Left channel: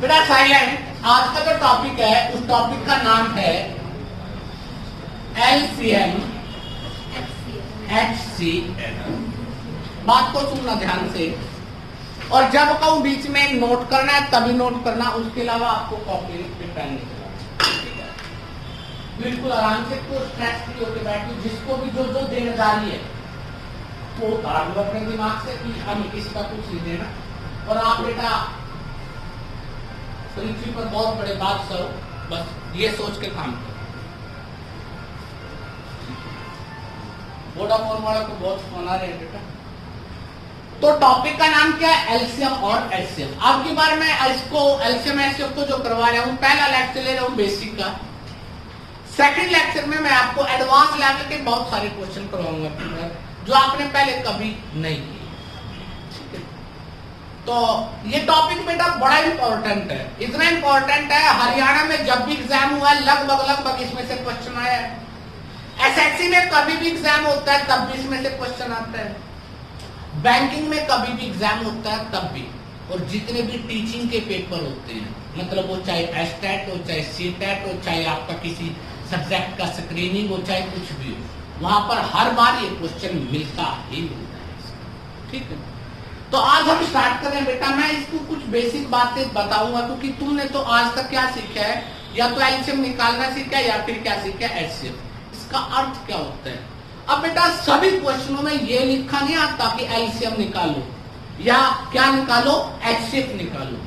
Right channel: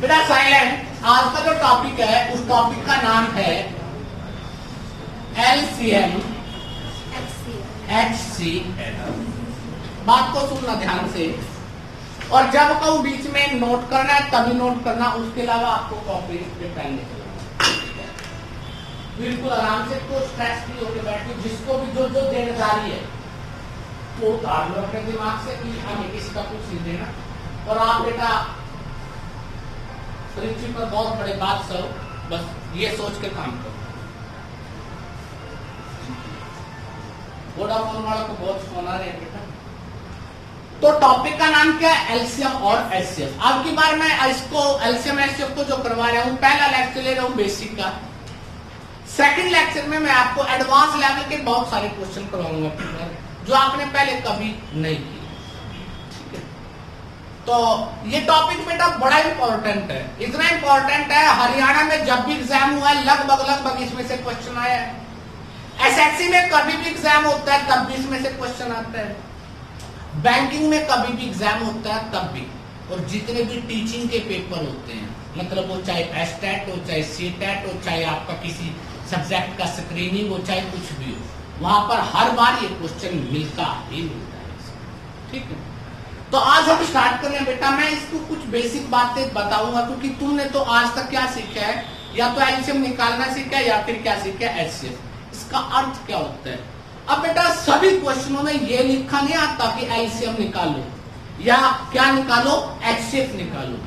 बेटा साइलेंट। आज का जो टॉपिक है उस टॉपिक का नाम है एलसीएम HCl। बात को सुनना ध्यान से, और जब कहूं बीच में नोट करना है तभी नोट करना, उसके अलावा आपको कॉपी पे पेन नहीं चलाना। बिल्कुल आराम से, तो स्ट्रेस फ्री होकर बैठिए। जिसको भी जो जो देनदारी है वो उतार लो अपने दिमाग से कि हमें इसका कुछ नहीं देना। और आप बेटा पृथ्वी पर बहुत बड़े बादशाह, बस ये सोच के काम करो। वोडाफोन वाला तो बहुत फोन आ रहे हैं बेटा। तो टॉपिक का नाम क्या है? एलसीएम और एचसीएफ। अब की बार मैं इसको एलसीएम एचसीएफ को जो करवा रहा हूं, पहला लेक्चर ले रहा हूं बेसिक का। सेकंड लेक्चर में मैं आपको एडवांस लेवल के बहुत सारे क्वेश्चन करवाऊंगा जो आपने पहले कभी नहीं किए। ठीक है, तो ये टॉपिक बेटा बड़ा इंपॉर्टेंट है। इतना इंपॉर्टेंट है, हरियाणा में जब भी एग्जाम हुआ है लगभग इसमें से क्वेश्चन आया है। एसएससी में कभी भी एग्जाम होता है तब भी इसमें से क्वेश्चन आता है। बैंकिंग में कभी भी एग्जाम होता है तब भी। और जितने भी टीचिंग के पेपर होते हैं, मतलब वो चाहे एस्टेट हो, चाहे सीटेट हो, चाहे आपका किसी सब्जेक्ट का स्क्रीनिंग हो, चाहे कुछ भी हो, वहां पर हर बार ये क्वेश्चन मिलता ही मिलता है। ठीक है, तो आज हम स्टार्ट करें बेटा। मैं इसको कुछ बेसिक बातें बताऊंगा, क्योंकि तुमने तो आज तक क्या सीखा है, या तो एलसीएम निकालना सीखा है या फिर क्या सीखा है, एचसीएफ। इसका अर्थ क्या होता है? अब बेटा सभी क्वेश्चनों में ये लिखा नहीं आता कि एलसीएम निकालो या क्या निकालो, एचसीएफ निकालो।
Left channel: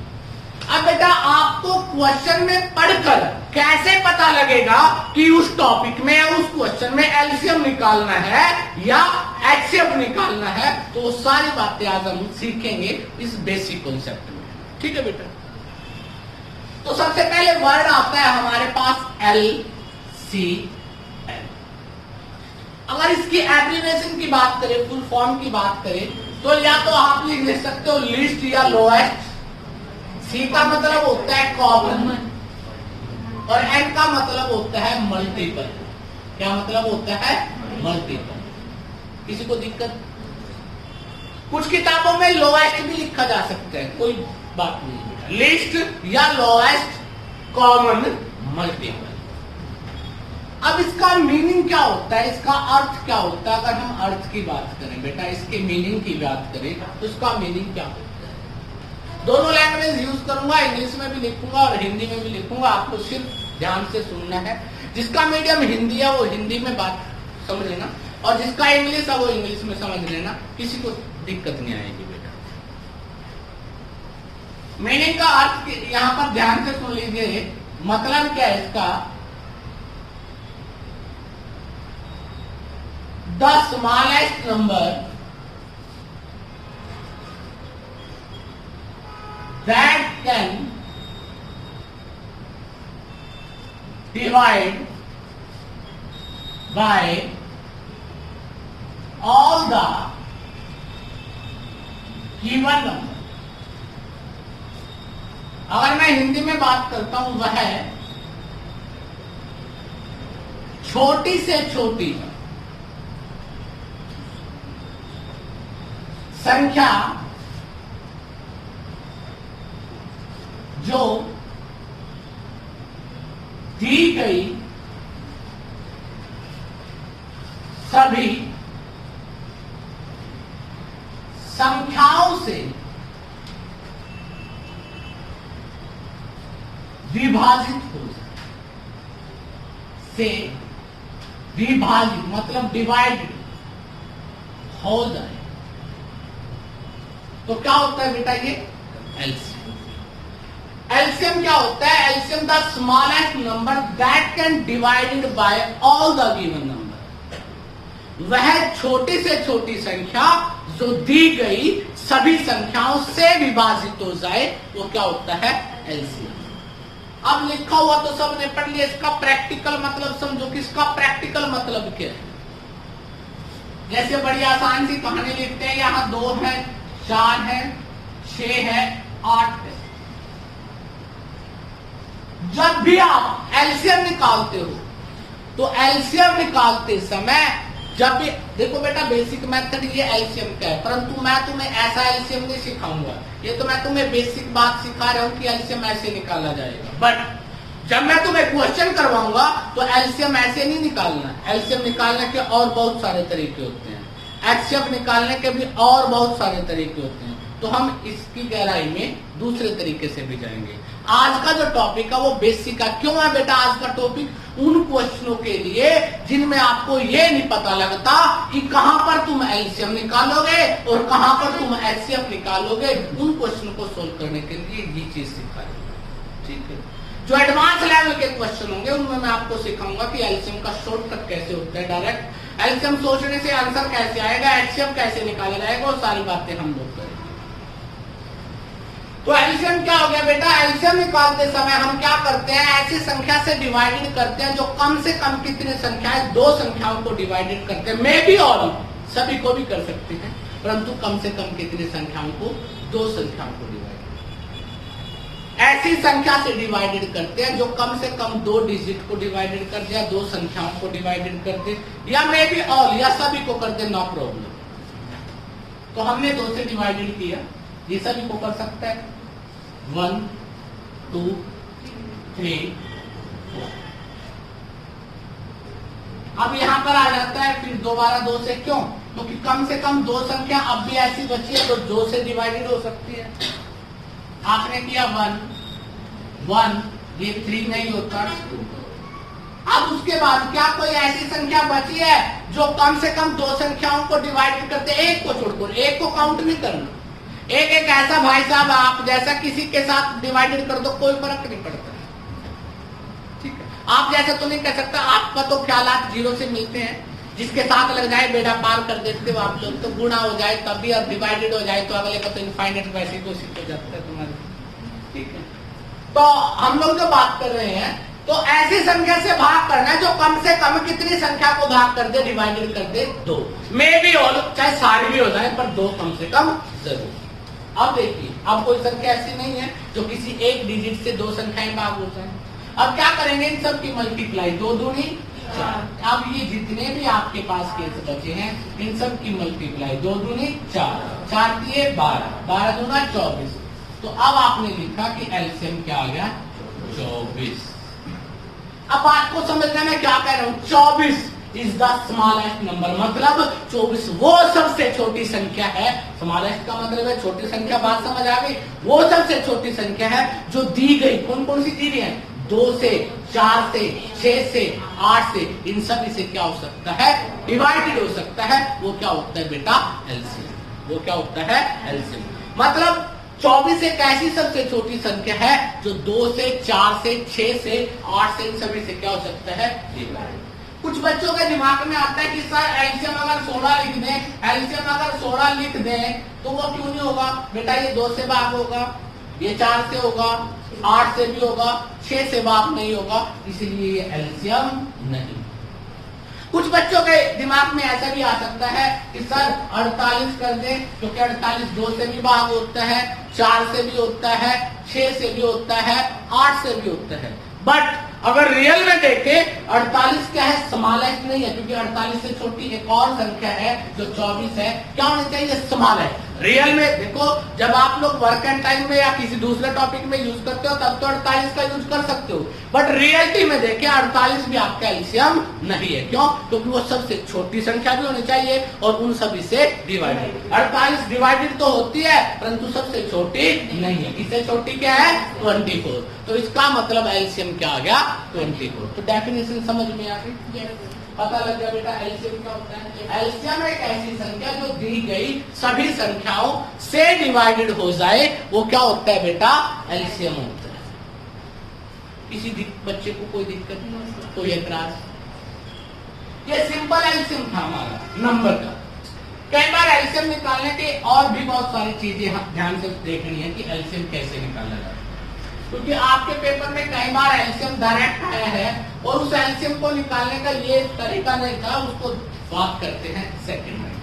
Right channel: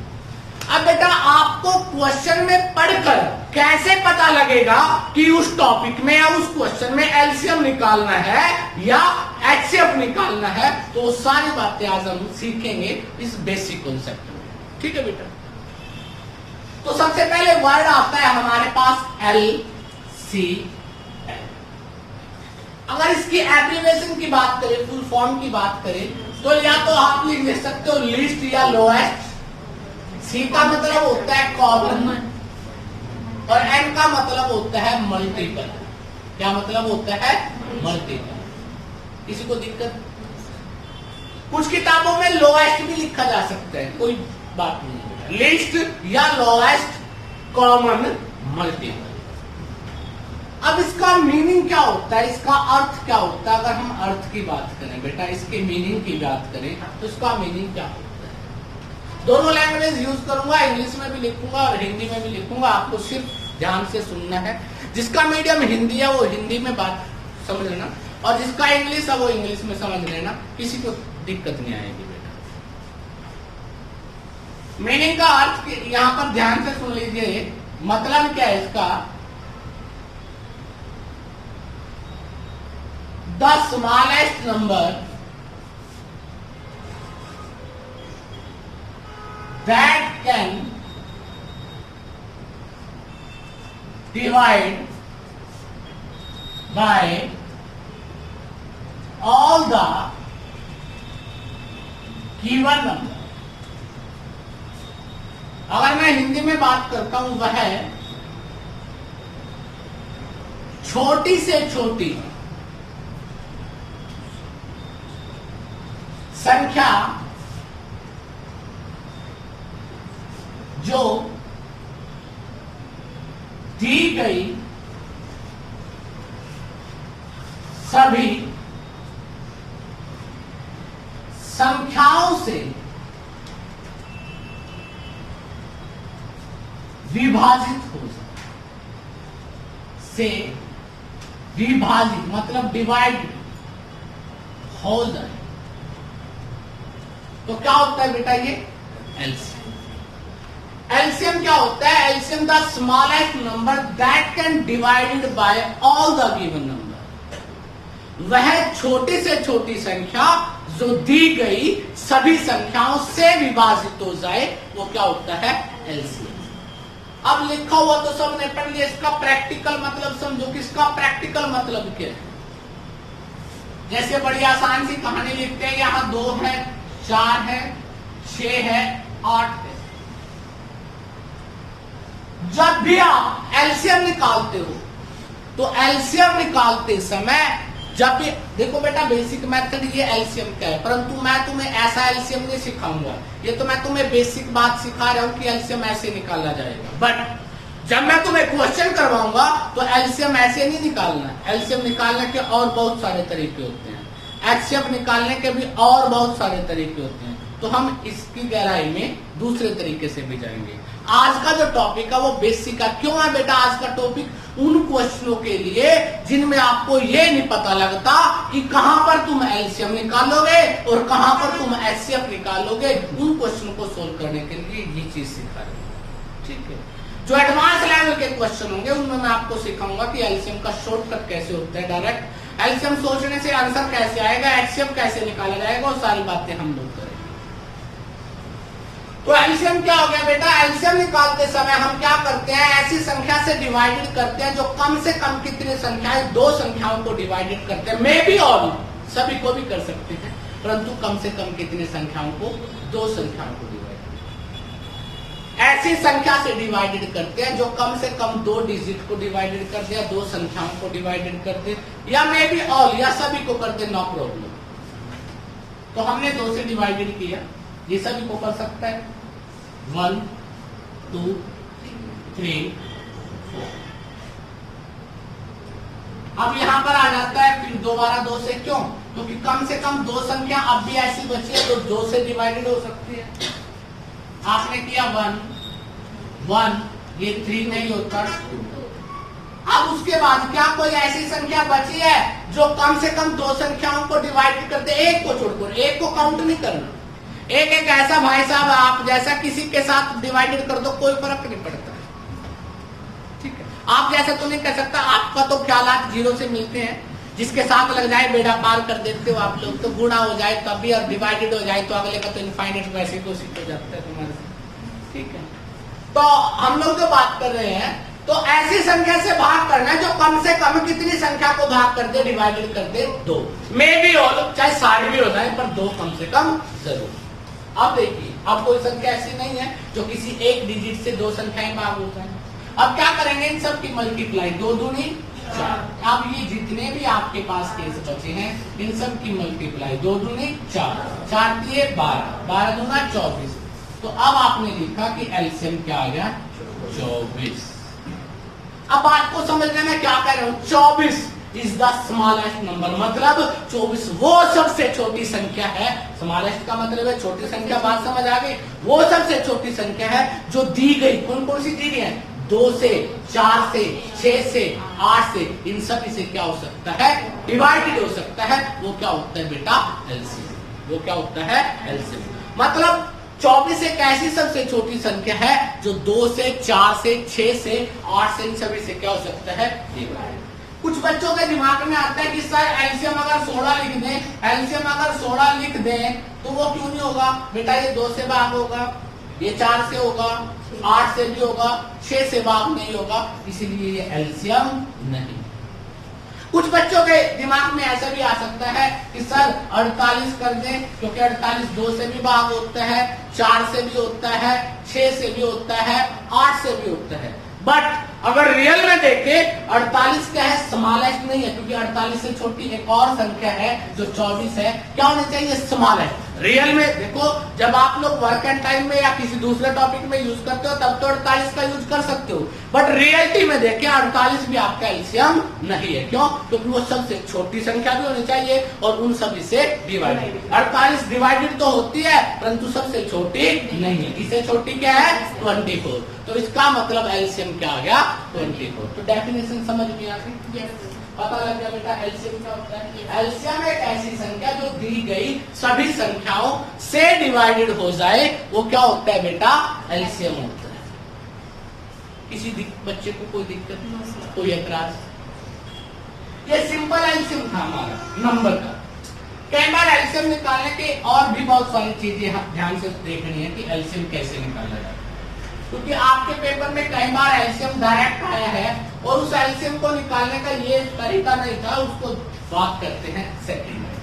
अब बेटा आपको क्वेश्चन में पढ़कर कैसे पता लगेगा कि उस टॉपिक में या उस क्वेश्चन में एलसीएम निकालना है या एचसीएफ निकालना है, तो सारी बातें आज हम सीखेंगे इस बेसिक कॉन्सेप्ट में। ठीक है बेटा, तो सबसे पहले वर्ड आता है हमारे पास एलसीएम। अगर इसकी एब्रिविएशन की बात करें, फुल फॉर्म की बात करें, तो या तो आप लिख सकते हो लीस्ट या लोएस्ट। सी का मतलब होता है कॉमन और एन का मतलब होता है मल्टीपल। क्या मतलब होता है? मल्टीपल। किसी को दिक्कत? कुछ किताबों में लोएस्ट भी लिखा जा सकता है, कोई बात नहीं। लिस्ट या लोएस्ट, कॉमन, मल्टीपल। अब इसका मीनिंग क्या होता है, इसका अर्थ क्या होता है? अगर हम अर्थ की बात करें बेटा, इसके मीनिंग की बात करें, तो इसका मीनिंग क्या होता है? दोनों लैंग्वेज यूज करूंगा, इंग्लिश में भी लिखूंगा और हिंदी में भी लिखूंगा। आपको सिर्फ ध्यान से सुनना है। जिसका मीडियम हिंदी है वो हिंदी में बात समझ लेना, और जिसका इंग्लिश है वो इंग्लिश में समझ लेना। किसी को दिक्कत नहीं आएगी बेटा। मीनिंग का अर्थ यहां पर ध्यान से सुन लीजिए। मतलब क्या है इसका? The smallest number that can divide by all the given number। अगर मैं हिंदी में बात करता हूं, वह छोटी से छोटी संख्या जो दी गई सभी संख्याओं से विभाजित हो जाए। से विभाजित मतलब डिवाइड हो जाए, तो क्या होता है बेटा? ये एलसीएम। एलसीएम क्या होता है? LCM the smallest number that can divided by all the given number. वह छोटी से छोटी संख्या जो दी गई सभी संख्याओं से विभाजित हो जाए, वो क्या होता है? एलसीएम। अब लिखा हुआ तो सबने पढ़ लिया, इसका प्रैक्टिकल मतलब समझो कि इसका प्रैक्टिकल मतलब क्या है। जैसे बड़ी आसान सी कहानी लिखते हैं, यहां 2 है, 4 है, 6 है, 8 है। जब भी आप एलसीएम निकालते हो, तो एलसीएम निकालते समय जब भी देखो बेटा बेसिक मेथड ये एलसीएम का है, परंतु मैं तुम्हें ऐसा एलसीएम नहीं सिखाऊंगा। ये तो मैं तुम्हें बेसिक बात सिखा रहा हूँ कि एलसीएम ऐसे निकाला जाएगा। बट जब मैं तुम्हें क्वेश्चन करवाऊंगा तो एलसीएम ऐसे नहीं निकालना। एलसीएम निकालने के और बहुत सारे तरीके होते हैं, एचसीएफ निकालने के भी और बहुत सारे तरीके होते हैं। तो हम इसकी गहराई में दूसरे तरीके से भी जाएंगे। आज का जो टॉपिक है वो बेसिक है। क्यों है बेटा आज का टॉपिक? उन क्वेश्चनों के लिए जिनमें आपको ये नहीं पता लगता कि कहां पर तुम एलसीएम निकालोगे और कहां पर तुम एचसीएफ निकालोगे। उन क्वेश्चनों को सोल्व करने के लिए ये चीज सिखा रही है। ठीक है, जो एडवांस लेवल के क्वेश्चन होंगे उनमें मैं आपको सिखाऊंगा कि एलसीएम का शॉर्टकट कैसे होता है, डायरेक्ट एलसीएम सोचने से आंसर कैसे आएगा, एचसीएफ कैसे निकाला जाएगा, और सारी बातें हम लोग करेंगे। तो एलसीएम क्या हो गया बेटा? एलसीएम निकालते समय हम क्या करते हैं, ऐसी संख्या से डिवाइडेड करते हैं जो कम से कम कितनी संख्या है, दो संख्याओं को डिवाइडेड करते हैं। मे बी और सभी को भी कर सकते हैं, परंतु कम से कम कितनी संख्याओं को, दो संख्याओं को डिवाइड, ऐसी संख्या से डिवाइडेड करते हैं जो कम से कम दो डिजिट को डिवाइडेड कर दे, दो संख्याओं को डिवाइडेड कर दे, या मे बी ऑल, या सभी को कर दे, नो प्रॉब्लम। तो हमने दो से डिवाइडेड किया, ये सभी को कर सकता है, 1 2 3 4। अब यहां पर आ जाता है फिर दोबारा दो से, क्यों? क्योंकि कम से कम दो संख्या अब भी ऐसी बची है तो दो से डिवाइडेड हो सकती है। आपने किया 1, ये 3 नहीं होता। अब उसके बाद क्या कोई ऐसी संख्या बची है जो कम से कम दो संख्याओं को डिवाइड करते, एक को छोड़कर, एक को काउंट नहीं करना। एक एक ऐसा भाई साहब आप जैसा किसी के साथ डिवाइडेड कर दो, कोई फर्क नहीं पड़ता। ठीक है, आप जैसा तो नहीं कर सकता, आपका तो ख्याल आप जीरो से मिलते हैं, जिसके साथ लग जाए बेड़ा पार कर देते हो आप लोग, तो गुणा हो जाए कभी और डिवाइडेड हो जाए तो अगले को तो इनफाइनाइट वैसे घोषित हो जाता है तुम्हारे। ठीक है, तो हम लोग जो बात कर रहे हैं तो ऐसी संख्या से भाग करना जो कम से कम कितनी संख्या को भाग कर दे, डिवाइडेड कर दे, दो। मे बी ऑल, चाहे सारे भी हो जाए पर दो कम से कम जरूर। अब देखिए, अब कोई संख्या ऐसी नहीं है जो किसी एक डिजिट से दो संख्याएं भाग हो जाए। अब क्या करेंगे, इन सब की मल्टीप्लाई, 2 दूनी 4। अब ये जितने भी आपके पास केस बचे हैं इन सब की मल्टीप्लाई, 2 दूनी 4, 4 दिए 12, 12 दूना 24। तो अब आपने लिखा कि एलसीएम क्या आ गया, 24। अब बात को समझने में क्या कह रहा हूं, 24 इज द स्मॉलेस्ट नंबर, मतलब 24 वो सबसे छोटी संख्या है। स्मॉलेस्ट का मतलब है छोटी संख्या, बात समझ आ गई। वो सबसे छोटी संख्या है जो दी गई, कौन कौन सी दी गई है, 2 से, 4 से, 6 से, 8 से, इन सब से क्या हो सकता है, डिवाइडेड हो सकता है। वो क्या होता है बेटा, एलसीएम। वो क्या होता है, एलसीएम। मतलब 24 एक ऐसी सबसे छोटी संख्या है जो 2 से, 4 से, 6 से, 8 से, इन सभी से क्या हो सकता है, डिवाइड। कुछ बच्चों के दिमाग में आता है कि सर एलसीएम अगर 16 लिख दें, एलसीएम अगर 16 लिख दें तो वो क्यों नहीं होगा बेटा, ये 2 से भाग होगा, ये 4 से होगा, 8 से भी होगा, 6 से भाग नहीं होगा, इसलिए ये एलसीएम नहीं। कुछ बच्चों के दिमाग में ऐसा भी आ सकता है कि सर 48 कर दें, क्योंकि 48 2 से भी भाग होता है, 4 से भी होता है, 6 से भी होता है, 8 से भी होता है। बट अगर रियल में देखें 48 क्या है, स्मॉलेस्ट नहीं है, क्योंकि 48 से छोटी एक और संख्या है जो 24 है, क्या होनी चाहिए, स्मॉलेस्ट। रियल में देखो, जब आप लोग वर्क एंड टाइम में या किसी दूसरे टॉपिक में यूज करते हो तब तो 48 का यूज कर सकते हो, बट रियलिटी में देखें 48 भी आपका एलसीएम नहीं है। क्यों? क्योंकि वो सबसे छोटी संख्या भी होनी चाहिए और उन सभी से डिवाइडेड। 48 डिवाइडेड तो होती है परंतु सबसे छोटी नहीं है। इससे छोटी क्या है, 24। तो इसका मतलब एलसीएम क्या आ गया, 24। तो डेफिनेशन समझ में आ गई, पता लग गया बेटा एलसीएम क्या होता है। एलसीएम एक ऐसी संख्या जो दी गई सभी संख्याओं से डिवाइडेड हो जाए, वो क्या होता है बेटा, एलसीएम होता है। किसी बच्चे को कोई दिक्कत नहीं, कोई एतराज? ये सिंपल एलसीएम था हमारा नंबर का। कई बार एलसीएम निकालने के और भी बहुत सारी चीजें ध्यान से देखनी है कि एलसीएम कैसे निकाला जाए, क्योंकि आपके पेपर में कई बार एलसीएम डायरेक्ट आया है और उस एलसीएम को निकालने का ये तरीका नहीं था, उसको बात करते हैं सेकंड में।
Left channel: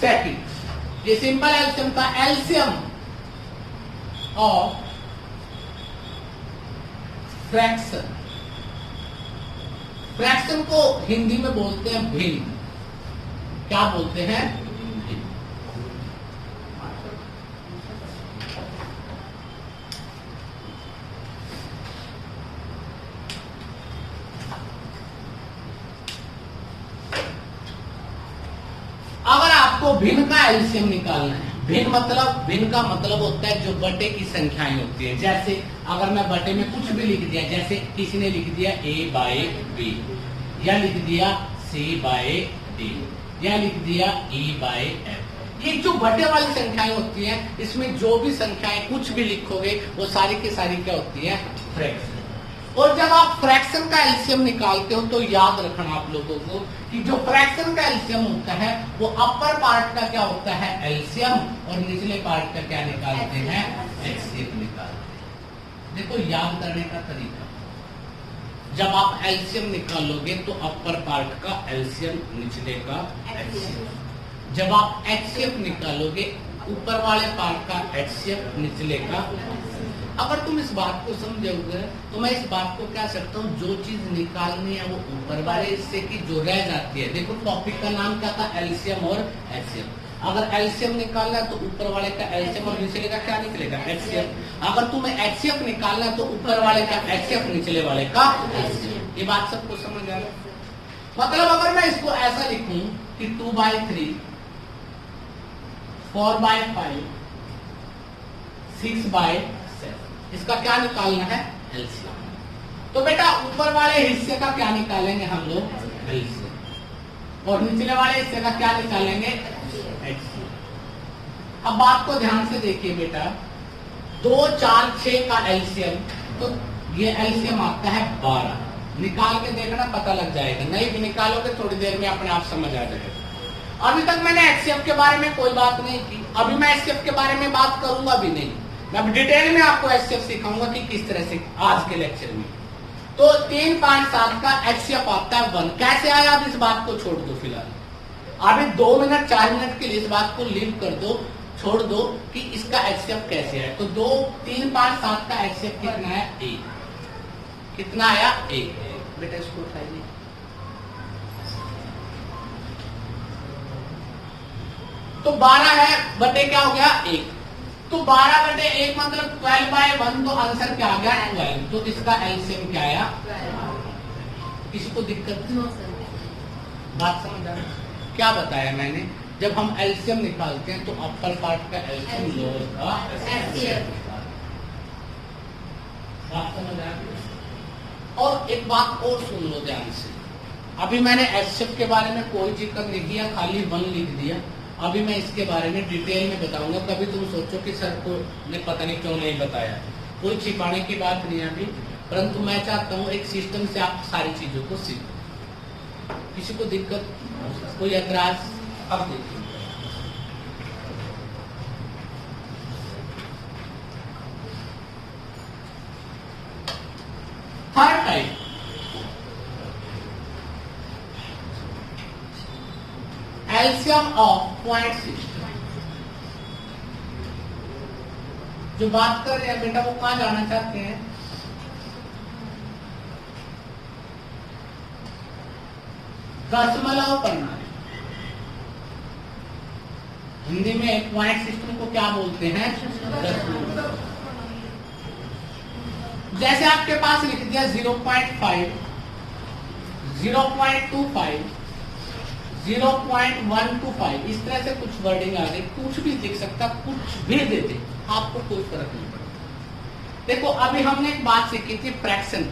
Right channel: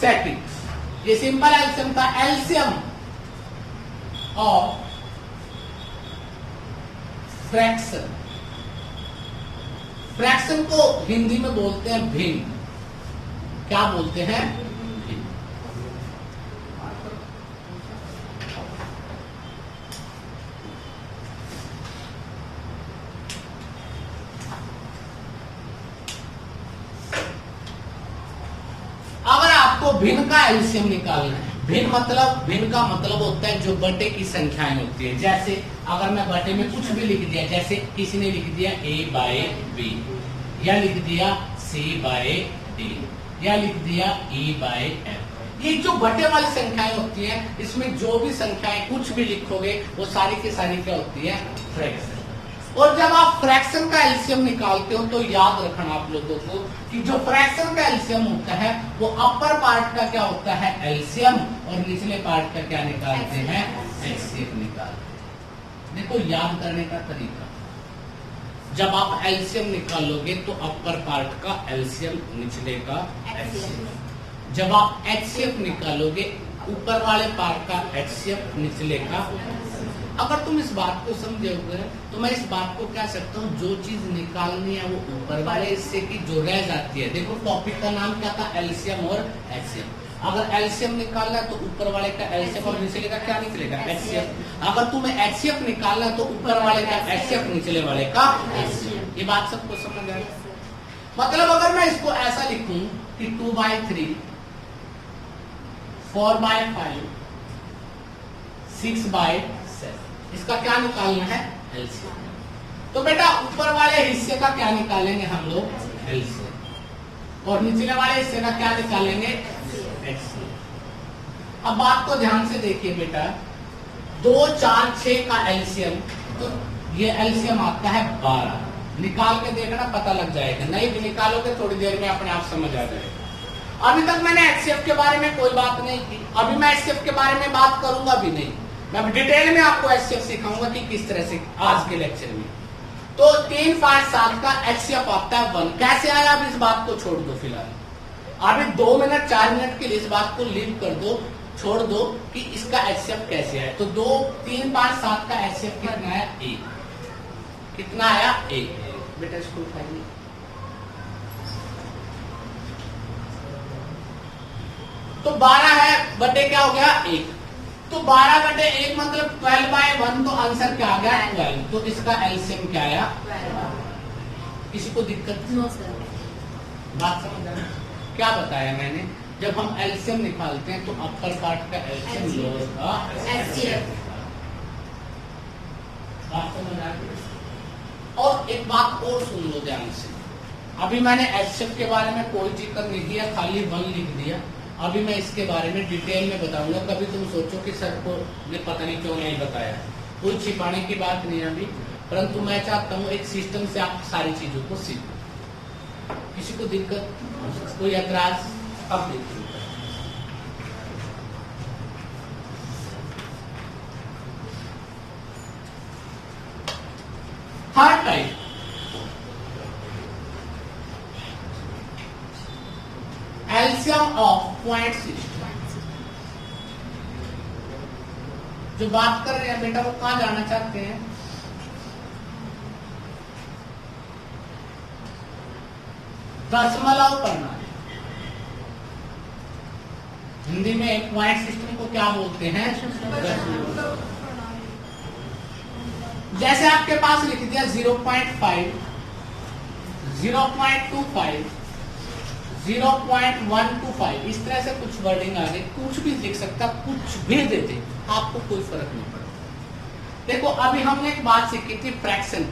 सेकंड, ये सिंपल एलसीएम था, एलसीएम ऑफ फ्रैक्शन। फ्रैक्शन को हिंदी में बोलते हैं भिन्न। क्या बोलते हैं? भिन्न। अगर आपको भिन्न का एलसीएम निकालना है, भिन्न का मतलब होता है जो बटे की संख्याएं होती है। जैसे अगर मैं बटे में कुछ भी लिख दिया, जैसे किसी ने लिख दिया a बाय b, या लिख दिया c बाय d, या लिख दिया e बाय f, ये जो बटे वाली संख्याएं होती हैं, इसमें जो भी संख्याएं कुछ भी लिखोगे वो सारी की सारी क्या होती है? फ्रैक्शन। और जब आप फ्रैक्शन का एलसीएम निकालते हो तो याद रखना आप लोगों को कि जो फ्रैक्शन का एलसीएम होता है वो अपर पार्ट का क्या होता है? एलसीएम, और निचले पार्ट का क्या निकालते हैं? एचसीएफ निकालते हैं। देखो याद करने का तरीका, जब आप एलसीएम निकालोगे तो अपर पार्ट का एलसीएम, निचले का एचसीएफ। जब आप एचसीएफ निकालोगे ऊपर वाले पार्ट का एचसीएफ, निचले का। अगर तुम इस बात को समझोगे तो मैं इस बात को कह सकता हूँ, जो चीज निकालनी है वो ऊपर वाले हिस्से की जो रह जाती है। देखो टॉपिक का नाम क्या था? एलसीएम और एचसीएम। अगर एलसीएम निकालना है तो ऊपर वाले का एलसीएम और निचले का क्या निकलेगा? एचसीएफ। अगर तुम्हें एचसीएफ निकालना है तो ऊपर वाले का एचसीएफ, निचले वाले का एचसीएफ। ये बात सबको समझ आ रही है? मतलब अगर मैं इसको ऐसा लिखूं कि 2/3, 4/5, 6/7, इसका क्या निकालना है? एलसीएम। तो बेटा ऊपर वाले हिस्से का क्या निकालेंगे हम लोग? एलसीएम, और निचले वाले हिस्से का क्या निकालेंगे? एचसीएम। अब बात को ध्यान से देखिए बेटा, 2, 4, 6 का एलसीएम, तो ये एलसीएम आता है 12। निकाल के देखना, पता लग जाएगा। नहीं भी निकालोगे थोड़ी देर में अपने आप समझ आ जाएगा। अभी तक मैंने एचसीएफ के बारे में कोई बात नहीं की, अभी मैं एचसीएफ के बारे में बात करूंगा भी नहीं। मैं डिटेल में आपको एचसीएफ सिखाऊंगा कि किस तरह से आज के लेक्चर में। तो 3, 5, 7 का एचसीएफ आता है 1। कैसे आया? अब इस बात को छोड़ दो फिलहाल, अभी 2 मिनट 4 मिनट के लिए इस बात को लीव कर दो, छोड़ दो कि इसका एचसीएफ कैसे आया। तो 2, 3, 5, 7 का एचसीएफ कितना आया? 1। कितना आया? 1। बेटा इसको उठाइए। तो 12 है बटे क्या हो गया? 1। तो 12/1 मतलब 12/1, तो आंसर क्या आ गया? 12। तो इसका एलसीएम क्या आया? किसी को दिक्कत? बात समझ आ रही? क्या बताया मैंने? जब हम एलसीएम निकालते हैं तो अपर पार्ट का एलसीएम, लोअर का एचसीएफ। बात समझ आ रही? और एक बात और सुन लो ध्यान से, अभी मैंने एचसीएफ के बारे में कोई जिक्र नहीं किया, खाली 1 लिख दिया। अभी मैं इसके बारे में डिटेल में बताऊंगा। कभी तुम सोचो कि सर को ये पता नहीं क्यों नहीं बताया, कोई छिपाने की बात नहीं है अभी, परंतु मैं चाहता हूँ एक सिस्टम से आप सारी चीजों को सीखो। किसी को दिक्कत, कोई ऐतराज? अब देखिए, third type, LCM of point system. जो बात कर रहे हैं बेटा वो कहां जाना चाहते हैं? दशमलव प्रणाली। हिंदी में पॉइंट सिस्टम को क्या बोलते हैं? दशमलव। जैसे आपके पास लिख दिया 0.5, 0.25, 0.125, इस तरह से कुछ वर्डिंग आ गई, कुछ भी लिख सकता, कुछ भी दे दे, आपको कोई फर्क नहीं पड़ेगा। देखो अभी हमने एक बात सीखी थी फ्रैक्शन,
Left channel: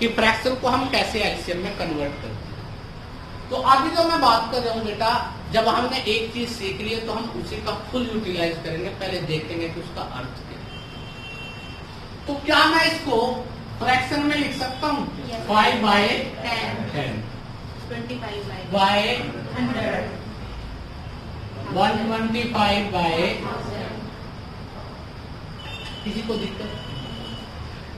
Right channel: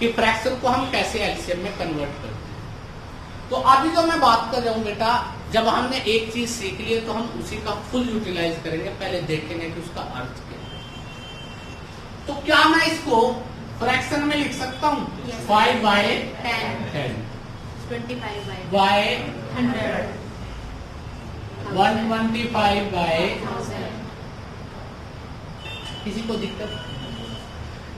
कि फ्रैक्शन को हम कैसे एलसीएम में कन्वर्ट करते हैं। तो अभी जो मैं बात कर रहा हूं बेटा, जब हमने एक चीज सीख ली है तो हम उसी का फुल यूटिलाइज करेंगे। पहले देखेंगे कि उसका अर्थ क्या है। तो क्या मैं इसको फ्रैक्शन में लिख सकता हूँ? 5/10, 25/100, 125/1000। किसी को दिक्कत?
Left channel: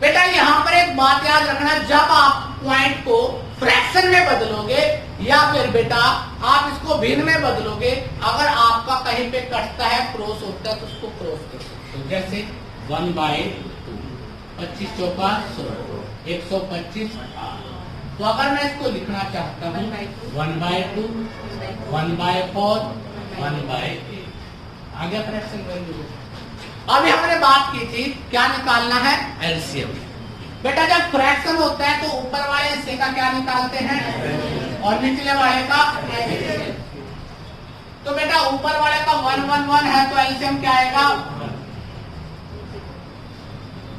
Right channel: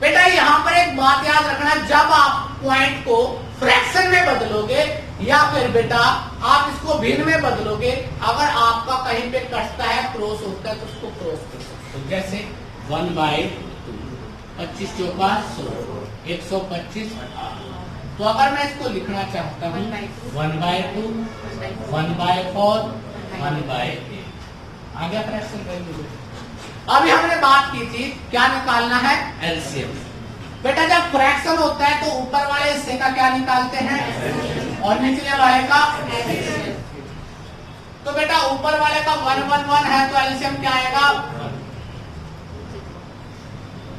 बेटा यहाँ पर एक बात याद रखना, जब आप पॉइंट को फ्रैक्शन में बदलोगे या फिर बेटा आप इसको भिन्न में बदलोगे, अगर आपका कहीं पे कटता है, क्रॉस होता है, तो उसको क्रॉस कर सकते हो। जैसे 1/2, 25 चौका 100, 125, तो अगर मैं इसको लिखना चाहता हूँ 1/2, 1/4, 1/8 आ गया फ्रैक्शन वैल्यू। अभी हमने बात की थी क्या निकालना है, एलसीएम। बेटा जब फ्रैक्शन होता है तो ऊपर वाले हिस्से का क्या निकालते हैं और निचले वाले का एलसीएम। तो बेटा ऊपर वाले का 1 1 1 है तो एलसीएम क्या आएगा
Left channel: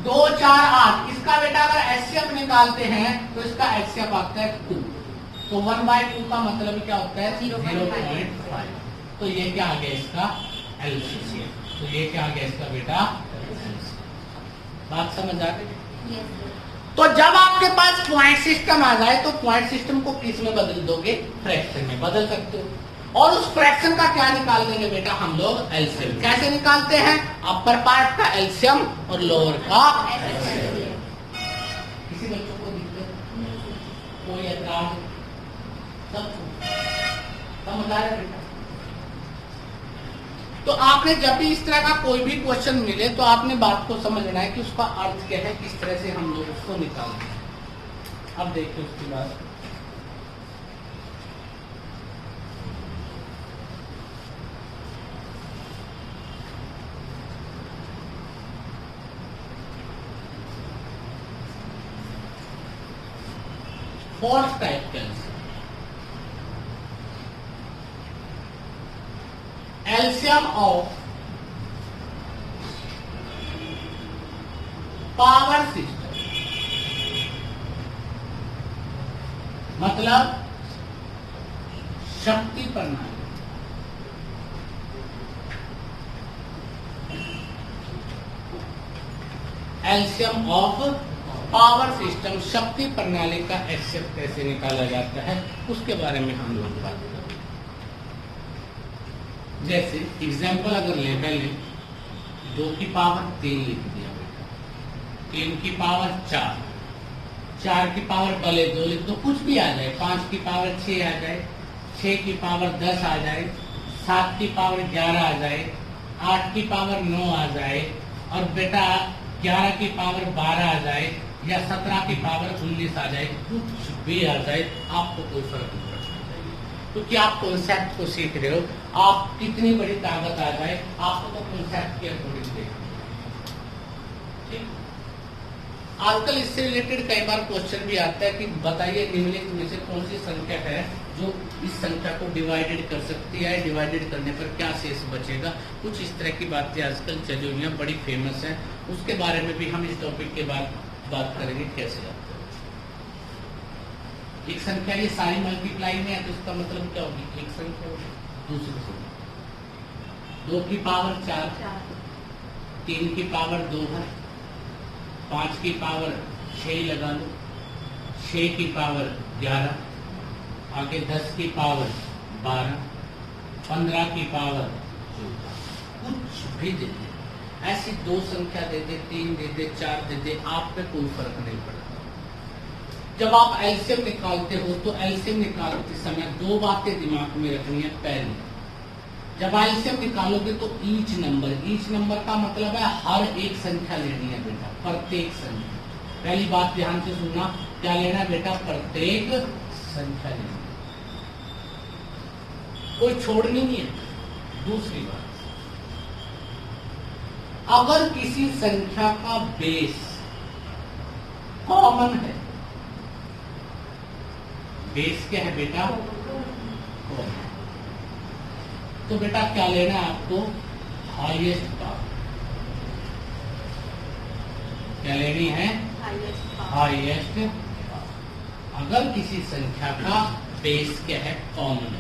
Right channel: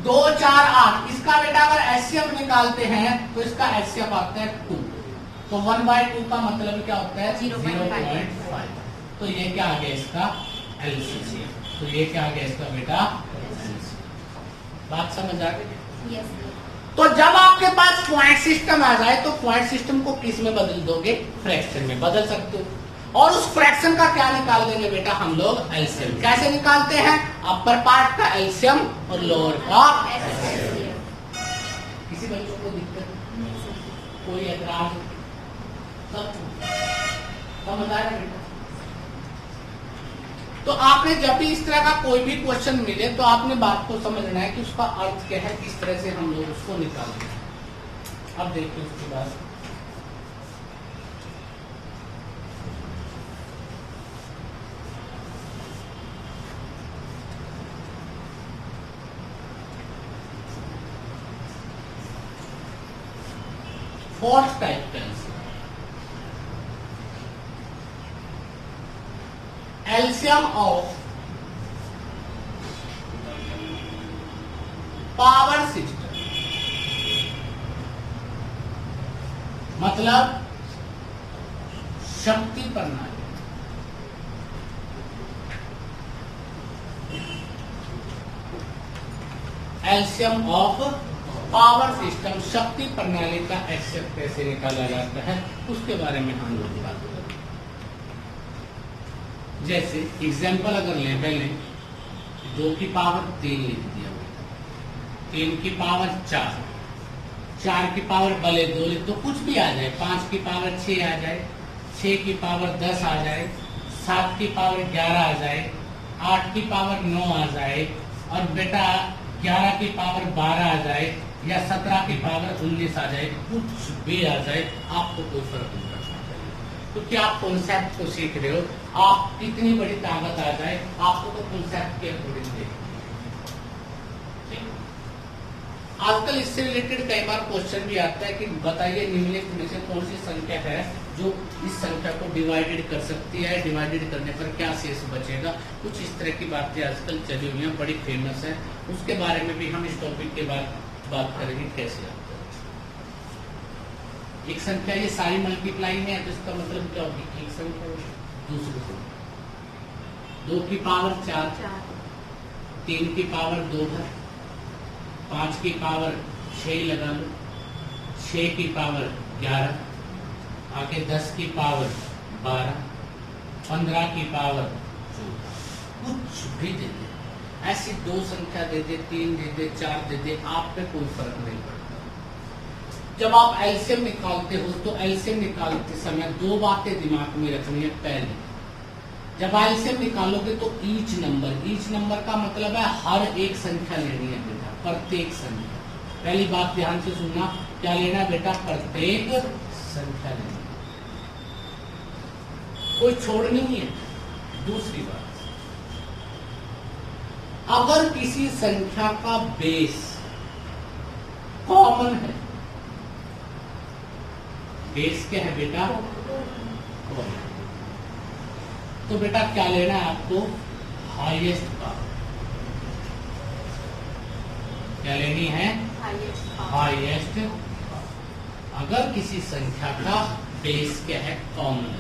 2 4 8। इसका बेटा अगर एचसीएफ निकालते हैं तो इसका एचसीएफ आता है 2। तो 1/2 का मतलब क्या होता है 0.5। तो ये क्या आ गया इसका एलसीएम। तो ये क्या आ गया इसका बेटा बात समझ आ गई। तो जब आपके पास पॉइंट सिस्टम आ जाए तो पॉइंट सिस्टम को किस में बदल दोगे, फ्रैक्शन में बदल सकते हो। और उस फ्रैक्शन का क्या निकाल देंगे बेटा हम लोग एलसीएम। कैसे निकालते हैं, अपर पार्ट का एलसीएम और लोअर का एलसीएम। किसी बच्चों को दिक्कत, कोई ऐतराज, सब समझ आ रहा है बेटा। तो आपने जब भी इस तरह का कोई भी क्वेश्चन मिले तो आपने बात को समझना है कि उसका अर्थ क्या है, किस तरह से हम लोग उसको निकालेंगे। अब देखिए उसके बाद फोर्थ टाइप का एलसीएम ऑफ पावर सिस्टम, मतलब शक्ति प्रणाली। एलसीएम ऑफ पावर सिस्टम, शक्ति प्रणाली का एचसीएफ कैसे निकाला जाता है उसके बारे में हम लोग बात करें। जैसे एग्जाम्पल अगर लें 2 की पावर 3 लिख दिया, 3 की पावर 4, 4 की पावर भले 2 लिख दो, कुछ भी आ जाए, 5 की पावर 6 आ जाए, 6 की पावर 10 आ जाए, 7 की पावर 11 आ जाए, 8 की पावर 9 आ जाए और बेटा 11 की पावर 12 आ जाए या 17 की पावर 19 आ जाए, कुछ भी आ जाए, आपको कोई फर्क नहीं पड़ता क्योंकि आप कॉन्सेप्ट को सीख रहे हो। आप कितनी बड़ी ताकत आ जाए आपको तो कॉन्सेप्ट के अकॉर्डिंग देखना। आजकल इससे रिलेटेड कई बार क्वेश्चन भी आता है कि बताइए निम्नलिखित में से कौन सी संख्या है जो इस संख्या को डिवाइडेड कर सकती है, डिवाइडेड करने पर क्या शेष बचेगा। कुछ इस तरह की बातें आजकल चली हुई हैं, बड़ी फेमस है। उसके बारे में भी हम इस टॉपिक के बाद बात करेंगे कैसे। एक संख्या ये सारी मल्टीप्लाई में है तो इसका मतलब क्या होगी, एक संख्या दूसरी को 2 की पावर 4, 3 की पावर 2 है, 5 की पावर 6 लगा लो, 6 की पावर 11, आगे 10 की पावर 12, 15 की पावर 14, कुछ भी दे दे, ऐसी 2 संख्या दे दे, 3 दे दे, 4 दे दे, आप पे कोई फर्क नहीं पड़ता। जब आप एलसीएम निकालते हो तो एलसीएम निकालते समय 2 बातें दिमाग में रखनी है। पहले जब एलसीएम निकालोगे तो ईच नंबर का मतलब है हर एक संख्या लेनी है बेटा, प्रत्येक संख्या। पहली बात ध्यान से सुनना, क्या लेना है बेटा, प्रत्येक संख्या लेनी, कोई छोड़नी नहीं है। दूसरी बात, अगर किसी संख्या का बेस कॉमन है, बेस क्या है बेटा, तो बेटा क्या लेना है आपको, हाईएस्ट पावर। क्या लेनी है, हाईएस्ट पावर। अगर किसी संख्या का बेस क्या है, कॉमन,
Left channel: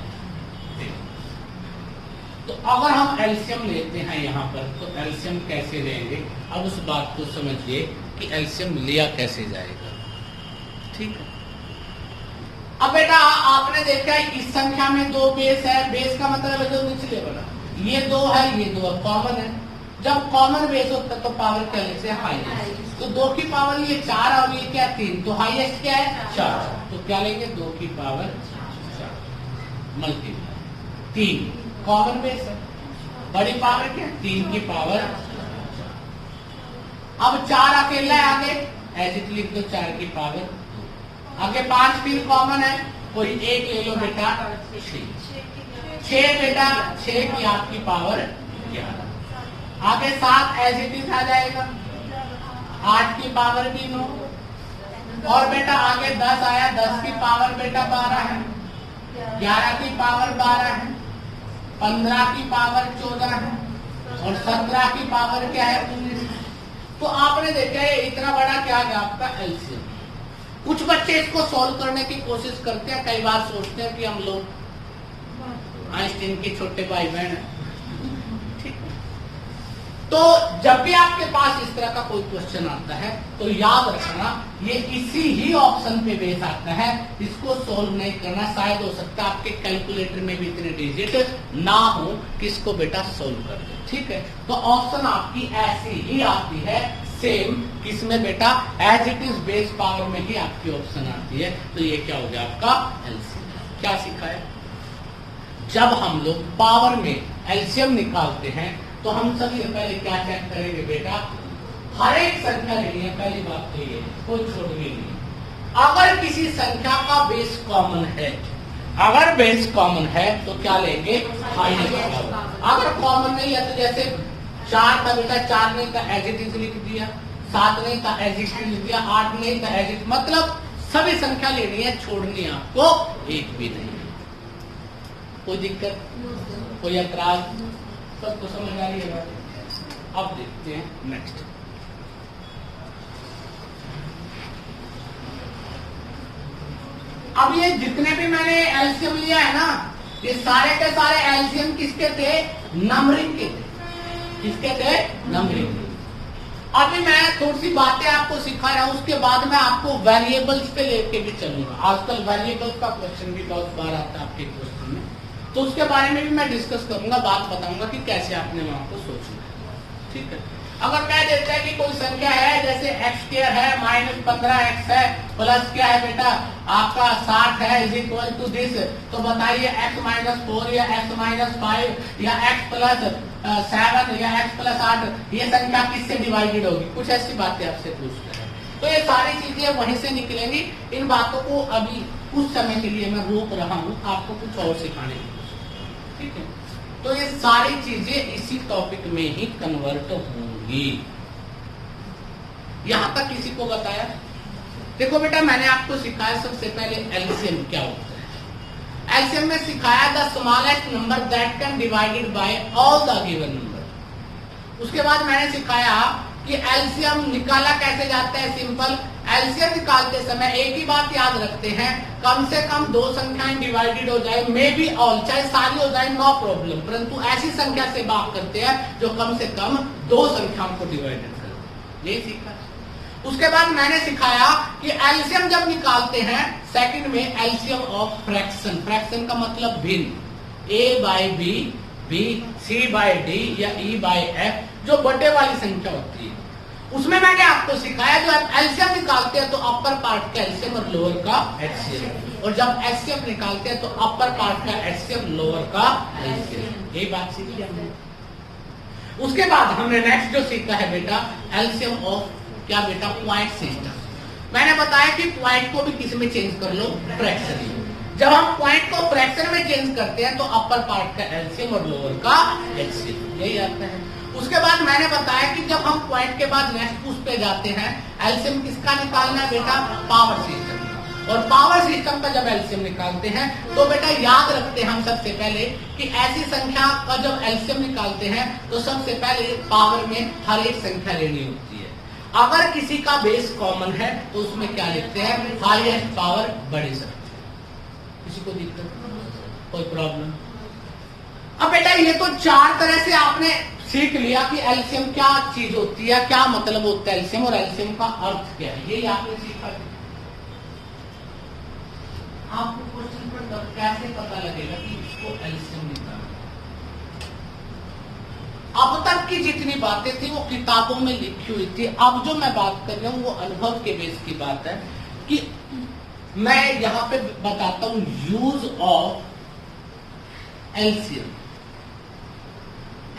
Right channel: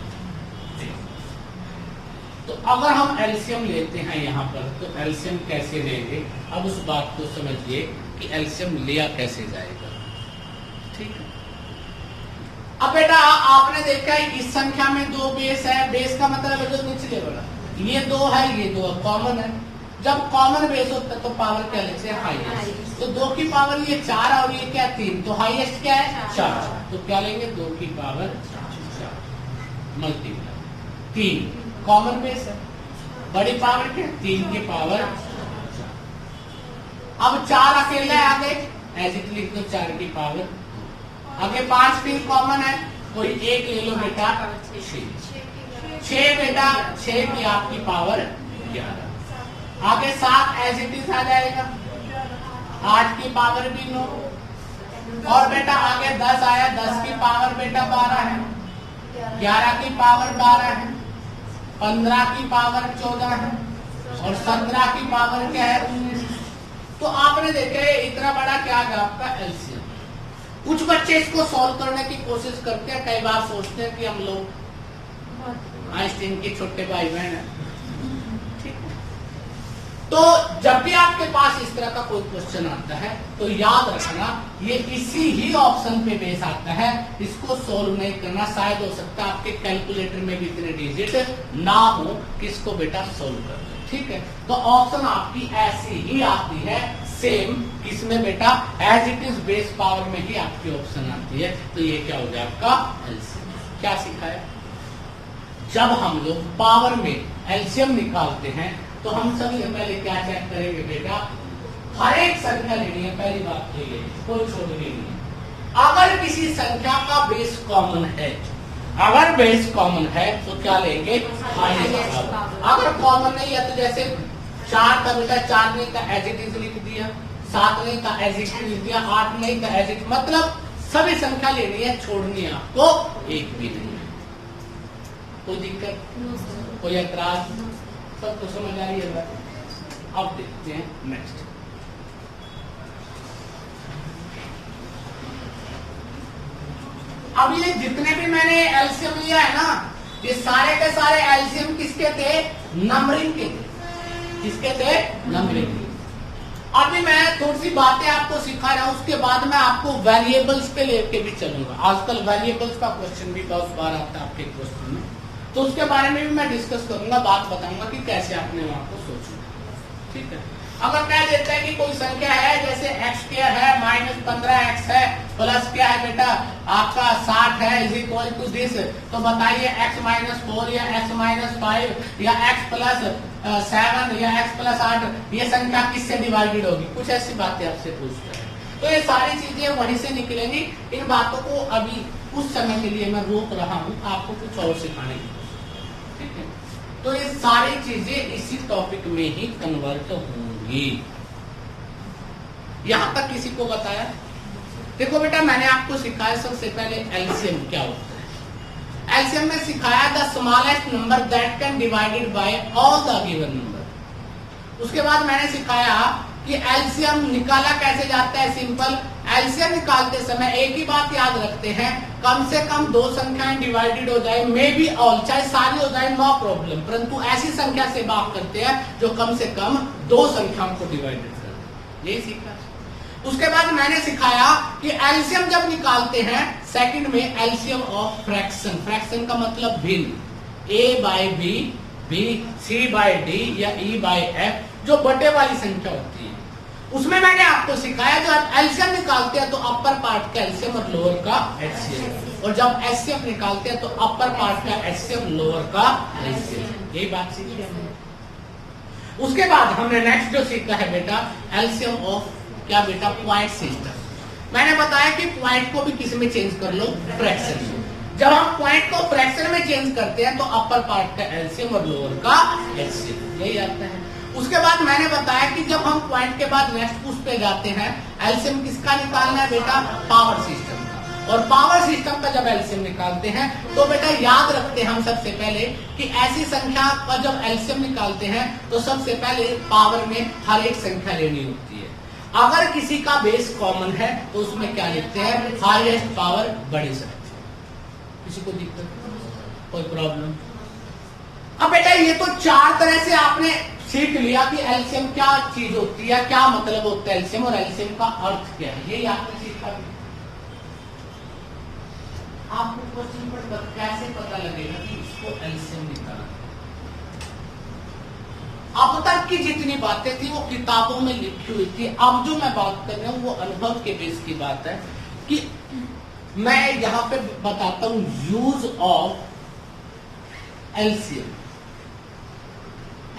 तो अगर हम एलसीएम लेते हैं यहाँ पर तो एलसीएम कैसे लेंगे। अब उस बात को समझिए कि एलसीएम लिया कैसे जाएगा, ठीक है। अब बेटा आपने देखा है इस संख्या में 2 बेस है, बेस का मतलब है जो निचले वाला, ये 2 है, ये 2 कॉमन है। जब कॉमन बेस होता है तो पावर क्या लेते हैं, हाईएस्ट। तो 2 की पावर ये 4 और ये क्या 3, तो हाईएस्ट क्या है 4, तो क्या लेंगे 2 की पावर 4 मल्टीप्लाई 3, कॉमन बेस है। बड़ी पावर क्या, 3 की पावर 4। अब 4 अकेला आगे ऐसे लिख दो, 4 की पावर। आगे 5 फिर कॉमन है, कोई एक ले लो बेटा 6 बेटा 6 की आपकी पावर 11। आगे 7 एज इट इज आ जाएगा, 8 की पावर भी 9। और बेटा आगे 10 आया, 10 की पावर बेटा 12 है, 11 की पावर 12 है, 15 की पावर 14 है और 17 की पावर क्या है 19। तो आपने देखा है इतना बड़ा क्या है आपका एलसीएम। कुछ बच्चे इसको सॉल्व करने की कोशिश करते हैं, कई बार सोचते हैं कि हम लोग आइंस्टीन के छोटे भाई बहन हैं। तो जब भी आपके पास इस तरह का कोई क्वेश्चन आता है तो याद रखना ये इसी ही ऑप्शन पे बेस आता है, इसको सॉल्व नहीं करना। शायद हो सकता है आपके कैलकुलेटर में भी इतने डिजिट ना हो किसको बेटा सॉल्व कर दे, ठीक है। तो ऑप्शन आपकी ऐसी ही आती है सेम, किसमें बेटा as it is base power में ही आपकी ऑप्शन आती है। तो ये क्या हो गया आपका एलसीएम। क्या सीखा है, जब हम लोग पावर में एलसीएम निकालते हैं तो हम सभी पहले क्या चेक करेंगे बेटा, हर एक संख्या लेनी है। पहली बात तो ये कोई छोड़नी नहीं। अगर किसी संख्या का बेस कॉमन है, अगर बेस कॉमन है तो क्या लेंगे हाईएस्ट। अगर कॉमन नहीं है तो जैसे 4 था बेटा 4 नहीं था एज इट इज लिख दिया, 7 नहीं था एज इट इज लिख दिया, 8 नहीं था एज इट, मतलब सभी संख्या लेनी है, छोड़नी है आपको एक भी नहीं। कोई दिक्कत, कोई ऐतराज, सब तो समझ आ रही है। अब देखते हैं नेक्स्ट। अब ये जितने भी मैंने एलसीएम लिया है ना, ये सारे के सारे एलसीएम किसके थे, नंबरिंग के थे। किसके थे, नंबरिंग के। अभी मैं थोड़ी सी बातें आपको सिखा रहा हूं, उसके बाद मैं आपको वेरिएबल्स पे लेके भी चलूंगा। आजकल वेरिएबल्स का क्वेश्चन भी बहुत बार आता है आपके क्वेश्चन में, तो उसके बारे में भी मैं डिस्कस करूंगा, बात बताऊंगा कि कैसे आपने वहां को सोचना, ठीक है। अगर मैं देखता है कि कोई संख्या है जैसे एक्स स्क्वायर है माइनस 15x है प्लस क्या है बेटा आपका 60 है इज इक्वल टू दिस, तो बताइए x माइनस 4 या x माइनस 5 या x प्लस 7 या x प्लस 8 ये संख्या किससे डिवाइडेड होगी। कुछ ऐसी बातें आपसे पूछते हैं, तो ये सारी चीजें वहीं से निकलेंगी। इन बातों को अभी कुछ समय के लिए मैं रोक रहा हूँ, आपको कुछ और सिखाने की कोशिश, ठीक है। तो ये सारी चीजें इसी टॉपिक में ही कन्वर्ट होंगी। यहां तक किसी को बताया? देखो बेटा मैंने आपको सिखाया सबसे पहले एलसीएम क्या होता है। एलसीएम में सिखाया the smallest number that can divided by all the given number. उसके बाद मैंने सिखाया कि एलसीएम निकाला कैसे जाता है। सिंपल, एलसीएम निकालते समय एक ही बात याद रखते हैं, कम से कम 2 संख्याएं डिवाइडेड हो जाए, मे बी ऑल, चाहे सारी हो जाए नो प्रॉब्लम, परंतु ऐसी संख्या से बात करते हैं जो कम से कम 2 संख्याओं को डिवाइडेड करते हैं। ये सीखा। उसके बाद मैंने सिखाया कि एलसीएम जब निकालते हैं सेकंड में एलसीएम ऑफ फ्रैक्शन। फ्रैक्शन का मतलब भिन्न, A by B, B C by D या ई बाय एफ, जो बटे वाली संख्या होती है। उसमें मैंने आपको सिखाया जो आप एलसीएम निकालते हैं तो अपर पार्ट का एलसीएम और लोअर का एचसीएफ, और जब एचसीएफ निकालते हैं तो अपर पार्ट का एचसीएफ लोअर का एलसीएम। यही बात सीखी हमने। उसके बाद हमने नेक्स्ट जो सीखा है बेटा एलसीएम ऑफ क्या बेटा पॉइंट सिस्टम। मैंने बताया कि पॉइंट को भी किस में चेंज कर लो, फ्रैक्शन में। जब हम पॉइंट को फ्रैक्शन में चेंज करते हैं तो अपर पार्ट का एलसीएम और लोअर का एचसीएफ, यही आता है। उसके बाद मैंने बताया कि जब हम पॉइंट के बाद नेक्स्ट उस पे जाते हैं, एलसीएम किसका निकालना है बेटा, पावर सिस्टम का। और पावर सिस्टम का जब एलसीएम निकालते हैं तो बेटा याद रखते हैं हम सबसे पहले कि ऐसी संख्या का जब एलसीएम निकालते हैं तो सबसे पहले पावर में हर एक संख्या लेनी होती है। अगर किसी का बेस कॉमन है तो उसमें क्या लिखते हैं, हाईएस्ट पावर बड़ी संख्या। किसी को दिक्कत, कोई प्रॉब्लम? अब बेटा ये तो 4 तरह से आपने सीख लिया कि एलसीएम क्या चीज होती है, क्या मतलब होता है एलसीएम, और एलसीएम का अर्थ क्या है, ये आपने सीखा। आपको क्वेश्चन पर कैसे पता लगेगा कि इसको एलसीएम निकालना। अब तक की जितनी बातें थी वो किताबों में लिखी हुई थी, अब जो मैं बात कर रहा हूं वो अनुभव के बेस की बात है कि मैं यहां पे बताता हूं यूज ऑफ एलसीएम।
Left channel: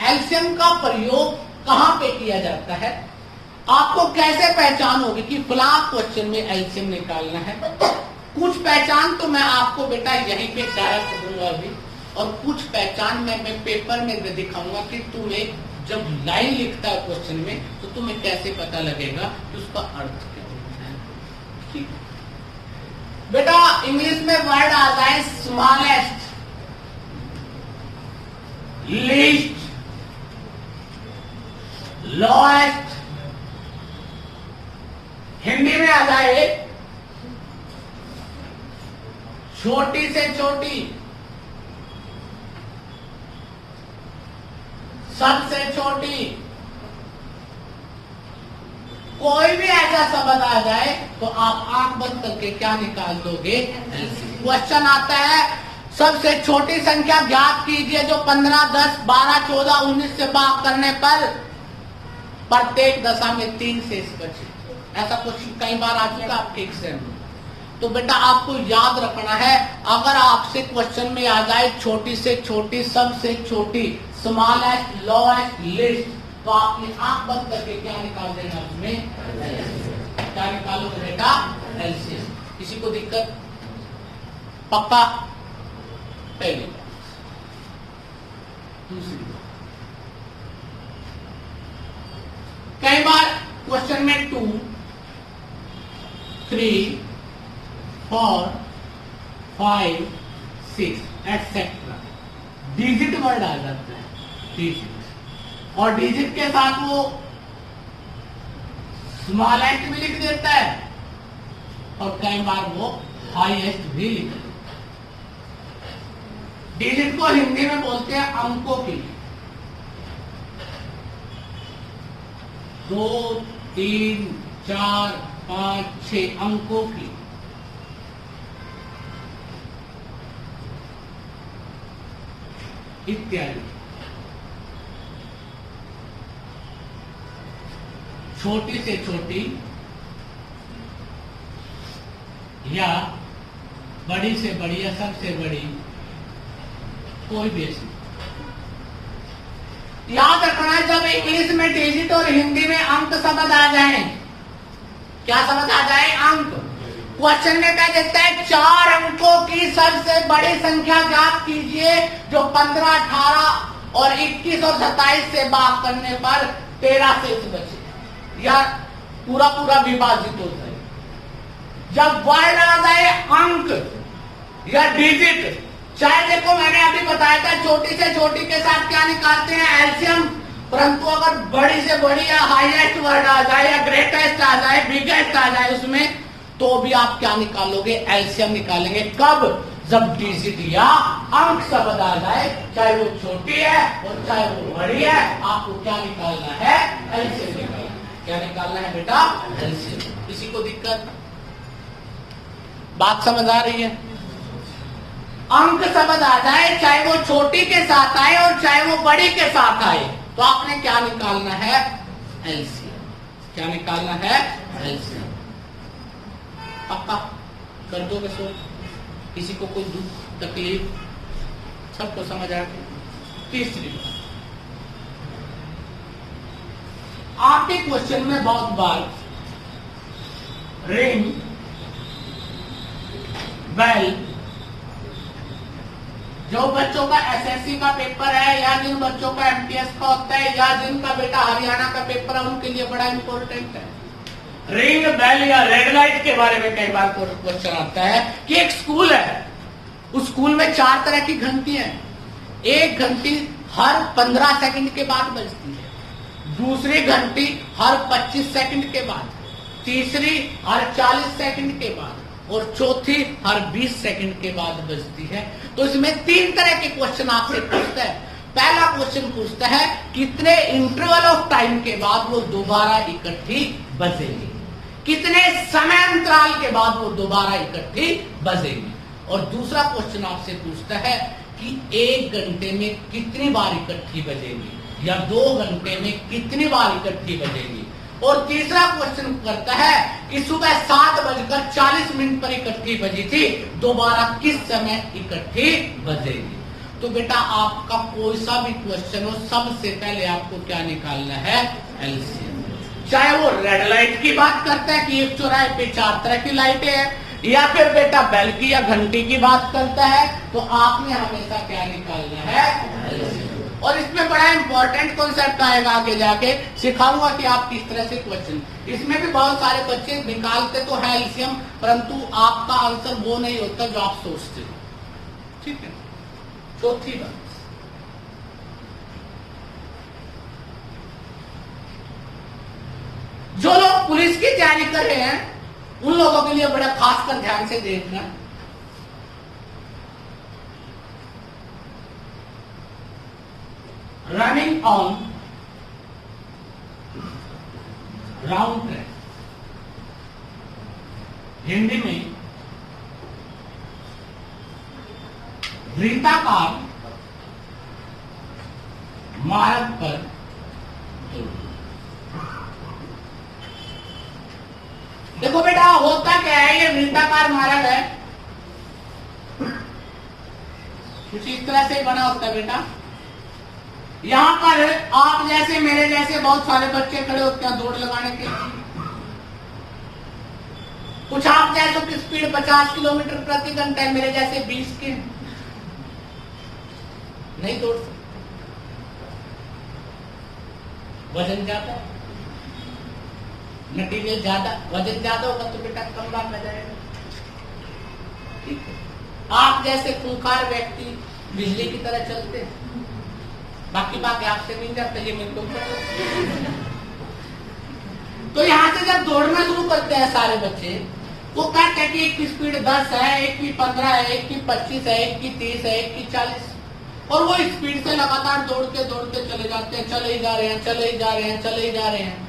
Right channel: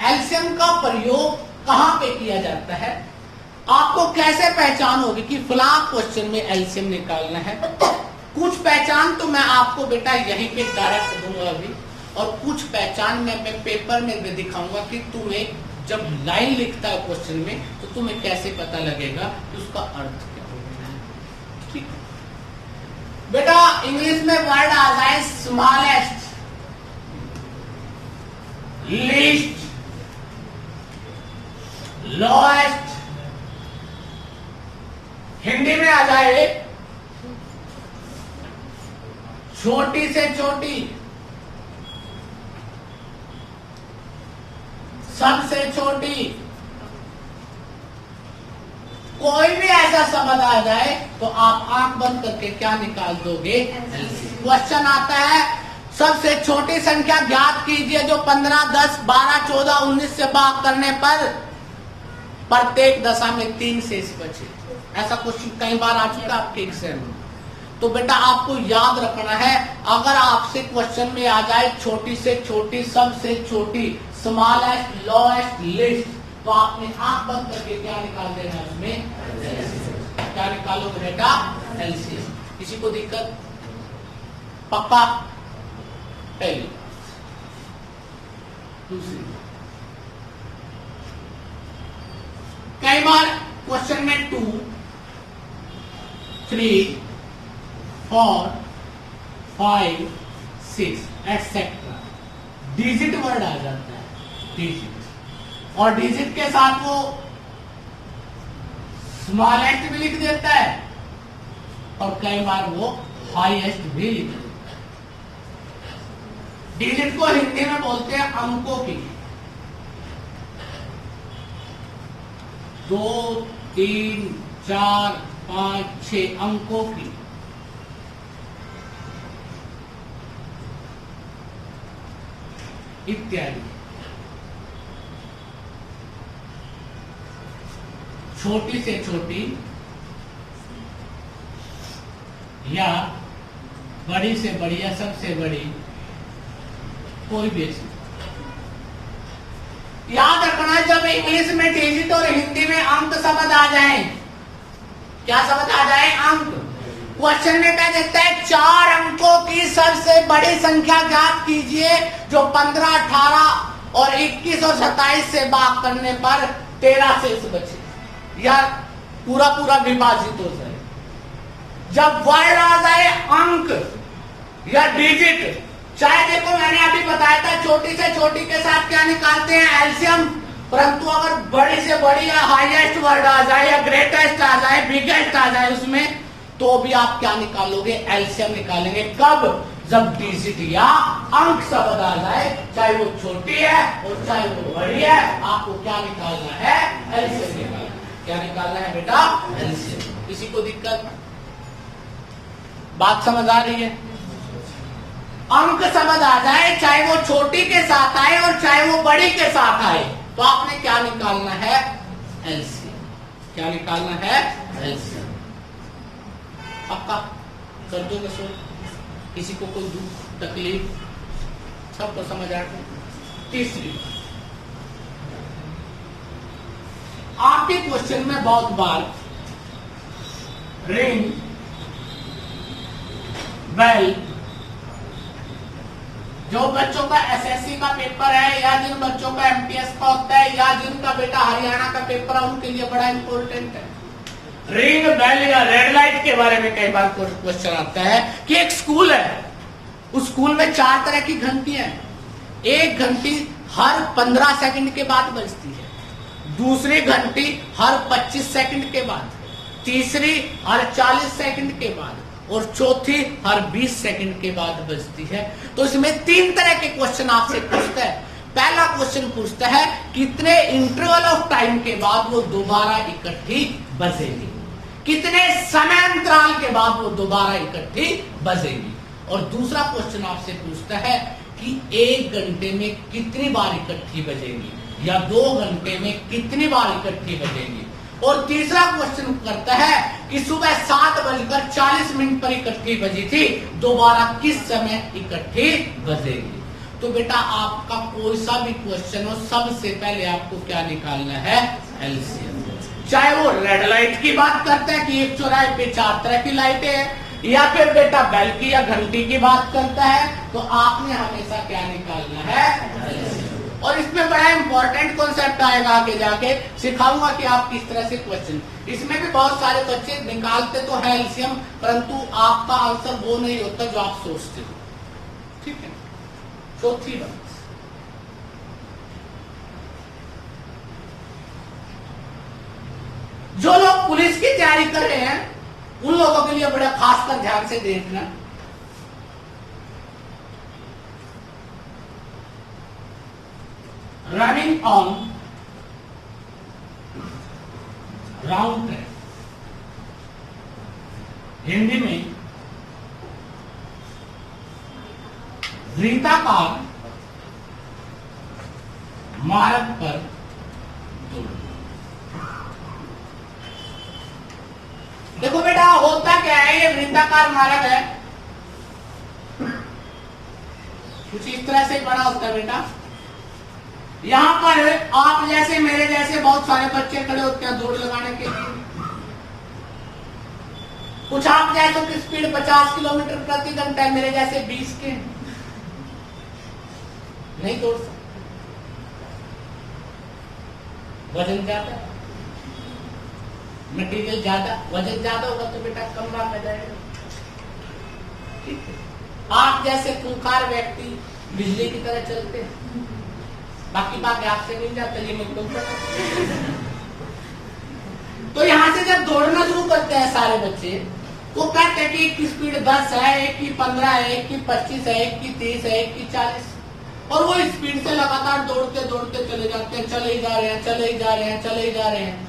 एलसीएम का प्रयोग कहां पे किया जाता है, आपको कैसे पहचान होगी कि फलां क्वेश्चन में एलसीएम निकालना है, कुछ पहचान तो मैं आपको बेटा यहीं पे डायरेक्ट दूंगा अभी, और कुछ पहचान में मैं पेपर में भी दिखाऊंगा कि तुम्हें जब लाइन लिखता है क्वेश्चन में तो तुम्हें कैसे पता लगेगा कि उसका अर्थ क्या होता है। ठीक बेटा, इंग्लिश में वर्ड आ जाए स्मॉलेस्ट, लीस्ट, लोएस्ट, हिंदी में आ जाए छोटी से छोटी, सबसे छोटी, कोई भी ऐसा शब्द आ जाए तो आप आंख बंद करके क्या निकाल दोगे? क्वेश्चन आता है सबसे छोटी संख्या ज्ञात कीजिए जो 15, 10, 12, 14, 19 से भाग करने पर प्रत्येक दशा में 3 शेष बचे। ऐसा क्वेश्चन कई बार आ चुका आपके एग्जाम में। तो बेटा आपको याद रखना है, अगर आपसे क्वेश्चन में आ जाए छोटी से छोटी, सबसे छोटी, स्मॉलेस्ट, लोएस्ट, लिस्ट, तो आपने आंख बंद करके क्या निकाल देना उसमें? क्या निकालोगे बेटा? एलसीएम। किसी को दिक्कत? पक्का? पहली। दूसरी, कई बार क्वेश्चन में 2, 3, 4, 5, 6 एटसेट्रा डिजिट वर्ड आ जाता है, डिजिट, और डिजिट के साथ वो स्मॉलेस्ट भी लिख देता है और कई बार वो हाईएस्ट भी लिख देता है। डिजिट को हिंदी में बोलते हैं अंकों की, 2, 3, 4, 5, 6 अंकों की। इत्यादि। छोटी से छोटी या बड़ी से बड़ी या सबसे बड़ी कोई भी ऐसी। याद रखना है जब इंग्लिश में डिजिट और हिंदी में अंक शब्द आ जाए, क्या शब्द आ जाए? अंक। क्वेश्चन में क्या देखता है? 4 अंकों की सबसे बड़ी संख्या ज्ञात कीजिए जो 15, 18 और 21 और 27 से भाग करने पर 13 शेष बचे, या पूरा पूरा विभाजित हो जाए। जब वर्ड आ जाए अंक या डिजिट, चाहे देखो मैंने अभी बताया था छोटी से छोटी के साथ क्या निकालते हैं? एलसीएम। परंतु अगर बड़ी से बड़ी या हाईएस्ट वर्ड आ जाए या ग्रेटेस्ट आ जाए, बिगेस्ट आ जाए उसमें, तो भी आप क्या निकालोगे? एलसीएम निकालेंगे। कब? जब डिजिट या अंक शब्द आ जाए, चाहे वो छोटी है और चाहे वो बड़ी है, आपको क्या निकालना है? एलसीएम निकालना। क्या निकालना है बेटा? एलसीएम। किसी को दिक्कत? बात समझ आ रही है? अंक शब्द आ जाए, चाहे वो छोटी के साथ आए और चाहे वो बड़ी के साथ आए, तो आपने क्या निकालना है? एलसीएम। क्या निकालना है? एलसीएम। पक्का कर दो बस। किसी को कोई दुख तकलीफ? सबको समझ आए? तीसरी बात, आपके क्वेश्चन में बहुत बार रिंग, बेल, जो बच्चों का एसएससी का पेपर है या जिन बच्चों का एमटीएस का होता है या जिनका बेटा हरियाणा का पेपर है, उनके लिए बड़ा इंपॉर्टेंट है। रिंग, बेल या रेड लाइट के बारे में कई बार क्वेश्चन आता है कि एक स्कूल है, उस स्कूल में 4 तरह की घंटियां हैं। एक घंटी हर 15 सेकंड के बाद बजती है, दूसरी घंटी हर 25 सेकंड के बाद, तीसरी हर 40 सेकंड के बाद और चौथी हर 20 सेकंड के बाद बजती है। तो इसमें 3 तरह के क्वेश्चन आपसे पूछता है। पहला क्वेश्चन पूछता है कितने इंटरवल ऑफ टाइम के बाद वो दोबारा इकट्ठी बजेगी, कितने समय अंतराल के बाद वो दोबारा इकट्ठी बजेगी। और दूसरा क्वेश्चन आपसे पूछता है कि 1 घंटे में कितनी बार इकट्ठी बजेगी या 2 घंटे में कितनी बार इकट्ठी बजेगी। और तीसरा क्वेश्चन करता है कि सुबह 7:40 पर इकट्ठी बजी थी, दोबारा किस समय इकट्ठी बजेगी। तो बेटा आपका कोई सा भी क्वेश्चन हो, सबसे पहले आपको क्या निकालना है? एलसीएम। चाहे वो रेड लाइट की बात करते हैं कि एक चौराहे पे 4 तरह की लाइटें हैं, या फिर बेटा बेल की या घंटी की बात करता है, तो आपने हमेशा क्या निकालना है। और इसमें बड़ा इंपॉर्टेंट कॉन्सेप्ट आएगा, आगे जाके सिखाऊंगा कि आप किस तरह से क्वेश्चन, इसमें भी बहुत सारे बच्चे निकालते तो है एलसीएम, परंतु आपका आंसर वो नहीं होता जो आप सोचते हो। ठीक है, चौथी बात, जो लोग पुलिस की तैयारी कर रहे हैं उन लोगों के लिए बड़ा खासकर ध्यान से देखना, running on round track, Hindi में वृत्ताकार मार्ग पर। देखो बेटा, होता क्या है, ये वृत्ताकार मार्ग है, कुछ इस तरह से बना होता है बेटा। यहां पर आप जैसे मेरे जैसे बहुत सारे बच्चे खड़े होते हैं दौड़ लगाने के लिए। कुछ आप जैसे की स्पीड 50 किलोमीटर प्रति घंटा है, मेरे जैसे 20 के, नहीं दौड़ सकते, वजन ज्यादा, मटीरियल ज्यादा, वजन ज्यादा होगा तो बेटा कम लाभ आ जाएगा। ठीक है, आप जैसे खूंखार व्यक्ति बिजली की तरह चलते हैं, बाकी बात आपसे नहीं जाता, ये मुझको। तो यहां से जब दौड़ना शुरू करते हैं सारे बच्चे, तो कहते हैं कि एक की स्पीड 10 है, एक की 15 है, एक की 25 है, एक की 30 है, एक की 40, और वो स्पीड से लगातार दौड़ते दौड़ते चले जाते हैं, चले ही जा रहे हैं, चले ही जा रहे हैं, चले ही जा रहे हैं।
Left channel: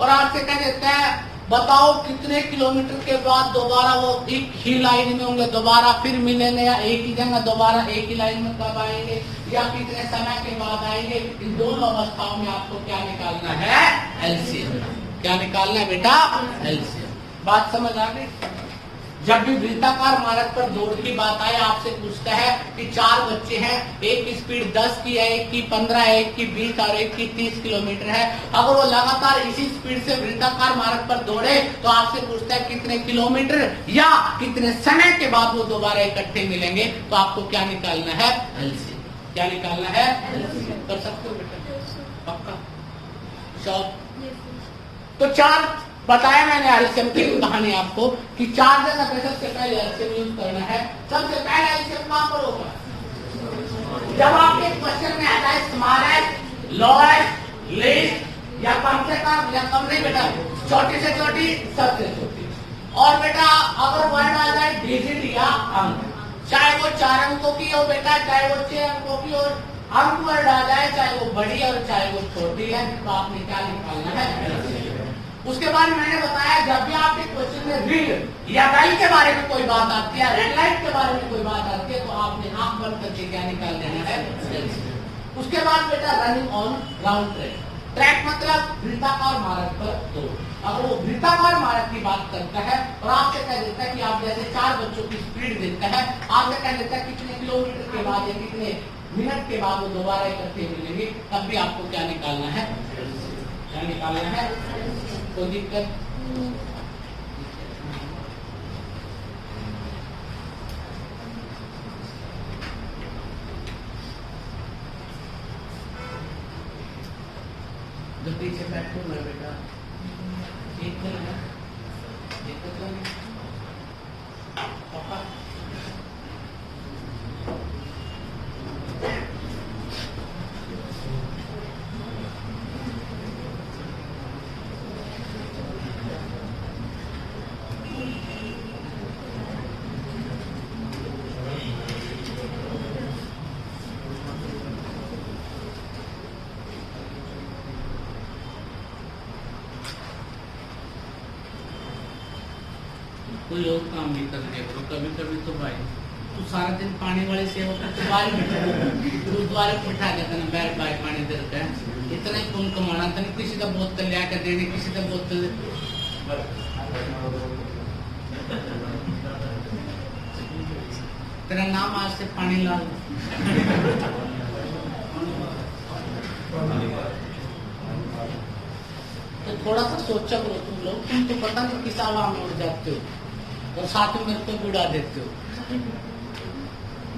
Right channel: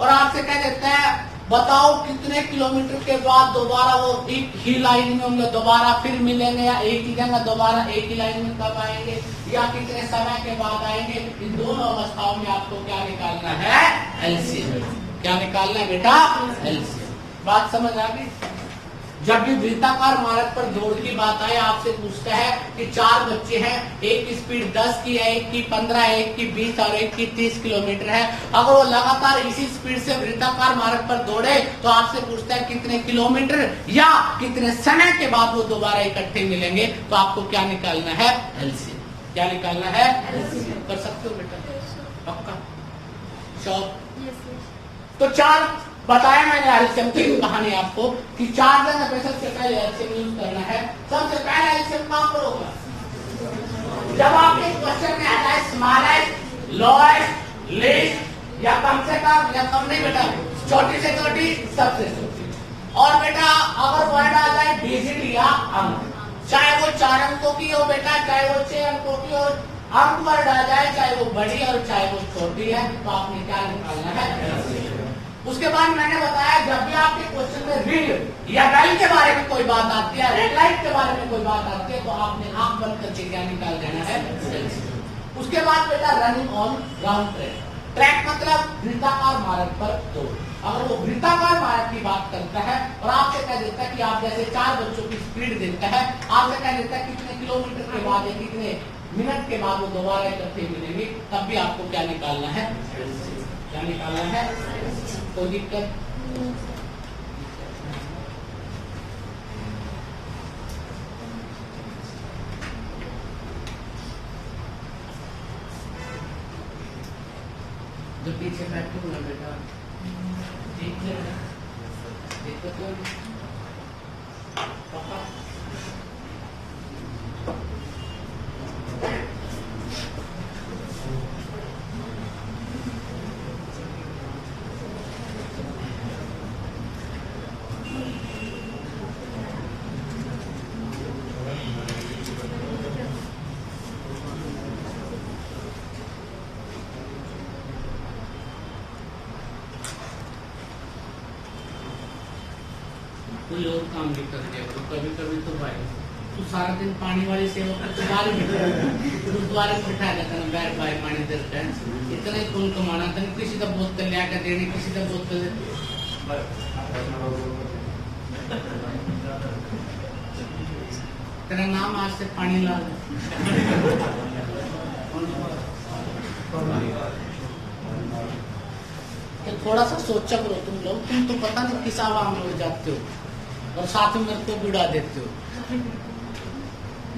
और आपसे कह देता है बताओ कितने किलोमीटर के बाद दोबारा वो एक ही लाइन में होंगे, दोबारा फिर मिलेंगे, या एक ही जगह दोबारा एक ही लाइन में कब आएंगे, या कितने समय के बाद आएंगे। इन दोनों अवस्थाओं में आपको क्या निकालना है, एलसीएम। क्या निकालना है बेटा, एलसीएम। बात समझ आ गई। जब भी वृत्ताकार मार्ग पर दौड़ की बात आए, आपसे पूछता है कि 4 बच्चे हैं, एक की स्पीड 10 की है, एक की 15 है, एक की 20 और एक की 30 किलोमीटर है। अगर वो लगातार इसी स्पीड से वृत्ताकार मार्ग पर दौड़े, तो आपसे पूछता है कितने किलोमीटर या कितने समय के बाद वो दोबारा इकट्ठे मिलेंगे। तो आपको क्या निकालना है, एलसीएम। क्या निकालना है, एलसीएम। कर सकते हो बेटा, पक्का? तो 4 बताया मैंने एलसीएम की कहानी आपको कि 4 जगह पे सबसे पहले एलसीएम यूज करना है। सबसे पहला एलसीएम कहां पर होगा, जब आपके क्वेश्चन में आता है स्मॉलेस्ट, लोएस्ट, लीस्ट, या कम से कम या कम नहीं बेटा, छोटी से छोटी, सबसे छोटी। और बेटा अगर वर्ड आ जाए डिजिट या अंक, चाहे वो 4 अंकों की हो बेटा, चाहे वो 6 अंकों की हो, अंक वर्ड आ जाए, चाहे वो बड़ी है और चाहे वो छोटी है, तो आपने क्या निकालना है। उसके बाद मैंने बताया जब भी आपके क्वेश्चन में रिंग या बेल के बारे में कोई बात आती है, रेड लाइट के बारे में कोई बात आती है, तो आपने आंख बंद करके क्या निकाल देना है। उसके बाद बेटा running on round track, track मतलब वृत्ताकार मार्ग पर दौड़। अगर वो वृत्ताकार मार्ग की बात करता है और आपसे कह देता है कि आप जैसे 4 बच्चों की स्पीड देता है, आपसे कह देता है कितने किलोमीटर के बाद या कितने मिनट के बाद वो दोबारा इकट्ठे मिलेंगे, तब भी आपको क्या निकालना है, क्या निकालना है। कोई दिक्कत? जो पीछे बैठे हुए बेटा ठीक है, देखो तो पापा कोई और काम भी करते हो, कभी कभी तो भाई तो सारा दिन पानी वाली सेवा करते, बाहर गुरुद्वारे में बैठा जाता है, बैठ बाय पानी देते हैं, इतना ही पुण्य कमाना था। किसी का बोतल लिया कर देने, किसी का बोतल, तेरा नाम आज से पानी ला। तो थोड़ा सा सोचा करो तुम लोग, तुम तो पता नहीं किस आवाम में उड़ जाते हो। और साथ में मेरे को बिड़ा देते हो।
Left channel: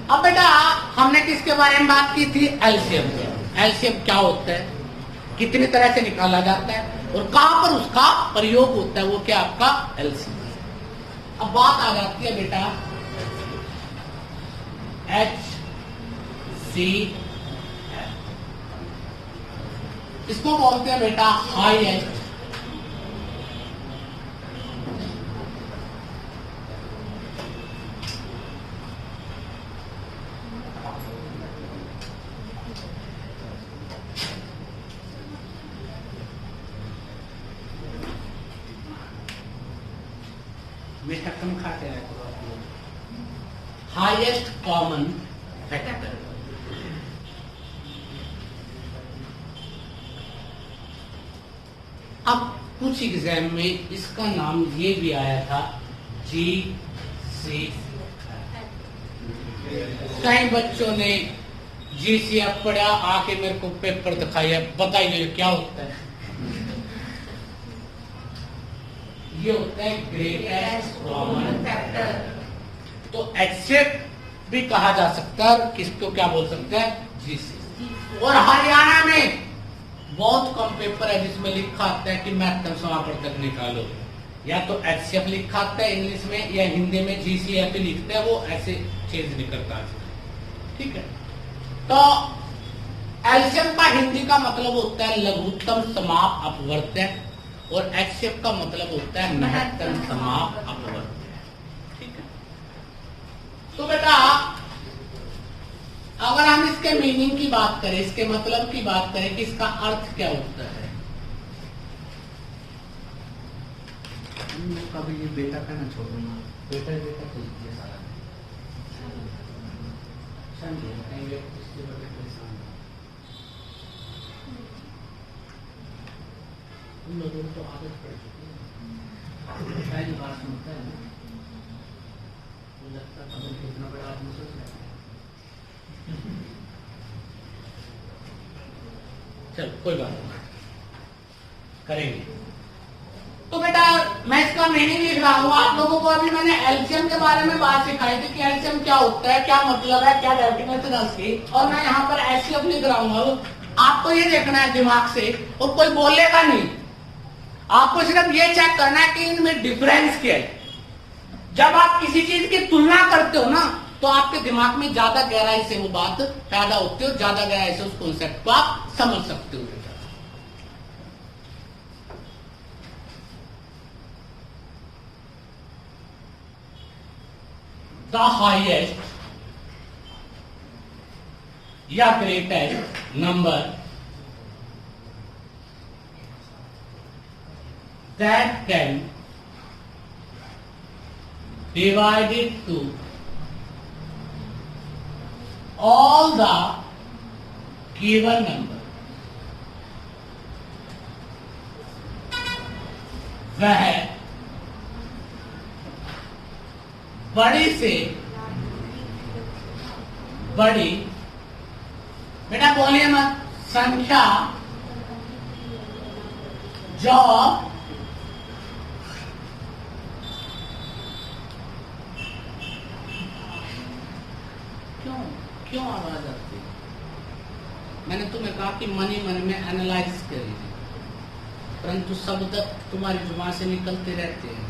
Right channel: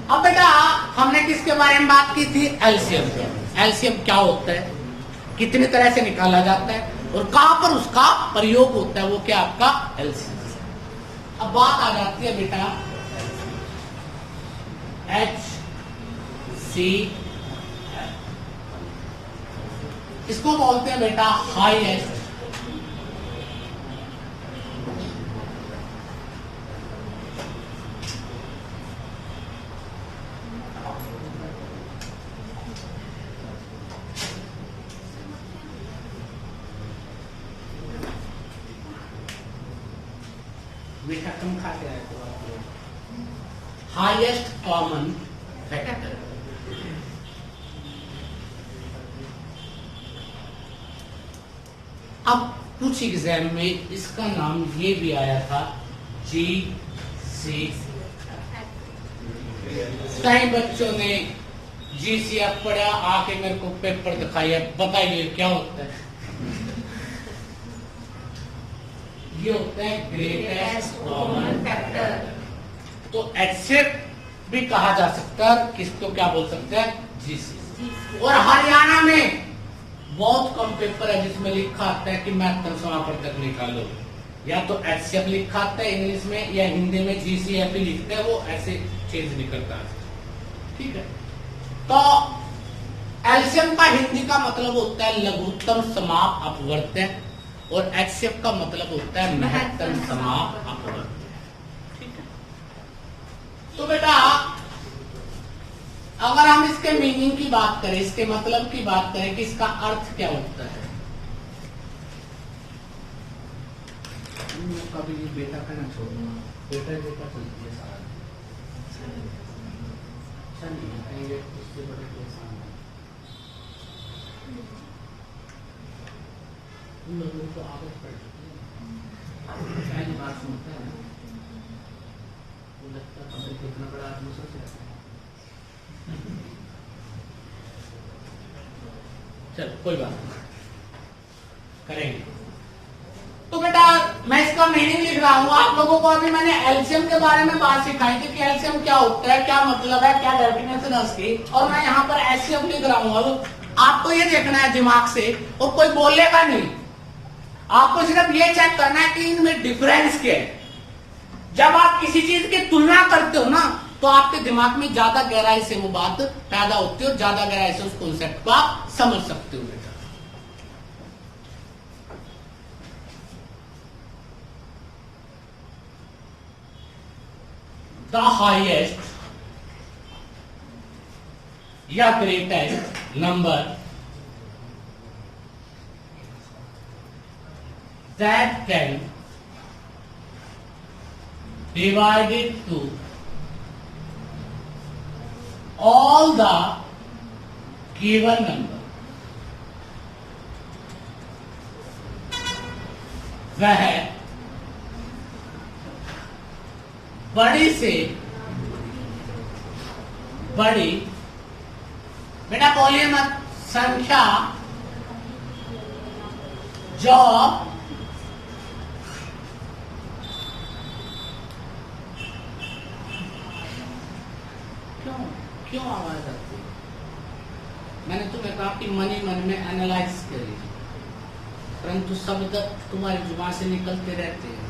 अब बेटा हमने किसके बारे में बात की थी? एलसीएम। एलसीएम क्या होता है, कितनी तरह से निकाला जाता है और कहां पर उसका प्रयोग होता है, वो क्या आपका एलसीएम। अब बात आ जाती है बेटा HCl, इसको बोलते हैं बेटा हाईएस्ट बेटा तुम खाते हैं हाईएस्ट कॉमन फैक्टर। अब कुछ एग्जाम में इसका नाम ये भी आया था GCF। कई बच्चों ने GCF पढ़ा, आके मेरे को पेपर दिखाया, बताइए क्या होता है? ये होता है ग्रेटेस्ट कॉमन फैक्टर। तो HCF भी कहा जा सकता है, किसको क्या बोल सकते हैं? GCF। और हरियाणा में बहुत कम पेपर है जिसमें लिखा आता है कि महत्तम समापवर्तक निकालो, या तो HCF लिखा आता है इंग्लिश में या हिंदी में GCF ही लिखते हैं, वो ऐसे चेंज नहीं करता। ठीक है, तो एलसीएम का हिंदी का मतलब होता है लघुत्तम समाप अपवर्तक और HCF का मतलब होता है महत्तम समाप अपवर्तक। ठीक है, तो बेटा अगर हम इसके मीनिंग की बात करें, इसके मतलब की बात करें कि इसका अर्थ क्या होता है, कभी ये बेटा का ना छोड़ो, बेटा बेटा बोलती है सारा कहेंगे उसके बड़े परेशान उन लोगों को आदत पड़ चुकी है, पहली बात सुनता है ना वो लगता है कितना बड़ा आदमी सोच रहा है। चलो कोई बात नहीं, करेंगे। तो बेटा मैं इसका मीनिंग लिख रहा हूं, आप लोगों को अभी मैंने एलसीएम के बारे में बात सिखाई थी कि एलसीएम क्या होता है, क्या मतलब है, क्या डेफिनेशन है उसकी, और मैं यहाँ पर एचसीएफ लिख रहा हूँ। आपको ये देखना है दिमाग से, और कोई बोलेगा नहीं, आपको सिर्फ ये चेक करना है कि इनमें डिफरेंस क्या है। जब आप किसी चीज की तुलना करते हो ना, तो आपके दिमाग में ज्यादा गहराई से वो बात पैदा होती है, ज्यादा गहराई से उस कॉन्सेप्ट को आप समझ सकते हो बेटा। द हाईएस्ट या greatest number that can divide it to all the given number, वह बड़ी से बड़ी, बेटा बोलिए मत, संख्या जो क्यों आवाज आती है? मैंने तुम्हें कहा कि मन ही मन में एनालाइज करिए, परंतु शब्द तुम्हारी जुबान से निकलते रहते हैं।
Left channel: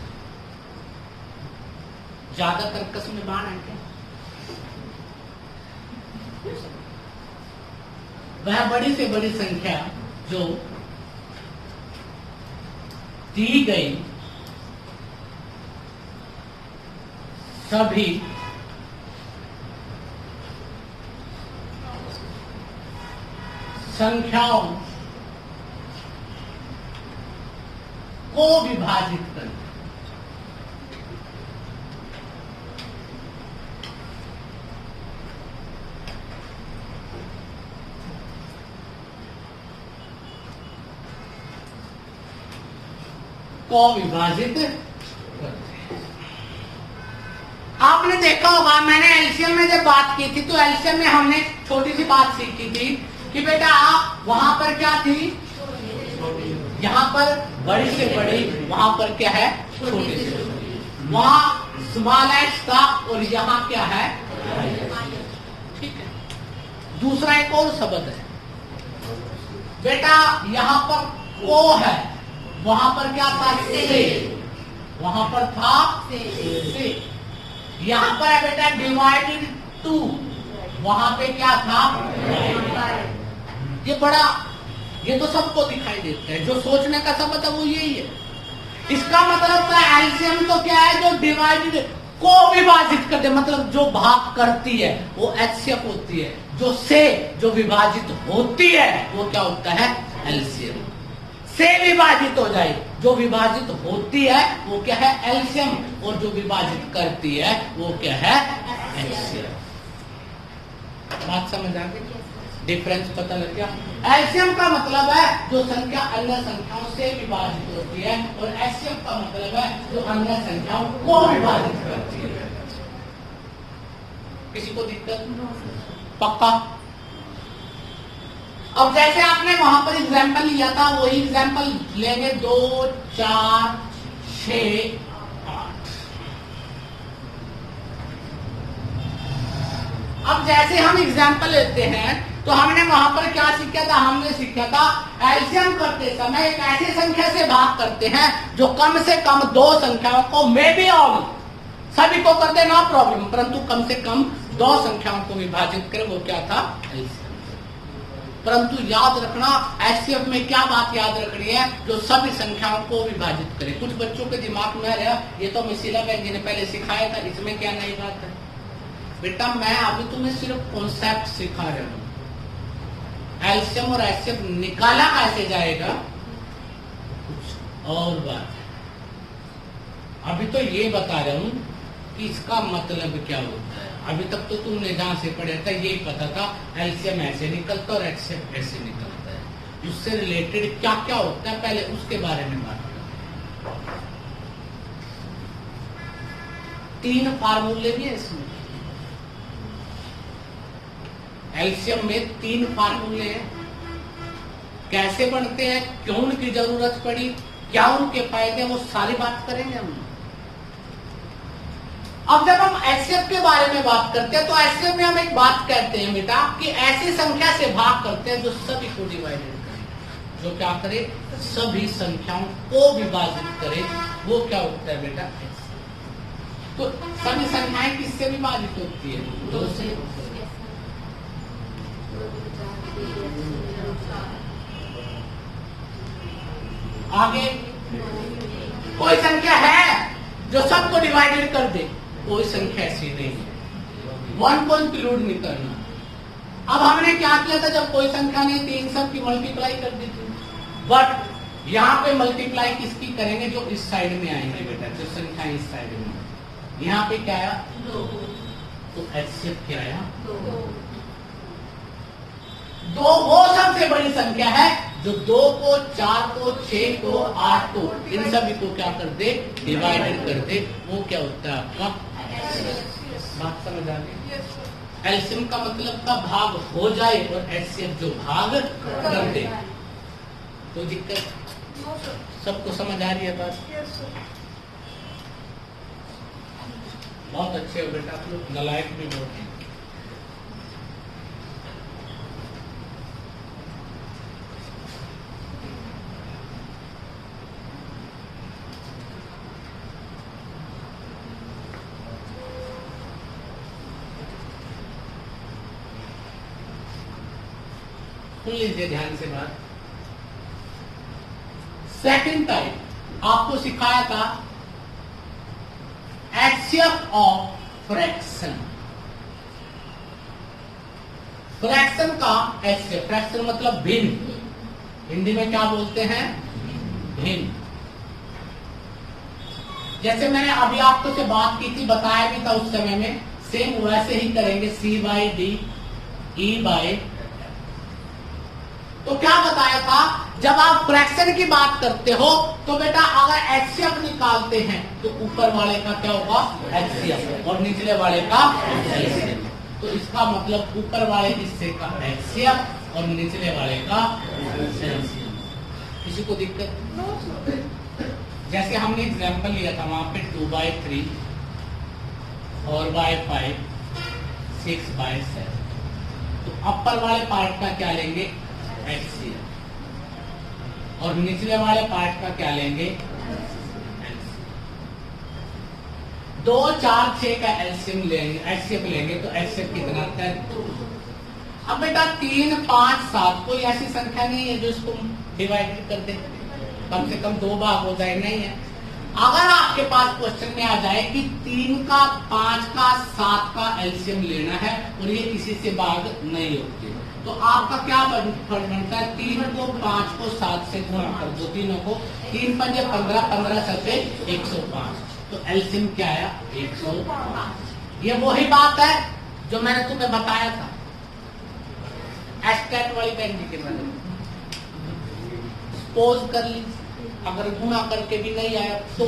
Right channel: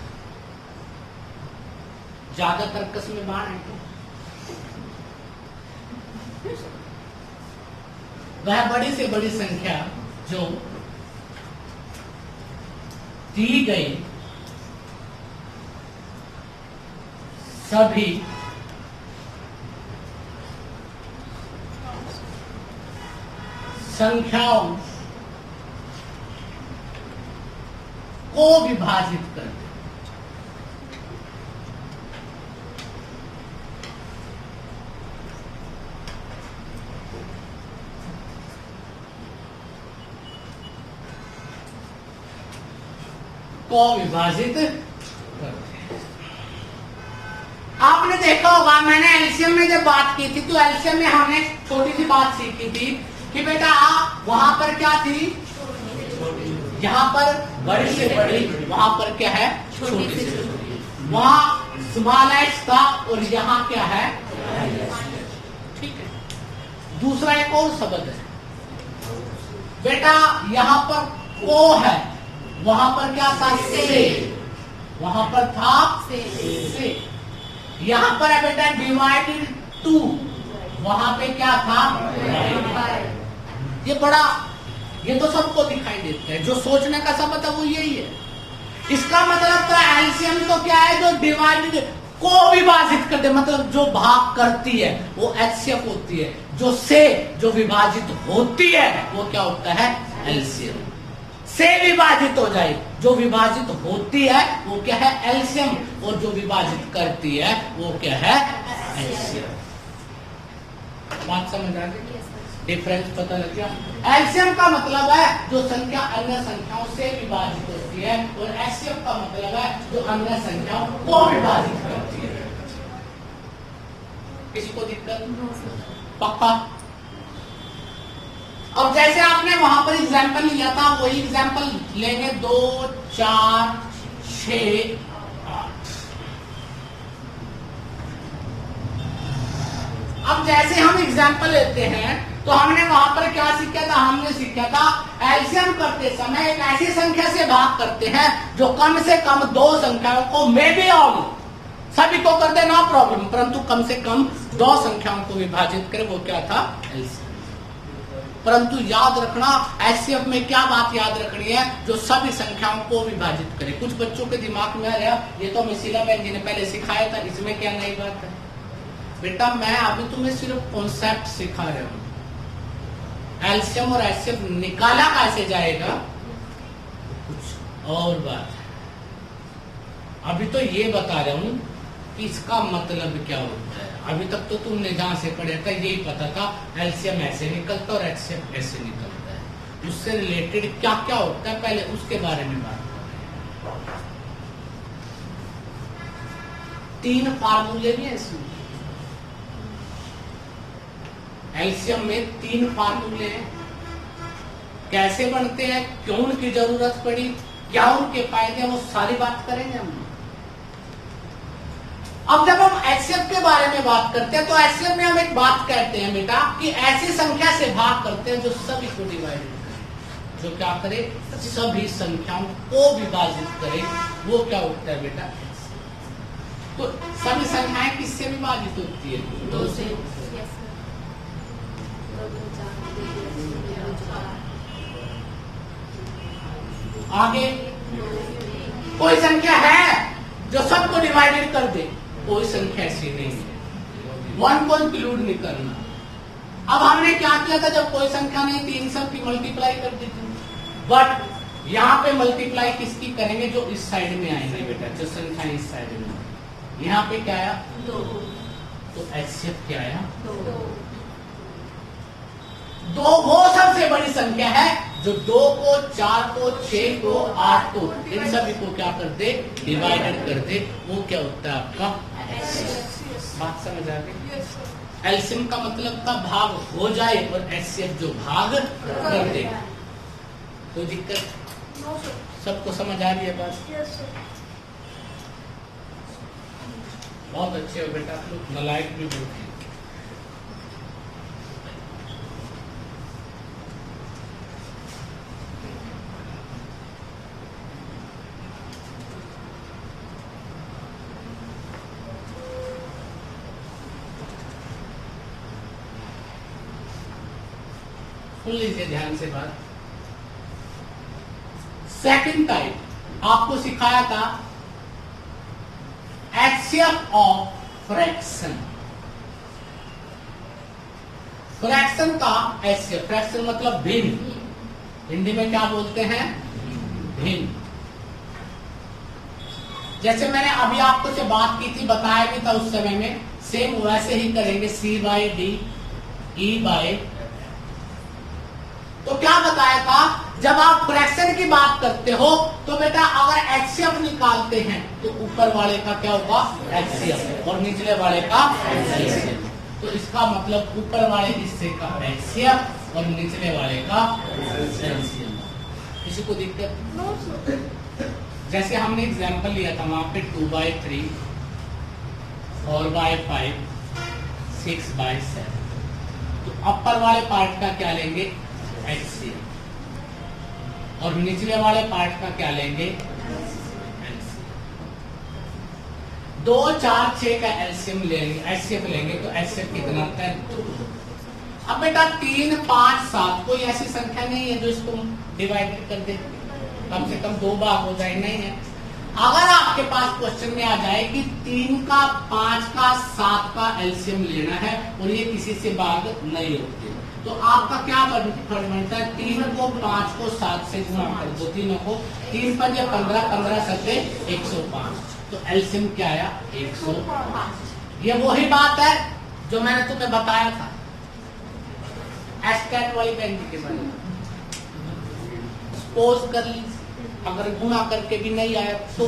ज्यादा तर्कस में बाण है क्या? वह बड़ी से बड़ी संख्या जो दी गई सभी संख्याओं को विभाजित कर दे। को विभाजित कर दे। आपने देखा होगा, मैंने एलसीएम में जब बात की थी तो एलसीएम में हमने छोटी सी बात सीखी थी कि बेटा वहां पर क्या थी, यहाँ पर बड़ी से बड़ी, वहां पर क्या है छोटी से छोटी। वहां स्मॉल एच था और यहाँ क्या है, ठीक है। दूसरा एक और शब्द है बेटा, यहाँ पर ओ है, वहां पर क्या था, से, वहां पर था से। यहाँ पर है बेटा डिवाइडेड टू, वहां पे क्या था, ये बड़ा, ये तो सबको दिखाई देता है, जो सोचने का शब्द है वो यही है। इसका मतलब था एलसीएम तो क्या है, जो डिवाइडेड को विभाजित कर दे, मतलब जो भाग करती है वो एचसीएफ होती है, जो विभाजित होती है वो क्या होता है, एलसीएम। से विभाजित हो जाए, जो विभाजित होती है वो क्या है, एलसीएम, और जो विभाजित करती है वो क्या है, एचसीएफ। बात समझ आ गई, डिफरेंस पता लग गया। एलसीएम का मतलब है जो संख्या अन्य संख्याओं से विभाजित होती है, और एचसीएफ का मतलब है जो अन्य संख्याओं को विभाजित करती है। किसी को दिक्कत, पक्का? अब जैसे आपने वहां पर एग्जाम्पल लिया था, वही एग्जाम्पल लेंगे 2, 4, 6, 8। अब जैसे हम एग्जाम्पल लेते हैं तो हमने वहां पर क्या सीखा था, हमने सीखा था एलसीएम करते समय एक ऐसी संख्या से भाग करते हैं जो कम से कम 2 संख्याओं को, मे बी ऑल, सभी को कर दे, नो प्रॉब्लम, परंतु कम से कम 2 संख्याओं को विभाजित करे, वो क्या था, एलसीएम। परंतु याद रखना, एचसीएफ में क्या बात याद रखनी है, जो सभी संख्याओं को विभाजित करे। कुछ बच्चों के दिमाग में रहा, ये तो मिसिला बहन जी ने पहले सिखाया था, इसमें क्या नई बात है। बेटा मैं अभी तुम्हें सिर्फ कॉन्सेप्ट सिखा रहा हूं, एलसीएम और एचसीएफ निकाला कैसे जाएगा कुछ और बात है। अभी तो ये बता रहा हूं कि इसका मतलब क्या होता है। अभी तक तो तुमने जहां से पढ़ा था यही पता था, एलसीएम ऐसे निकलता और एचसीएफ ऐसे निकलता है। उससे रिलेटेड क्या क्या होता है पहले उसके बारे में बात करते हैं। 3 फार्मूले भी है इसमें, एलसीएम में 3 फार्मूले हैं। कैसे बनते हैं, क्यों उनकी जरूरत पड़ी, क्या उनके फायदे, वो सारी बात करेंगे हम। अब जब हम एचसीएफ के बारे में बात करते हैं तो एचसीएफ में हम एक बात कहते हैं बेटा कि ऐसी संख्या से भाग करते हैं जो सभी को डिवाइडेड करे, जो क्या करे, सभी संख्याओं को विभाजित करे, वो क्या होता है बेटा। तो सभी संख्याएं किससे विभाजित होती है, 2 से। आगे कोई संख्या है जो सबको डिवाइडेड कर दे, कोई संख्या ऐसी नहीं है, 1 को इंक्लूड नहीं करना। अब हमने क्या किया था, जब कोई संख्या नहीं थी इन सब की मल्टीप्लाई कर दी थी, बट यहाँ पे मल्टीप्लाई किसकी करेंगे, जो इस साइड में आएंगे बेटा, जो संख्या इस साइड में। यहाँ पे क्या आया, 2, तो एचसीएफ क्या आया, 2 वो सबसे बड़ी संख्या है जो 2 को, 4 को, 6 को, 8 को, इन सभी को क्या कर दे, डिवाइडेड कर दे, वो क्या होता है आपका, बात समझ आ गई। एलसीएम का मतलब का भाग हो जाए और एचसीएफ जो भाग कर दे, तो दिक्कत सबको समझ आ रही है बात। बहुत अच्छे हो बेटा, आप लोग नलायक भी बहुत हैं। सुन लीजिए ध्यान से बात। सेकंड टाइप आपको सिखाया था एचसीएफ ऑफ फ्रैक्शन। फ्रैक्शन का एचसीएफ, फ्रैक्शन मतलब भिन्न, हिंदी में क्या बोलते हैं, भिन्न। जैसे मैंने अभी आपको से बात की थी, बताया भी था उस समय में, सेम वैसे ही करेंगे, C/D E/, तो क्या बताया था, जब आप फ्रैक्शन की बात करते हो तो बेटा अगर एचसीएफ निकालते हैं तो ऊपर वाले का क्या होगा, एचसीएफ, और निचले वाले का एलसीएम। तो इसका मतलब ऊपर वाले हिस्से का एचसीएफ और निचले वाले का एलसीएम। किसी को दिक्कत? जैसे हमने एग्जाम्पल लिया था वहां पे 2/3 4/5 6/7। तो अपर वाले पार्ट का क्या लेंगे, एचसीएफ, और निचले वाले पार्ट का क्या लेंगे, एलसीएम। 2 4 6 का एलसीएम लेंगे, एचसीएफ लेंगे, तो एचसीएफ कितना आता है, 2। अब बेटा 3 5 7 कोई ऐसी संख्या नहीं है जो इसको डिवाइड कर दे, कम से कम 2 भाग हो जाए, नहीं है। अगर आपके पास क्वेश्चन में आ जाए कि 3 का 5 का 7 का एलसीएम लेना है और ये किसी से भाग नहीं होती, तो आपका क्या बनता है, 3 को 5 को 7 से गुणा कर दो, तीनों को, 3 5 15 15 7 105, तो एलसीएम क्या आया, 105। ये वही बात है जो मैंने तुम्हें बताया था एस्टेट वाली बैंक के बारे में। सपोज कर ली अगर गुणा करके भी नहीं आया तो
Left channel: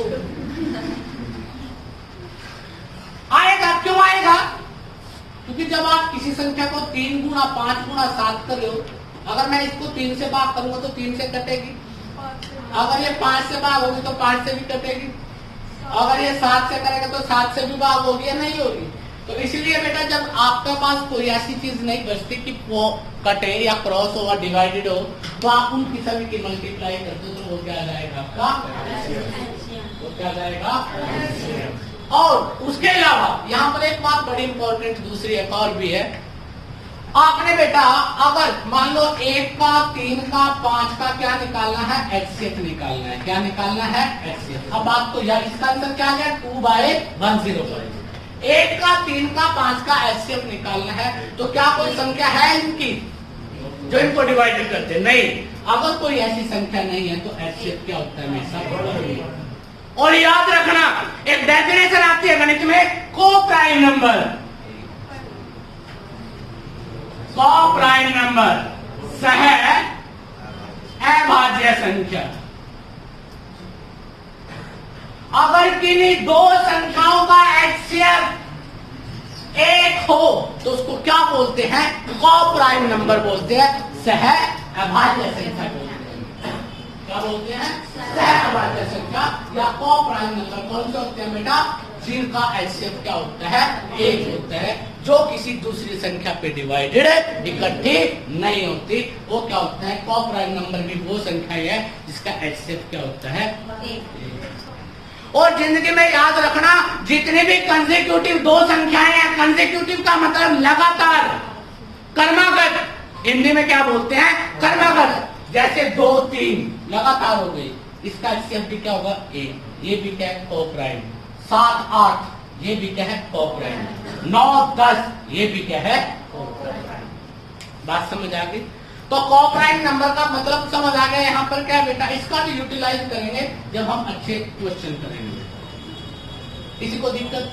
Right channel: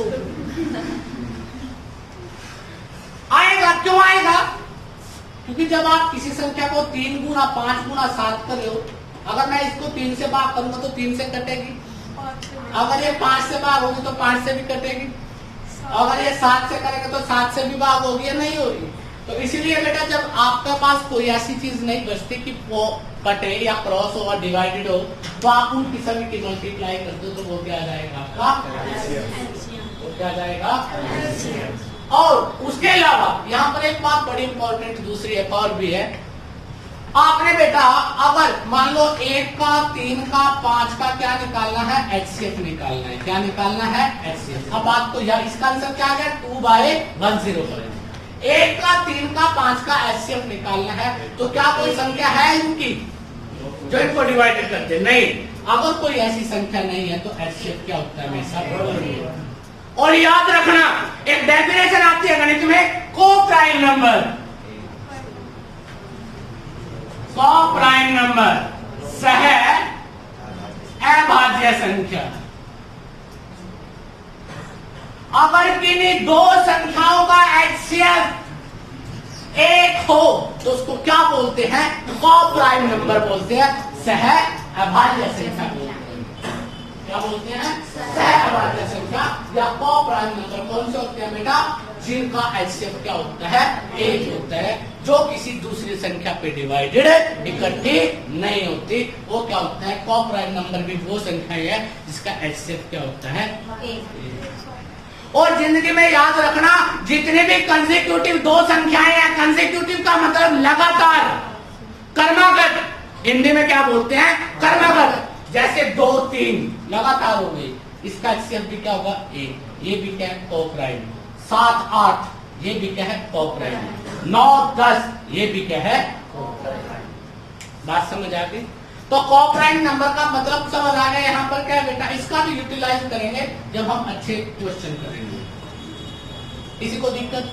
आएगा, क्यों आएगा, क्योंकि जब आप किसी संख्या को 3 गुना 5 गुना 7 कर रहे हो, अगर मैं इसको 3 से भाग करूंगा तो 3 से कटेगी, अगर ये 5 से भाग होगी तो 5 से भी कटेगी, अगर ये 7 से करेगा तो 7 से भी भाग होगी या नहीं होगी। तो इसीलिए बेटा जब आपके पास कोई ऐसी चीज नहीं बचती कि वो कटे या क्रॉस हो या डिवाइडेड हो, तो आप उन की सभी की मल्टीप्लाई कर दो, तो वो क्या आ जाएगा आपका, वो क्या आ जाएगा। और उसके अलावा यहाँ पर एक बात बड़ी इंपॉर्टेंट दूसरी एक और भी है, आपने बेटा अगर मान लो 1 का 3 का 5 का क्या निकालना है, एचसीएफ निकालना है, क्या निकालना है, एचसीएफ। अब आपको यार इसका आंसर क्या आ गया, 2/105। 1 का 3 का 5 का एचसीएफ निकालना है, तो क्या कोई संख्या है इनकी जो इनको डिवाइड करते, नहीं। अगर कोई ऐसी संख्या नहीं है तो एचसीएफ क्या होता है, हमेशा। और याद रखना एक डेफिनेशन आती है गणित में, को प्राइम नंबर, को प्राइम नंबर सह अभाज्य संख्या। अगर किन्हीं 2 संख्याओं का एचसीएफ 1 हो तो उसको क्या बोलते हैं, को प्राइम नंबर बोलते हैं, सह अभाज्य संख्या बोलते हैं। क्या बोलते हैं, सह अभाज्य संख्या या को प्राइम नंबर। कौन से होते हैं बेटा, जिनका एचसीएफ क्या होता है, 1 होता है, जो किसी दूसरी संख्या पे डिवाइडेड इकट्ठी नहीं होती, वो क्या होता है, को प्राइम नंबर भी वो संख्या है जिसका एचसीएफ क्या होता है, 1। और जिंदगी में याद रखना, जितने भी कंसेक्यूटिव 2 संख्याएं हैं, कंसेक्यूटिव का मतलब लगातार, कर्मागत, हिंदी में क्या बोलते हैं, कर्मागत, जैसे 2 3 लगातार हो गई, इसका एचसीएफ भी क्या होगा, 1। ये भी क्या है, को प्राइम। 7 8 ये भी क्या है, को प्राइम। 9 10 ये भी क्या है, को प्राइम। बात समझ आ गई। तो को प्राइम नंबर का मतलब समझ आ गया। यहाँ पर क्या बेटा, इसका भी यूटिलाइज करेंगे जब हम अच्छे क्वेश्चन करेंगे। किसी को दिक्कत,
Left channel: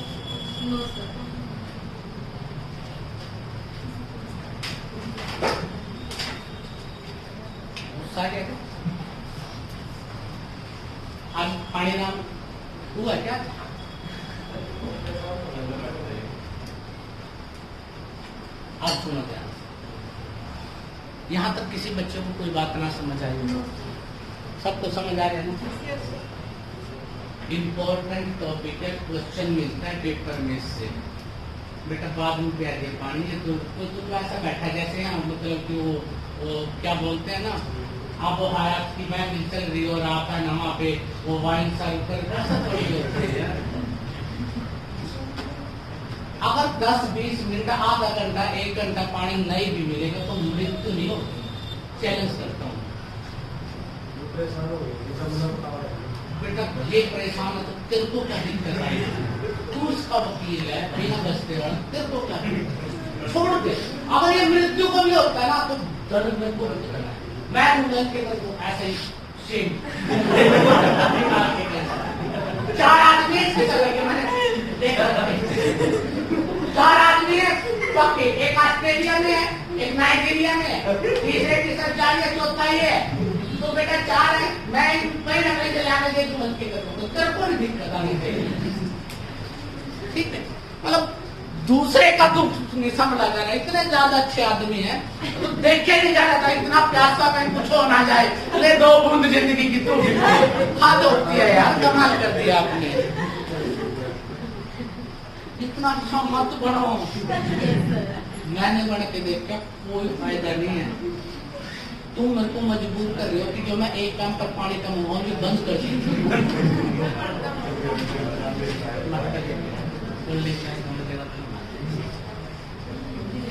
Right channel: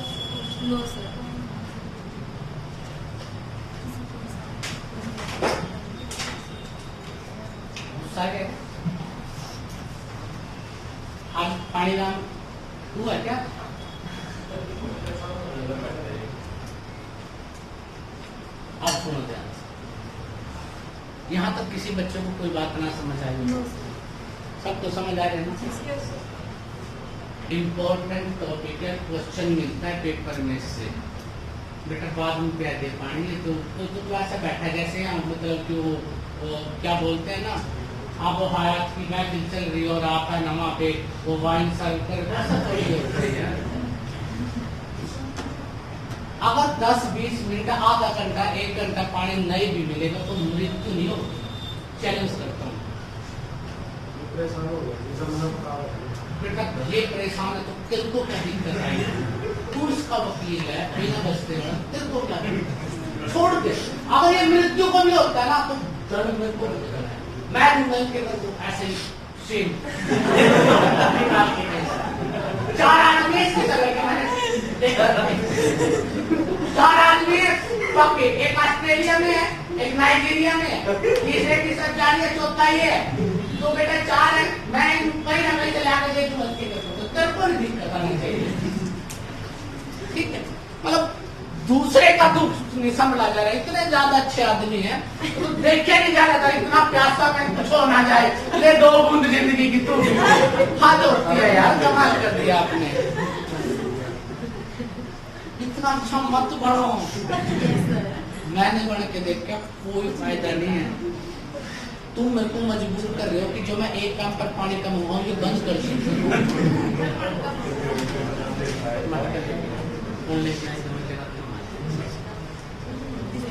आज पानी नाम हुआ क्या, आज सुनो क्या, यहाँ तक किसी बच्चे को कोई बात ना समझ आई, सबको समझ आ रहे हैं ना। इम्पोर्टेंट टॉपिक है, क्वेश्चन मिलता है पेपर में से, बेटा बाद में प्यार दे पानी है तो ऐसा बैठा जैसे यहाँ, मतलब कि वो क्या बोलते हैं ना, अब वो हालात की मैं चल रही और आता है ना वहाँ पे वो वाइन सर्व कर, ऐसा थोड़ी होती है। अगर 10-20 मिनट, आधा घंटा 1 घंटा पानी नहीं भी मिलेगा तो मृत्यु नहीं होगी। चैलेंज करता हूँ, बेटा ये परेशान है तो तेरे को क्या दिक्कत आएगी, तू इसका वकील है, बिना बचते वाला, तेरे को क्या दिक्कत, छोड़ दे। अगर ये मृत्यु को भी होता है ना तो दर्द मेरे को बचेगा, मैं ऐसे ही सेम 4 आदमी इसके तरह मैंने देखा, 4 आदमी है पक्के, एक ऑस्ट्रेलिया में है, एक नाइजीरिया में है, तीसरे की सब जा रही है, चौथा ही है, तो बेटा 4 है, मैं कहीं ना कहीं से लाकर दे दूं मस्ती करता हूँ, तेरे को दिक्कत आनी चाहिए, ठीक है। मतलब दूसरे का दुख नहीं समझ आ जा रहा है, इतने ज्यादा अच्छे आदमी है तो देखे नहीं जा रहा था, इतना प्यासा में कुछ हो ना जाए, ले 2 बूंद जिंदगी की तो खाद होती है यार, कमाल कर दिया आपने। इतना मत बढ़ो। मैंने गण के देख के कोई फायदा नहीं है। तुम मेरे को मजबूर कर रहे हो कि जो मैं 1 काम पर पानी का मुंह भी बंद कर सकती हूँ।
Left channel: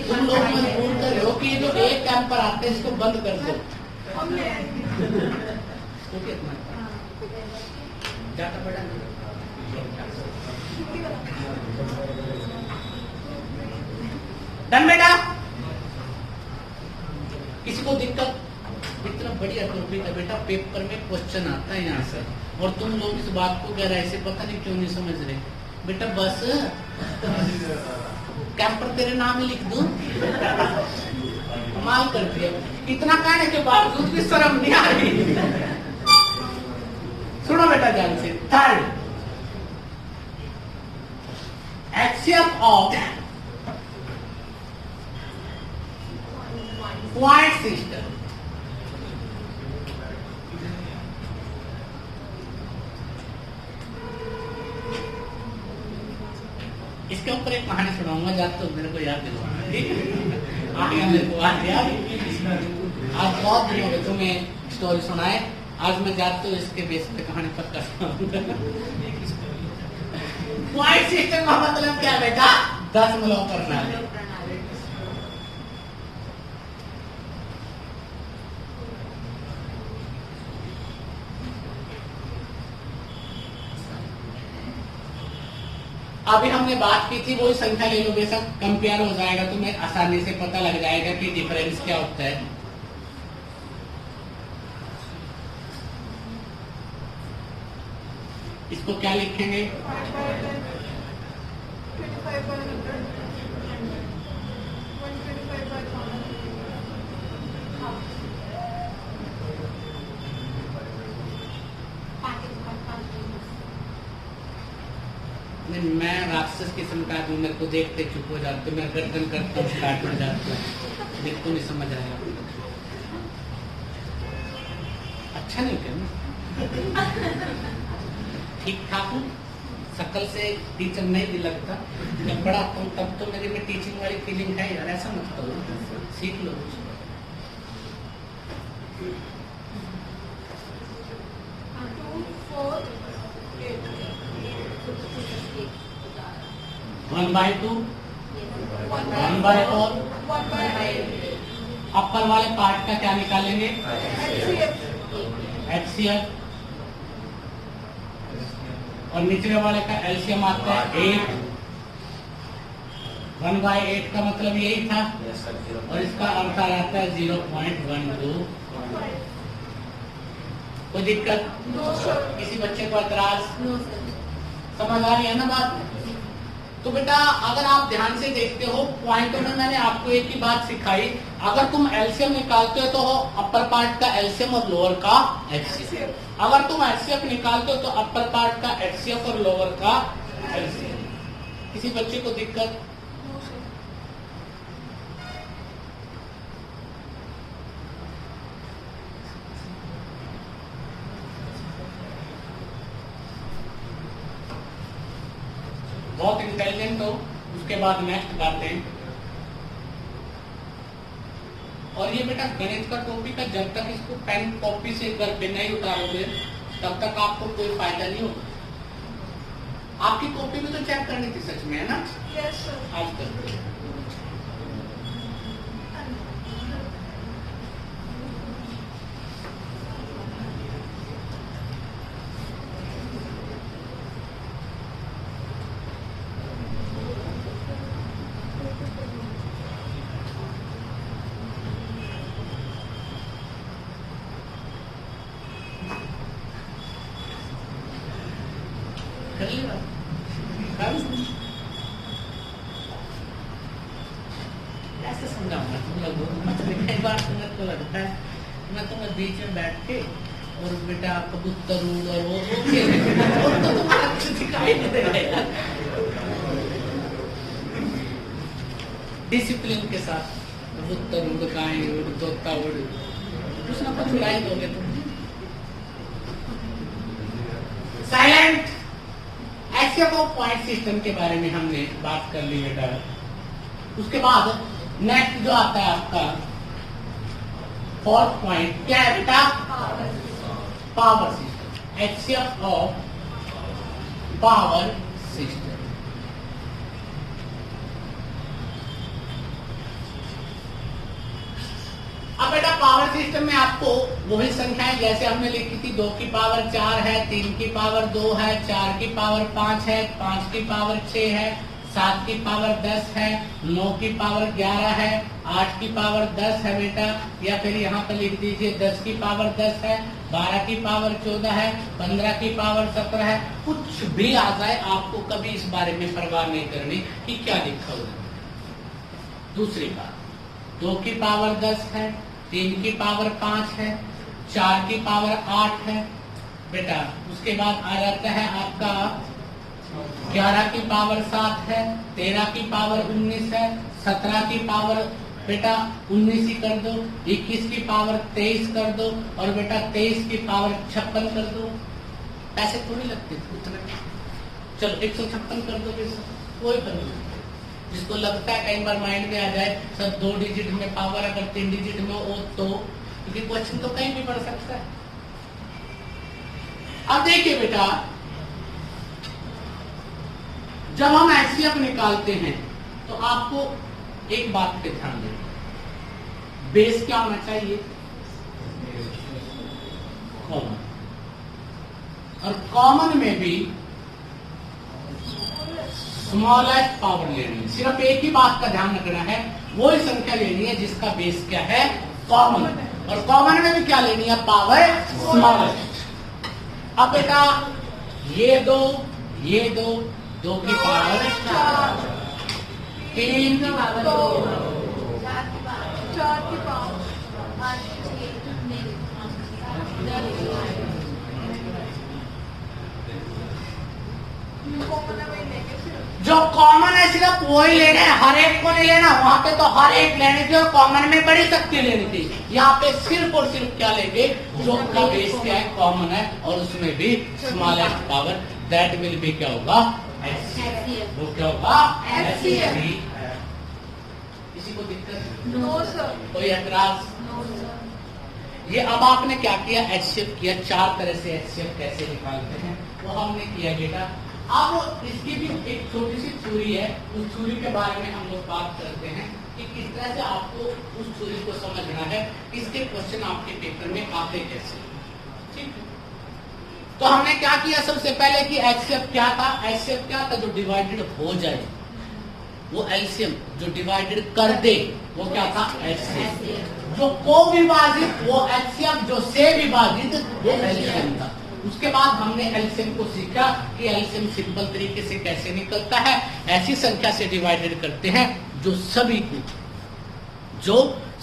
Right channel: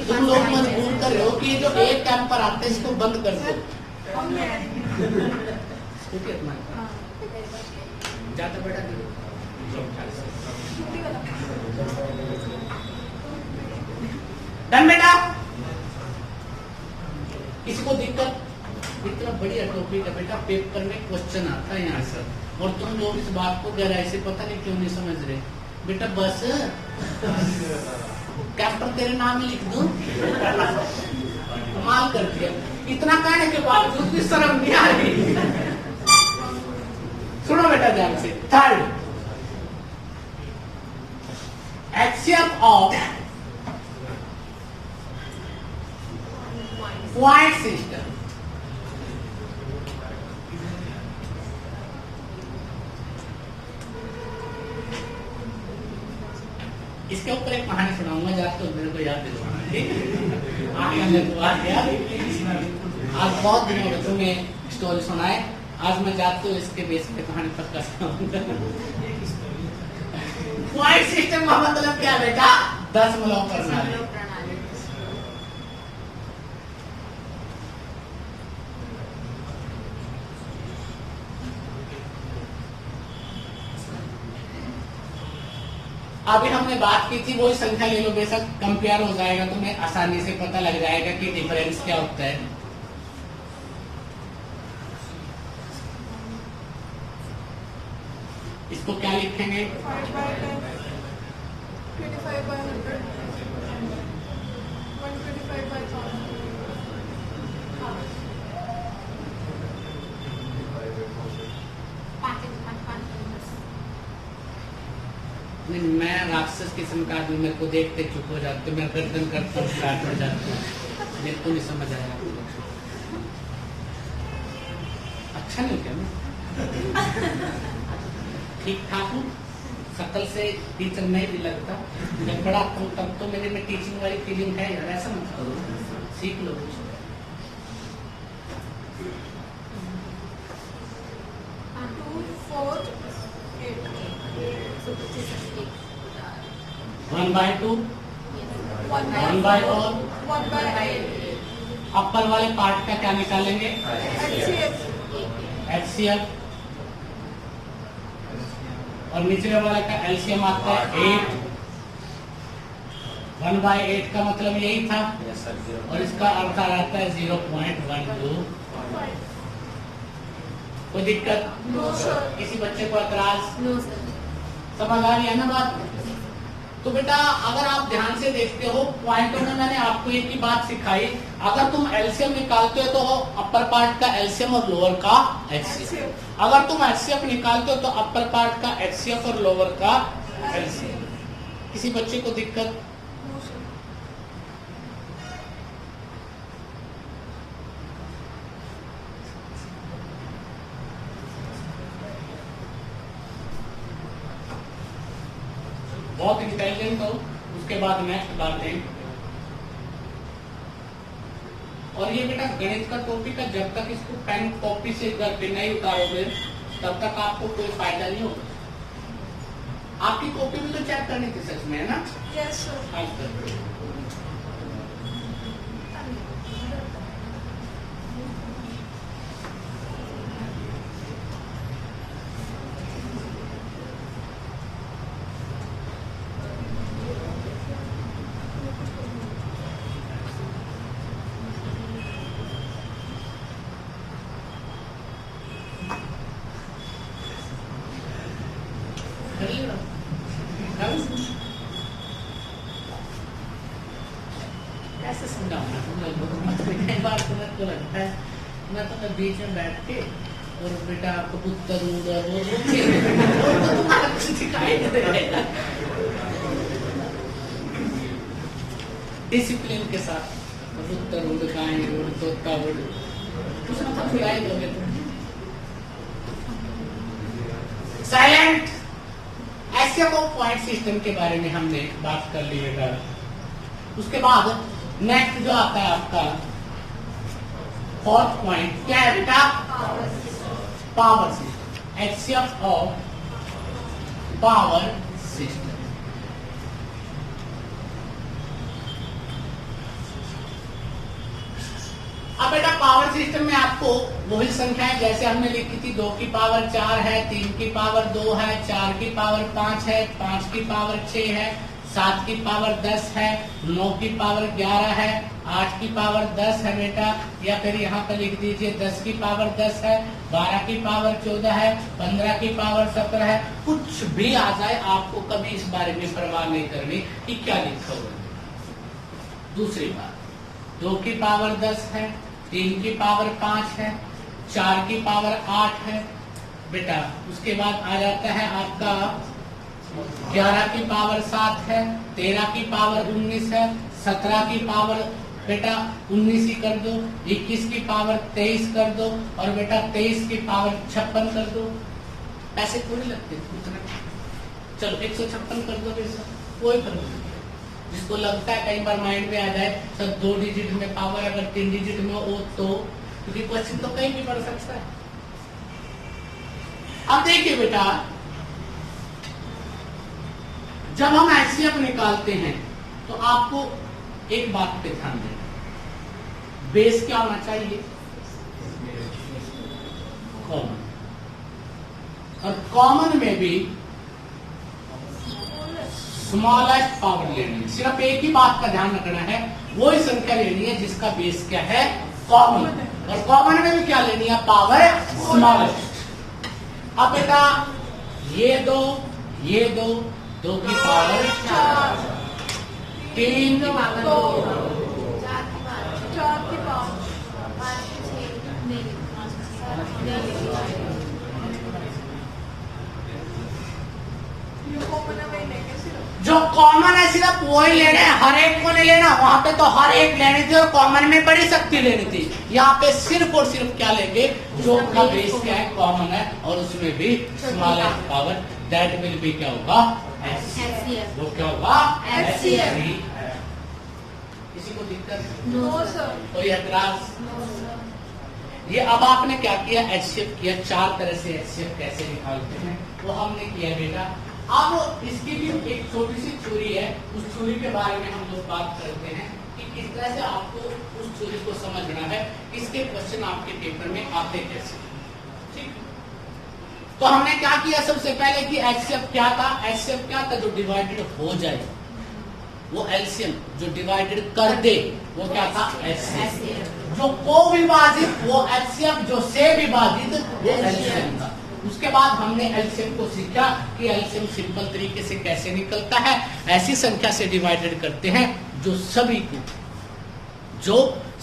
तुम लोग मजबूर कर रहे हो कि जो 1 काम पर आते हैं इसको बंद कर दो। जाकर बैठा डन बेटा। किसी को दिक्कत? इतना बढ़िया टॉपिक है बेटा, पेपर में क्वेश्चन आता है यहाँ से, और तुम लोग इस बात को गहराई से पता नहीं क्यों नहीं समझ रहे। बेटा बस कैप्टन तेरे नाम ही लिख दूं? कमाल करती है, इतना कहने के बावजूद भी शर्म नहीं आ रही। सुनो बेटा ध्यान से। Third, HCF of quite system. इसके ऊपर एक कहानी सुनाऊंगा, जाते तो मेरे को याद दिलवाना। मेरे को आ गया, आज बहुत दिनों में तुम्हें स्टोरी सुनाए, आज मैं जाते हूँ इसके बेस पे कहानी पक्का सुनाऊंगा। क्वाइट सिस्टम का मतलब क्या बेटा? 10 मूलों प्रणाली। अभी हमने बात की थी, वही संख्या ले लो, बेशक कंपेयर हो जाएगा तो मैं आसानी से पता लग जाएगा कि डिफरेंस क्या होता है। इसको क्या लिखेंगे? 125/100। मैं राक्षस किस्म का आदमी, मेरे को देखते चुप हो जाते, मैं गर्दन करते स्टार्ट हो जाते, मेरे को नहीं समझ आया। अच्छा नहीं क्या? ठीक ठाक हूँ, शकल से टीचर नहीं भी लगता, जब बड़ा हूँ तब तो मेरे में टीचिंग वाली फीलिंग है यार। ऐसा मत करो, सीख लो। 1/2, 1/4, अपर वाले पार्ट का क्या निकालेंगे? HCF, और निचले वाले का एलसीएम आता है 8। 1/8 का मतलब यही था, और इसका अर्थ आ जाता है 0.12। कोई दिक्कत? किसी बच्चे को एतराज? समझ आ रही है ना बात? तो बेटा अगर आप ध्यान से देखते हो, पॉइंट में मैंने आपको एक ही बात सिखाई, अगर तुम एलसीएम निकालते हो तो अपर पार्ट का एलसीएम और लोअर का एचसीएफ। अगर तुम एचसीएफ निकालते हो तो अपर पार्ट का एचसीएफ और लोअर का एलसीएम। किसी बच्चे को दिक्कत? बहुत इंटेलिजेंट हो। उसके बाद नेक्स्ट बातें, और ये बेटा गणित का टॉपिक है, जब तक इसको पेन कॉपी से घर पे नहीं उतारोगे तब तक आपको कोई फायदा नहीं होगा। आपकी कॉपी भी तो चेक करनी थी सच में, है ना? Yes sir. आज तक कैसे समझाऊंगा तुम लोगों को? बार तुम्हें तो लगता है मैं तुम्हें बीच में बैठ के और बेटा कबूतर और वो तो तुम्हारा कुछ दिखाई नहीं देगा। डिसिप्लिन के साथ कबूतर उड़, गाय उड़, तोता उड़, कुछ ना कुछ उड़ाई दोगे तुम। साइलेंट। ऐसे एचसीएफ ऑफ पॉइंट सिस्टम के बारे में हमने बात कर ली बेटा। उसके बाद नेक्स्ट जो आता है आपका फोर्थ पॉइंट क्या है बेटा? Power system, HCF of power system. अब बेटा पावर सिस्टम में आपको वही संख्याएं जैसे हमने लिखी थी, 2 की पावर 4 है, 3 की पावर 2 है, 4 की पावर 5 है, 5 की पावर 6 है, 7 की पावर 10 है, 9 की पावर 11 है, 8 की पावर 10 है बेटा, या फिर यहाँ पर लिख दीजिए 10 की पावर 10 है, 12 की पावर 14 है, 15 की पावर 17 है। कुछ भी आ जाए आपको कभी इस बारे में परवाह नहीं करनी कि क्या लिखा हुआ। दूसरी बात, 2 की पावर 10 है, 3 की पावर 5 है, 4 की पावर 8 है बेटा। उसके बाद आ जाता है आपका 11 की पावर 7 है, 13 की पावर 19 है, 17 की पावर बेटा 19 ही कर दो, 21 की पावर 23 कर दो, और बेटा 23 की पावर 56 कर दो। पैसे पूरे लगते चलो 156 कर दो बेटा, कोई फर्क नहीं। जिसको लगता है कई बार माइंड में आ जाए सर 2 डिजिट में पावर अगर 3 डिजिट में हो तो, क्योंकि क्वेश्चन तो कहीं भी पड़ सकता है। अब देखिए बेटा, जब हम एचसीएफ निकालते हैं तो आपको एक बात पे ध्यान दें, बेस क्या होना चाहिए? कॉमन। और कॉमन में भी स्मॉलेस्ट पावर लेनी है। सिर्फ एक ही बात का ध्यान रखना है, वही संख्या लेनी है जिसका बेस क्या है? कॉमन। और कॉमन में भी क्या लेनी है? Power smallest. अब बेटा ये दो, 2 की पावर 4, 3 की पावर 2, 4 की पावर जो कॉमन है सिर्फ वही लेना है, हर एक को नहीं लेना। वहां पे तो हर एक लेनी थी और कॉमन में बड़ी शक्ति लेनी थी। यहाँ पे सिर्फ और सिर्फ क्या लेंगे? जो का बेस क्या है? कॉमन है, और उसमें भी स्मॉलेस्ट पावर, दैट विल भी क्या होगा? एचसीएफ। वो क्या होगा? एचसीएफ। किसी को दिक्कत? No sir. कोई ऐतराज? ये अब आपने क्या किया? एचसीएफ किया। 4 तरह से एचसीएफ कैसे निकालते हैं वो हमने किया बेटा। अब इसकी भी एक छोटी सी थ्योरी है, उस थ्योरी के बारे में हम लोग बात करते हैं कि किस तरह से आपको उस थ्योरी को समझना है, इसके क्वेश्चन आपके पेपर में आते कैसे। ठीक, तो हमने क्या किया? सबसे पहले कि एचसीएफ क्या था? एचसीएफ क्या था? जो डिवाइडेड हो जाए वो एलसीएम, जो डिवाइडेड कर दे वो क्या था? एचसीएफ। जो को विभाजित वो एचसीएफ, जो से विभाजित वो एलसीएम था। उसके बाद हमने एलसीएम को सीखा कि एलसीएम सिंपल तरीके से कैसे निकलता है। ऐसी संख्या से डिवाइडेड करते हैं जो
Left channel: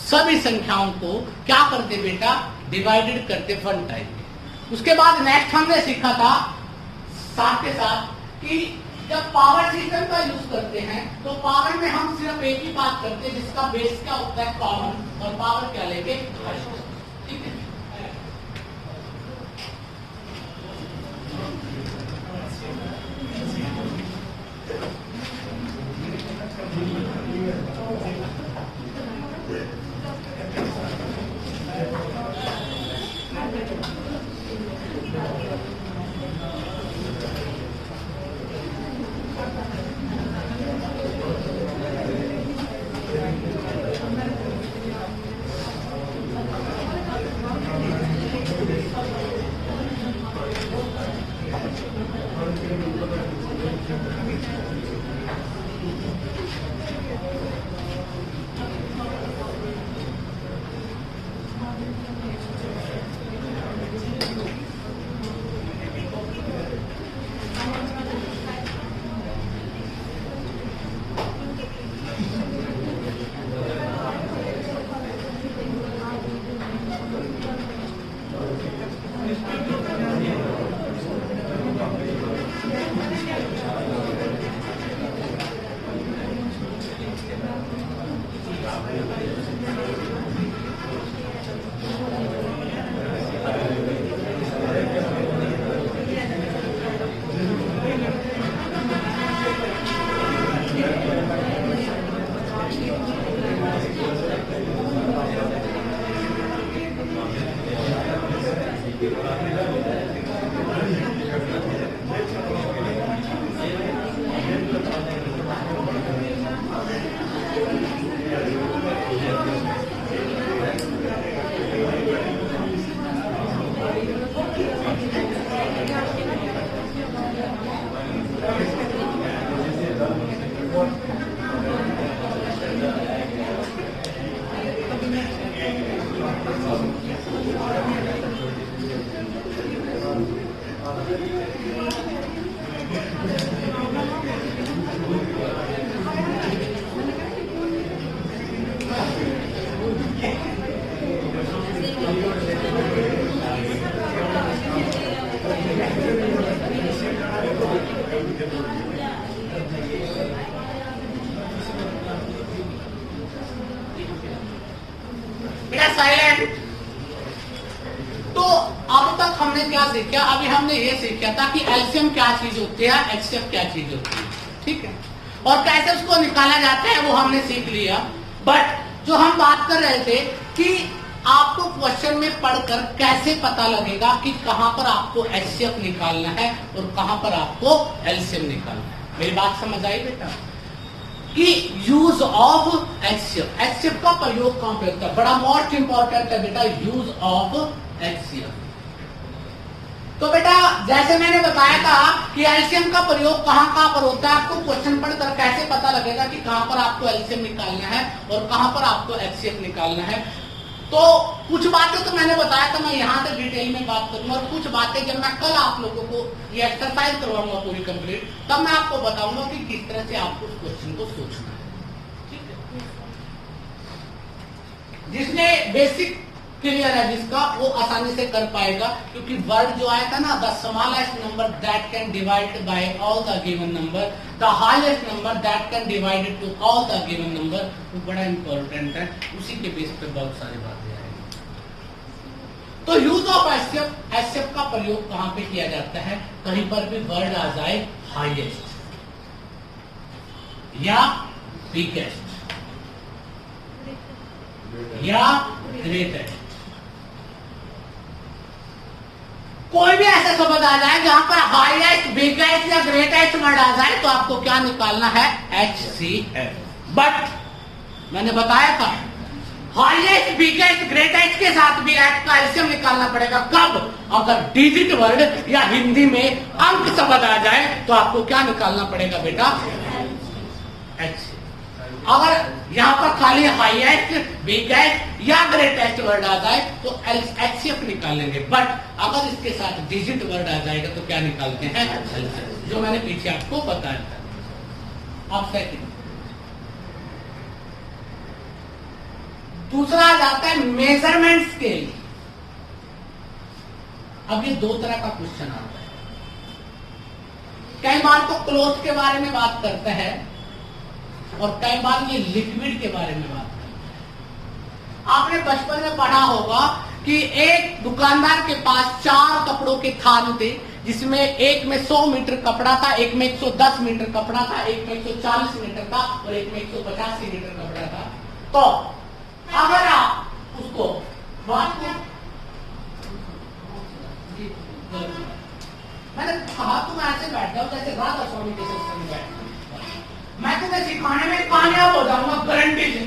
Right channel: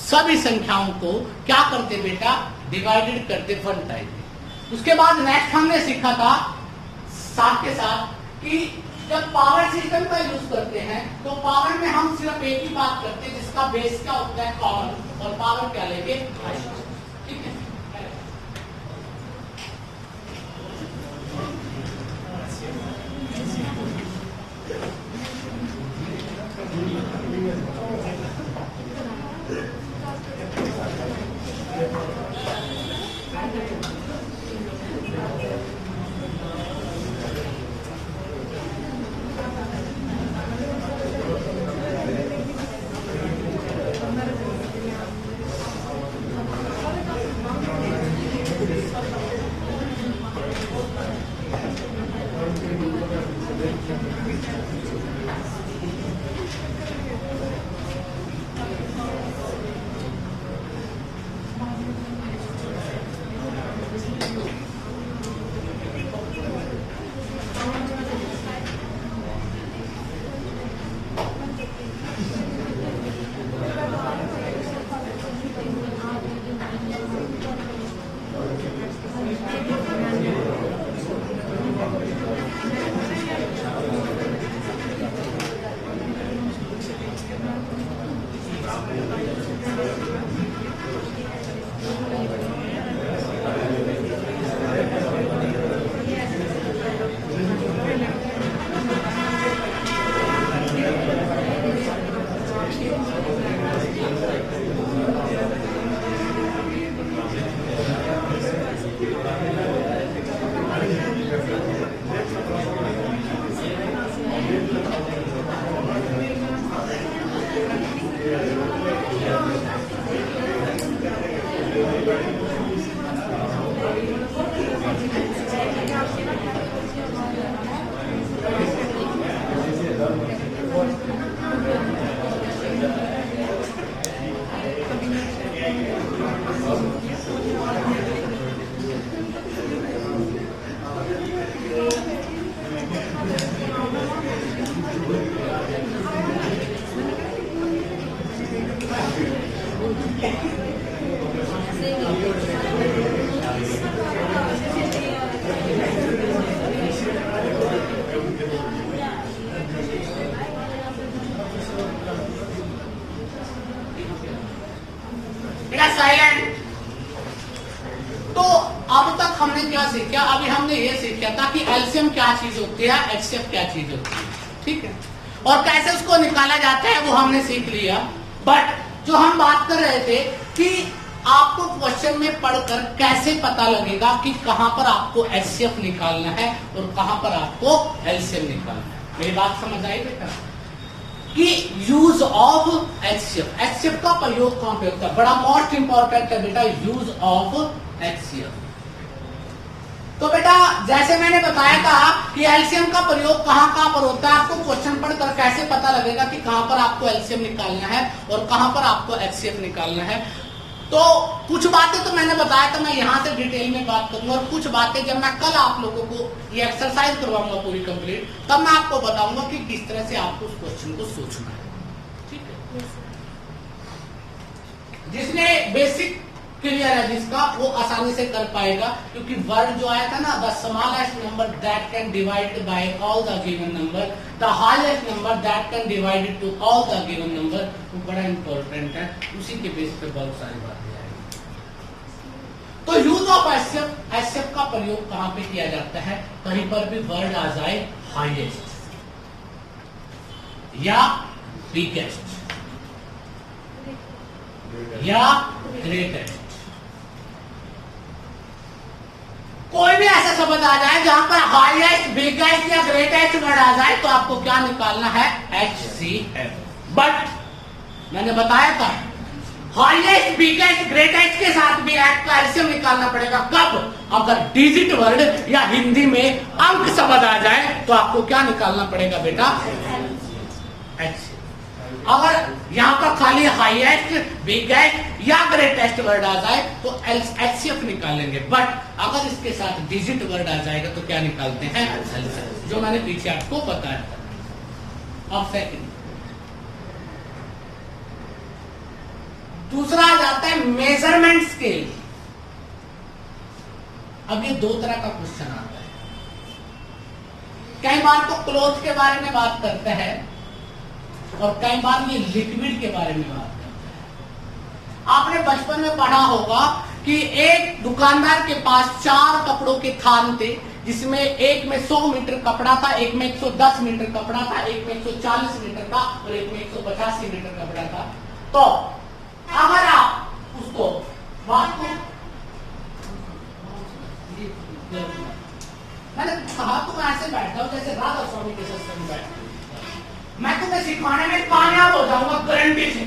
सभी संख्याओं को क्या करते बेटा? डिवाइडेड करते 1 टाइम। उसके बाद नेक्स्ट हमने सीखा था साथ के साथ कि जब पावर सिस्टम का यूज करते हैं तो पावर में हम सिर्फ एक ही बात करते हैं जिसका बेस क्या होता है? कॉमन। और पावर क्या लेंगे? ठीक है। सीखा? अभी हमने ये सीखा था कि एलसीएम क्या चीज होती है, एचसीएफ क्या चीज होती है, ठीक है, और कैसे उसको निकाला जाता है वो हमने सीख लिया। बट जो हम बात कर रहे थे कि आपको क्वेश्चन में पढ़कर कैसे पता लगेगा कि कहां पर आपको एचसीएफ निकालना है और कहां पर आपको एलसीएम निकालना है। मेरी बात समझ आई बेटा? कि यूज ऑफ एचसीएफ, एचसीएफ का प्रयोग कहां पे होता है, बड़ा मोस्ट इंपॉर्टेंट है बेटा, यूज ऑफ एचसीएफ। तो बेटा जैसे मैंने बताया था कि एलसीएम का प्रयोग कहां पर होता है, आपको क्वेश्चन पढ़कर कैसे पता लगेगा कि कहां पर आपको एलसीएम निकालना है और कहां पर आपको एचसीएफ निकालना है। तो कुछ बातें तो मैंने बताया था, मैं यहां से डिटेल में बात करूंगा, और कुछ बातें जब मैं कल आप लोगों को ये एक्सरसाइज करवाऊंगा पूरी कंप्लीट, तब मैं आपको बताऊंगा कि किस तरह से आपको उस क्वेश्चन को सोचना है, ठीक है। जिसने बेसिक क्लियर है जिसका, वो आसानी से कर पाएगा, क्योंकि वर्ड जो आया था ना, the smallest number that can divide by all the given number, the highest number that can divide two all the given number, वो बड़ा इंपॉर्टेंट है। उसी के बेस पे बहुत सारी बातें आएंगी। तो यूज ऑफ एचसीएफ, एचसीएफ का प्रयोग कहां पे किया जाता है? कहीं पर भी वर्ड आ जाए हाईएस्ट या बिगेस्ट या ग्रेटेस्ट, कोई भी ऐसा शब्द आ जाए जहां पर हाईएस्ट, बिगेस्ट या ग्रेटेस्ट वर्ड आ जाए, तो आपको क्या निकालना है? एचसीएफ। बट मैंने बताया था हाईएस्ट, बिगेस्ट, ग्रेटेस्ट के साथ भी एच का एलसीएम निकालना पड़ेगा। कब? अगर डिजिट वर्ड या हिंदी में अंक शब्द आ जाए तो आपको क्या निकालना पड़ेगा बेटा? एच। अगर यहां पर खाली हाईएस्ट, बिगेस्ट या ग्रेटेस्ट वर्ड आ जाए तो एचसीएफ निकालेंगे। बट अगर इसके साथ डिजिट वर्ड आ जाएगा तो क्या निकालते हैं? एलसीएफ, जो मैंने पीछे आपको बताया था। अब सेकंड, दूसरा आ जाता है मेजरमेंट स्केल। अब ये दो तरह का क्वेश्चन आता है। कई बार तो क्लोथ के बारे में बात करता है और कई बार ये लिक्विड के बारे में बात करता है। आपने बचपन में पढ़ा होगा कि एक दुकानदार के पास 4 कपड़ों के थान थे, जिसमें एक में 100 मीटर कपड़ा था, एक में 110 मीटर कपड़ा था, एक में 140 मीटर था और एक में 185 मीटर कपड़ा था। तो अगर आप उसको मैंने कहा तो मैं ऐसे बैठा हूं जैसे राधा स्वामी के सत्संग में बैठा, मैं तुम्हें सिखाने में कामयाब हो जाऊंगा गारंटी से,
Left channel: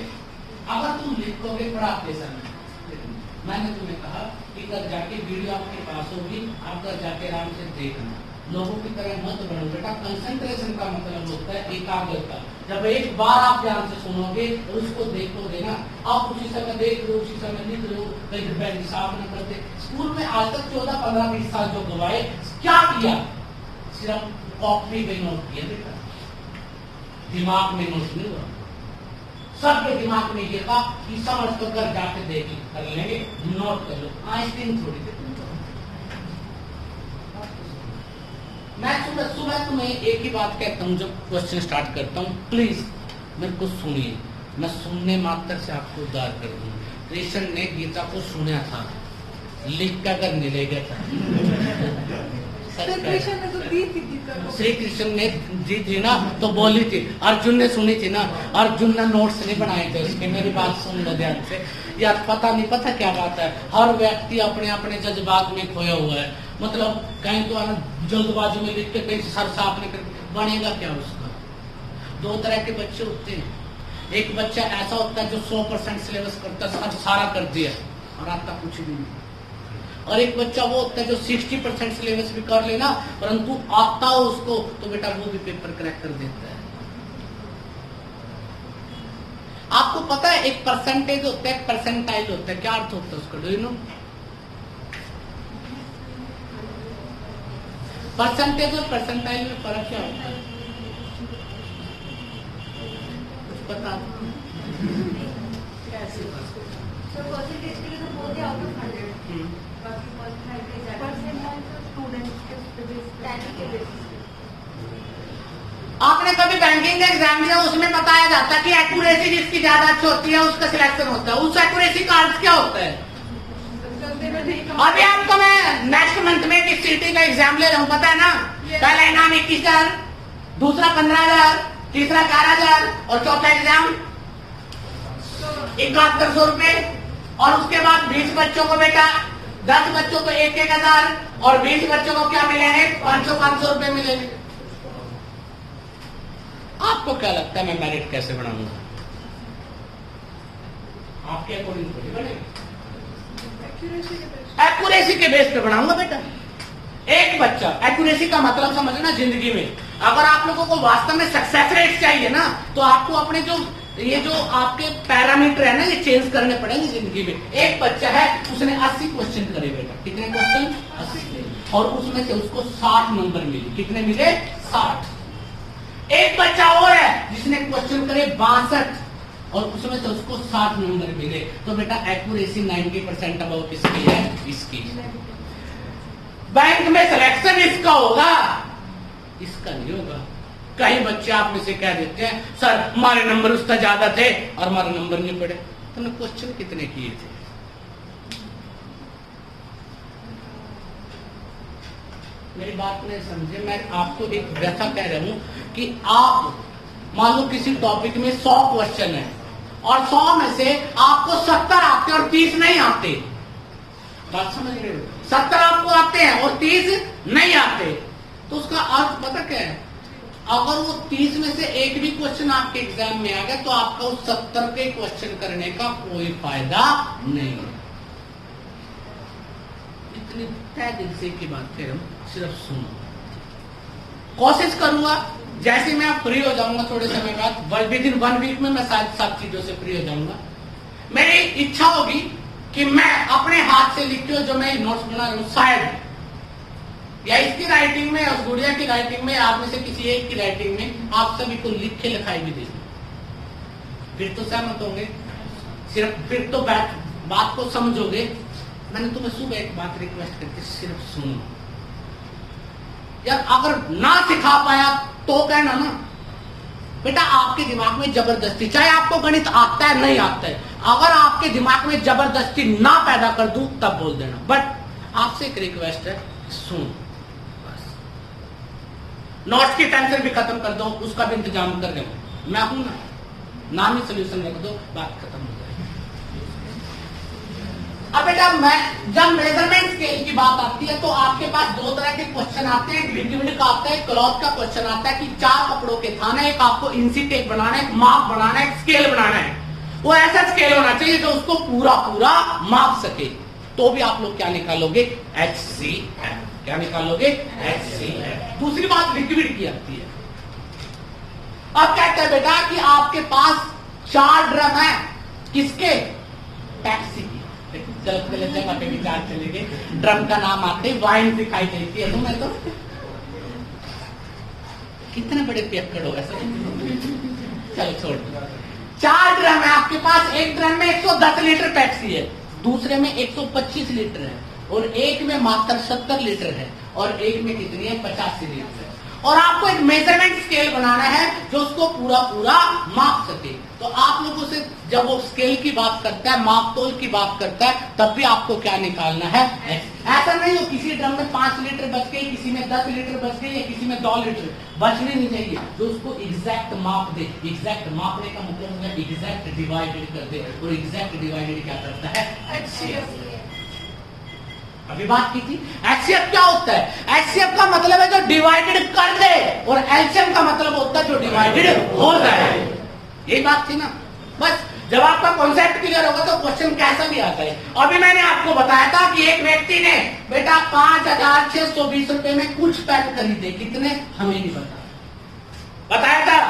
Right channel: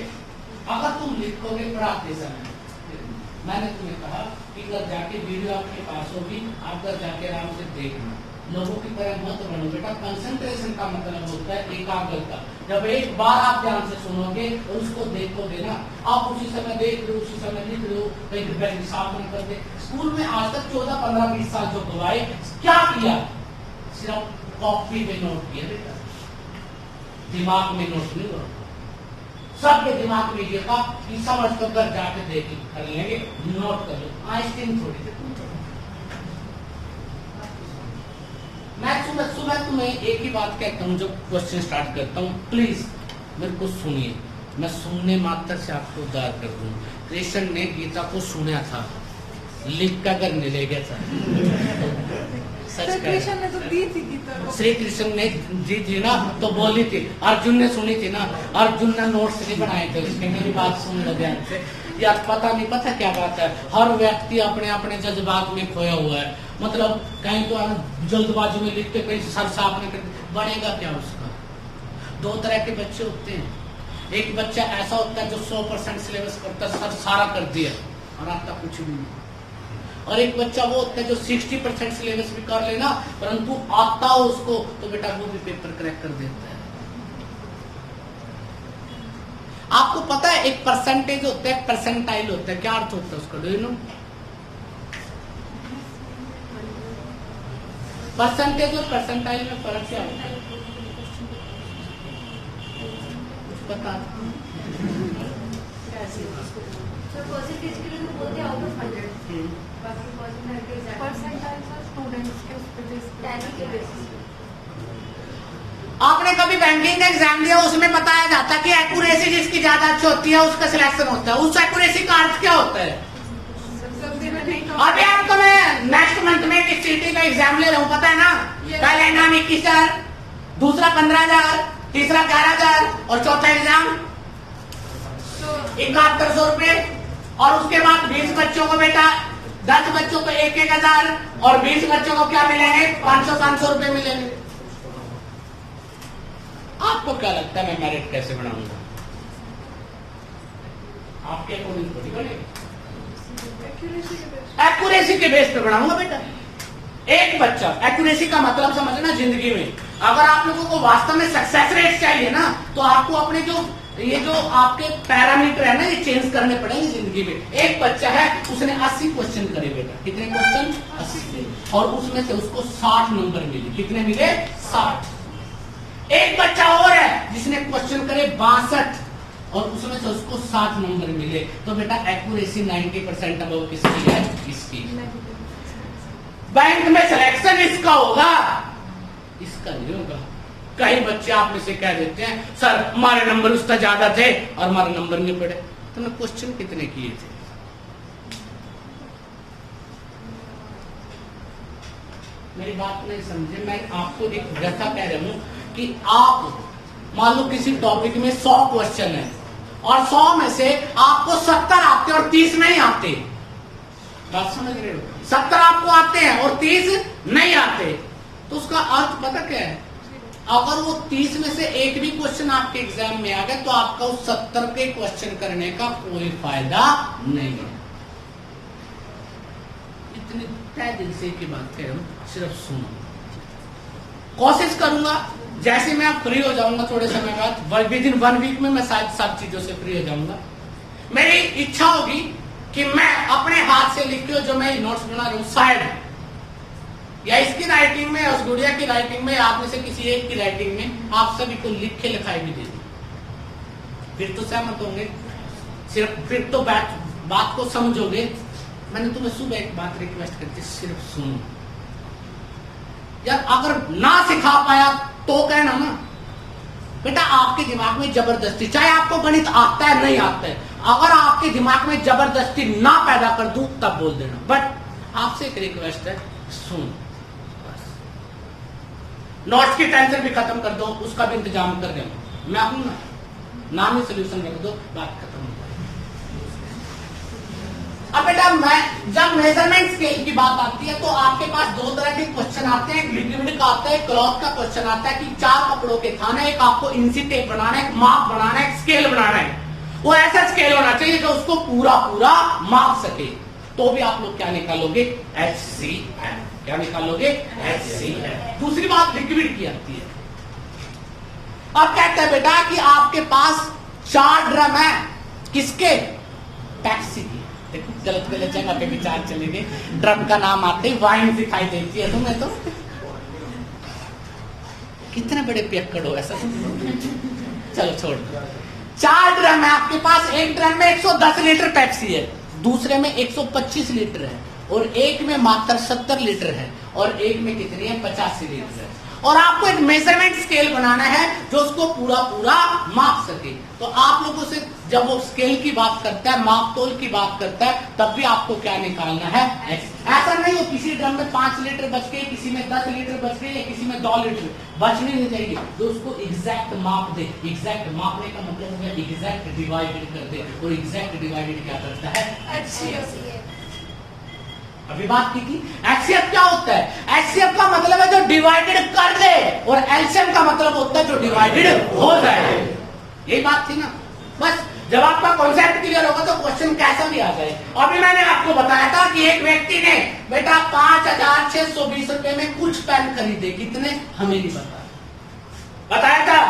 अगर तुम लिखोगे प्राप्त में। मैंने तुम्हें कहा कि घर जाके वीडियो आपके पास होगी, आप घर जाके आराम से देखना, लोगों की तरह मत बनो बेटा। कंसंट्रेशन का मतलब होता है एकाग्रता। जब एक बार आप ध्यान से सुनोगे और उसको देखोगे ना, आप उसी समय देख लो, उसी समय लिख लो, कहीं दोपहर साफ न करते। स्कूल में आज तक 14, 15, 20 साल जो गवाए, क्या किया? सिर्फ कॉपी पे नोट किया बेटा, दिमाग में नोट नहीं हुआ। सबके दिमाग में ये था कि समझ कर जाके देख कर लेंगे, नोट कर लो, आइसक्रीम थोड़ी देर। मैं सुबह तुम्हें एक ही बात कहता हूँ जब क्वेश्चन स्टार्ट करता हूँ, प्लीज मेरे को सुनिए। मैं सुनने मात्र से आपको उद्धार कर दूँ। कृष्ण ने गीता को सुना था, लिख कर नहीं ले गया था। कृष्ण ने तो दी थी गीता को। श्री कृष्ण ने दी थी ना, तो बोली थी। अर्जुन ने सुनी थी ना, अर्जुन ने नोट्स नहीं बनाए थे उसके। मेरी बात सुन लो ध्यान से यार, पता क्या बात है, हर व्यक्ति अपने अपने जज्बात में खोया हुआ है। मतलब कहीं तो जल्दबाजी में लिखते, कहीं सर साफ नहीं करते, बनेगा क्या उसका? 2 तरह के बच्चे होते हैं। एक बच्चा ऐसा होता है जो 100% सिलेबस करता है, सारा कर दिया और आता कुछ भी नहीं। और एक बच्चा वो होता है जो 60% सिलेबस भी कर लेना, परंतु आता हो उसको तो बेटा वो भी पेपर क्रैक कर देता है। आपको पता है एक परसेंटेज होता है, परसेंटाइल होता है, क्या अर्थ होता है उसका? Do you know? परसेंटेज और परसेंटाइल में फर्क क्या होता है? कुछ पता? परसेंटेज के लिए तो बोलते हैं आउट ऑफ 100, बाकी आपने कभी बैंकिंग एग्जाम दिया, उसमें बताया जाता है कि एक्यूरेसी जिसकी ज्यादा अच्छी होती है उसका सिलेक्शन होता है। उस एक्यूरेसी का अर्थ क्या होता है? अभी आपको मैं नेक्स्ट मंथ में किस सीटी का एग्जाम ले रहा हूँ पता है ना? पहला इनाम 21,000, दूसरा 15,000, तीसरा 11,000 और चौथा एग्जाम 7100 रुपए। और उसके बाद 20 बच्चों को बेटा 10 बच्चों को 1,000 और 20 बच्चों को क्या मिलेंगे? 500 रुपए मिलेंगे। आपको क्या लगता है मैं मेरिट कैसे बनाऊंगा? आपके अकॉर्डिंग थोड़ी बनेगी, एक्यूरेसी के बेस पे बनाऊंगा बेटा। एक बच्चा, एक्यूरेसी का मतलब समझना जिंदगी में, अगर आप लोगों को वास्तव में सक्सेस रेट चाहिए ना, तो आपको अपने जो आपके पैरामीटर है ना, ये चेंज करने पड़ेंगे जिंदगी में। एक बच्चा है, उसने 80 क्वेश्चन करे बेटा। कितने क्वेश्चन? 80। और उसमें से उसको 60 नंबर मिले। कितने मिले? 60। एक बच्चा और है जिसने क्वेश्चन करे 62 और उसमें से उसको 60 नंबर मिले। तो बेटा एक्यूरेसी 90% अबाउट किसकी है? इसकी। बैंक में सिलेक्शन इसका होगा, इसका नहीं होगा। कई बच्चे आप में से कह देते हैं सर हमारे नंबर उसका ज्यादा थे और हमारे नंबर नहीं पड़े। तो मैं क्वेश्चन कितने किए थे? मेरी बात नहीं समझे। मैं आपको एक व्यथा कह रहा हूं कि आप मान लो किसी टॉपिक में 100 क्वेश्चन है और 100 में से आपको 70 आते और 30 नहीं आते। बात समझ रहे हो? 70 आपको आते हैं और 30 नहीं आते। तो उसका अर्थ पता क्या है? अगर वो 30 में से एक भी क्वेश्चन आपके एग्जाम में आ गया तो आपका उस 70 के क्वेश्चन करने का कोई फायदा नहीं है। इतनी तय दिल से की बात कह रहा हूं, सिर्फ सुनो। कोशिश करूंगा जैसे मैं फ्री हो जाऊंगा थोड़े समय बाद, विद इन 1 वीक में मैं शायद 7 चीजों से फ्री हो जाऊंगा। मेरी इच्छा होगी कि मैं अपने हाथ से लिखते हुए जो मैं नोट्स बना रहा हूं, शायद या इसकी राइटिंग में, उस गुड़िया की राइटिंग में, आप में से किसी एक की राइटिंग में आप सभी को लिख के लिखाई भी दे। फिर तो सहमत होंगे, सिर्फ फिर तो बात को समझोगे। मैंने तुम्हें सुबह एक बात रिक्वेस्ट करती, सिर्फ सुनो यार। अगर ना सिखा पाया तो कहना ना बेटा, आपके दिमाग में जबरदस्ती, चाहे आपको गणित आता है नहीं आता है, अगर आपके दिमाग में जबरदस्ती ना पैदा कर दूं तब बोल देना। बट आपसे एक रिक्वेस्ट है, सुन। नोट्स की टेंशन भी खत्म कर दो, उसका भी इंतजाम कर देना। मैं हूं ना, नाम ही सोल्यूशन रख दो, बात खत्म हो जाए। अब बेटा मैं जब मेजरमेंट स्केल की बात आती है तो आपके पास 2 तरह के क्वेश्चन आते हैं। लिक्विड का आता है, क्लॉथ का क्वेश्चन आता है कि 4 कपड़ों के थाने, एक आपको इंची टेप बनाना है, माप बनाना है, स्केल बनाना है। वो ऐसा स्केल होना चाहिए जो उसको पूरा माप सके। तो भी आप लोग क्या निकालोगे? HCF। क्या निकालोगे? HCF। दूसरी बात लिक्विड की आती है। अब कहते हैं बेटा कि आपके पास 4 ड्रम है, किसके? टैक्सी की। देखो गलत जगह पे विचार चले गए। ड्रम का नाम आते ही वाइन दिखाई देती है तुम्हें। तो कितने बड़े पियक्कड़ हो ऐसा। चलो छोड़। 4 ड्रम है आपके पास। एक ड्रम में 110 लीटर टैक्सी है, दूसरे में 125 लीटर है और एक में मात्र 70 लीटर है और एक में कितनी है? 85 लीटर है। और आपको एक मेजरमेंट स्केल बनाना है जो उसको पूरा माप सके। तो आप लोगों से जब वो स्केल की बात करता है, माप तोल की बात करता है, तब भी आपको क्या निकालना है? ऐसा नहीं हो किसी ड्रम में 5 लीटर बच गए, किसी में 10 लीटर बच गए या किसी में 2 लीटर बचने नहीं चाहिए। जो उसको एग्जैक्ट माप दे। एग्जैक्ट मापने का मतलब होगा एग्जैक्ट डिवाइडेड कर दे। और एग्जैक्ट डिवाइडेड क्या करता है? अभी बात की थी। HCF क्या होता है? HCF का मतलब है जो डिवाइडेड कर दे और LCM का मतलब होता है जो डिवाइडेड हो जाए। यही बात थी ना। बस जब आपका कॉन्सेप्ट क्लियर होगा तो क्वेश्चन कैसा भी आता है। अभी मैंने आपको बताया था कि एक व्यक्ति ने बेटा 5,620 रुपए में कुछ पेन खरीदे। कितने? हमें नहीं बताया था।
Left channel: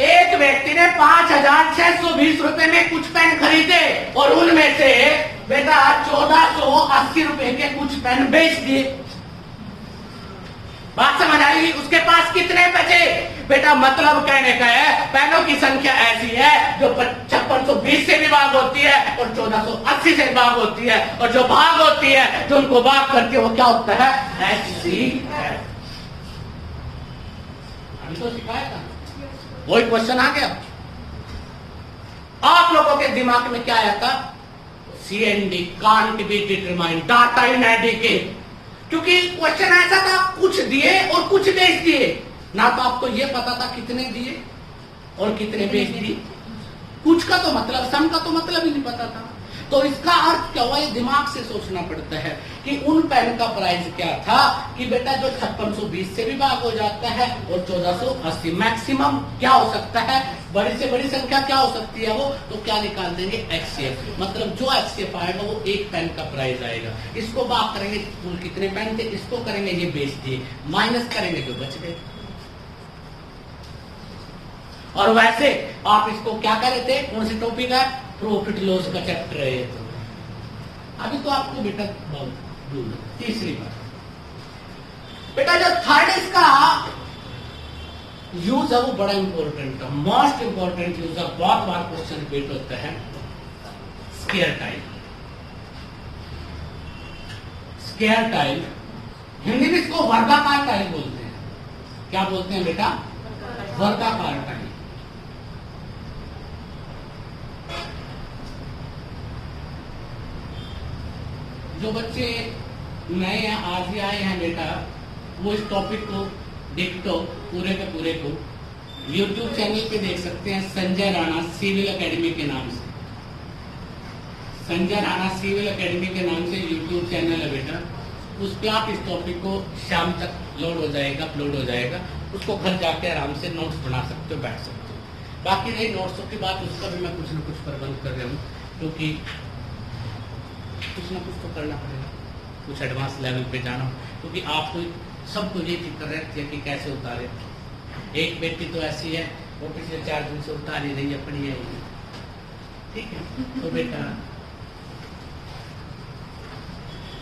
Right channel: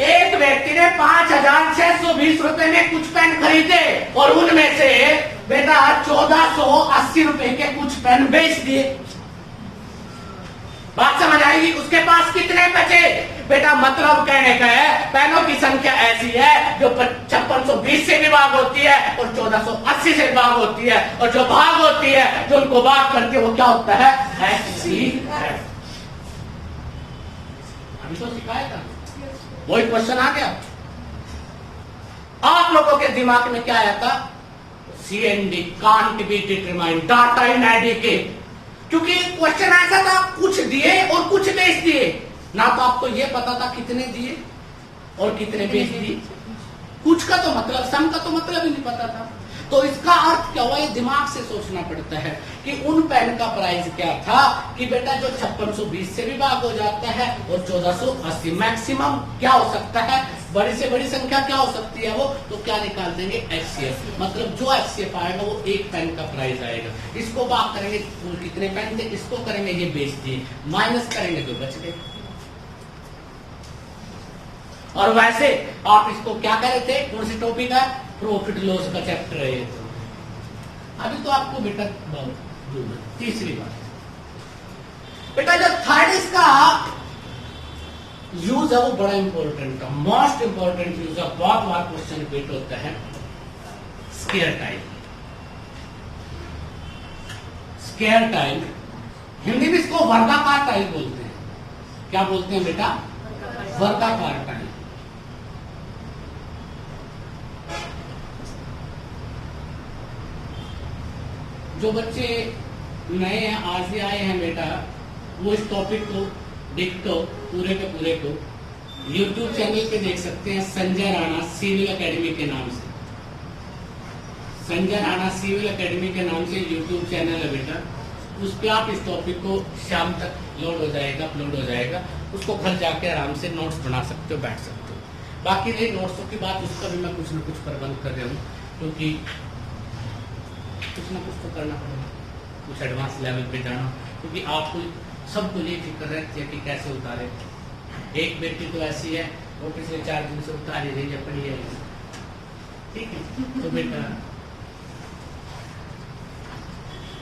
एक व्यक्ति ने 5,620 रुपए में कुछ पेन खरीदे और उनमें से बेटा 1,480 रुपए के कुछ पेन बेच दिए। बात समझ आई? उसके पास कितने बचे? बेटा मतलब कहने का है पेनों की संख्या ऐसी है जो 5620 से भी भाग होती है और 1480 से भाग होती है और जो भाग होती है जो उनको भाग करके वो क्या होता है? HCF। अभी तो सिखाया था। वही क्वेश्चन आ गया। आप लोगों के दिमाग में क्या आया था? CND can't be determined, data inadequate, क्योंकि क्वेश्चन ऐसा था कुछ दिए और कुछ बेच दिए, ना तो आपको ये पता था कितने दिए और कितने बेच दिए, कुछ का तो मतलब, सम का तो मतलब ही नहीं पता था। तो इसका अर्थ क्या हुआ, ये दिमाग से सोचना पड़ता है कि उन पेन का प्राइस क्या था कि बेटा जो 5620 से भी भाग हो जाता है और 1480, मैक्सिमम क्या हो सकता है, बड़ी से बड़ी संख्या क्या हो सकती है वो, तो क्या निकाल देंगे HCF, मतलब जो HCF आएगा वो एक पेन का प्राइस आएगा। इसको भाग करेंगे कुल कितने पेन थे, इसको करेंगे ये बेच दिए, माइनस करेंगे जो बच गए। और वैसे आप इसको क्या कर रहे थे, कौन सी टॉपिक है, प्रॉफिट लॉस का चैप्टर है। अभी तो आपको बेटा तीसरी बात, बेटा जब थर्ड इसका यूज है वो बड़ा इंपॉर्टेंट है, मोस्ट इंपॉर्टेंट यूज है, बहुत बार क्वेश्चन रिपीट होता है, square tile. Square tile Hindi में इसको वर्गाकार टाइल बोलते हैं। क्या बोलते हैं बेटा, वर्गाकार टाइल। जो बच्चे नए हैं, आज ही आए हैं बेटा, वो इस टॉपिक को देखो पूरे के पूरे को YouTube चैनल पे देख सकते हैं, संजय राणा सिविल एकेडमी के नाम से। संजय राणा सिविल एकेडमी के नाम से YouTube चैनल है बेटा, उस पर आप इस टॉपिक को शाम तक लोड हो जाएगा, अपलोड हो जाएगा, उसको घर जाके आराम से नोट्स बना सकते हो, बैठ सकते हो। बाकी नहीं नोट्सों की बात, उसका भी मैं कुछ न कुछ प्रबंध कर रहा हूँ, क्योंकि कुछ ना कुछ तो करना पड़ेगा, कुछ एडवांस लेवल पे जाना, क्योंकि आपको सबको ये फिक्र रहती है कि कैसे उतारे। एक बेटी तो ऐसी है, वो पिछले 4 दिन से उतार ही रही है, पड़ी है, ठीक है, तो बेटा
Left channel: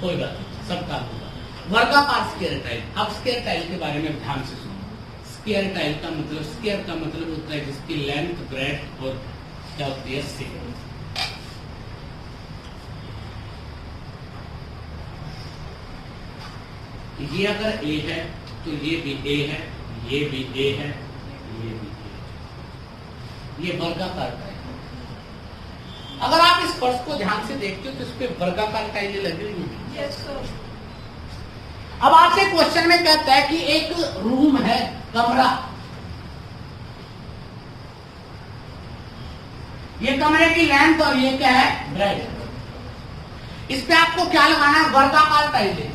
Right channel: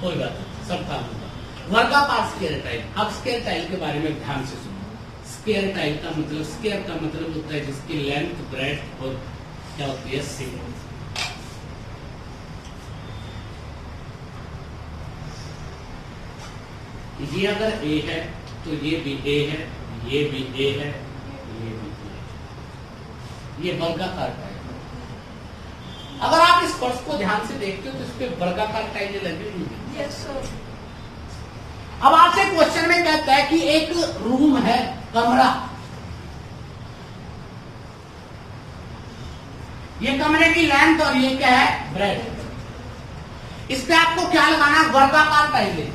कोई बात नहीं, सब काम होगा। वर्गाकार स्केयर टाइल। अब स्केयर टाइल के बारे में ध्यान से सुनो। स्केयर टाइल का मतलब, स्केयर का मतलब होता है जिसकी लेंथ, ब्रेड्थ और क्या होती है, सेम। ये अगर A है तो ये भी A है, ये भी A है, ये भी A है। ये वर्गाकार टाइल। अगर आप इस पर्स को ध्यान से देखते हो तो इस पे वर्गाकार टाइलें लगी हुई है। Yes sir. अब आपसे क्वेश्चन में कहता है कि एक रूम है, कमरा, ये कमरे की लेंथ और ये क्या है, ब्रेड। इस पे आपको क्या लगाना है, वर्गाकार टाइलें।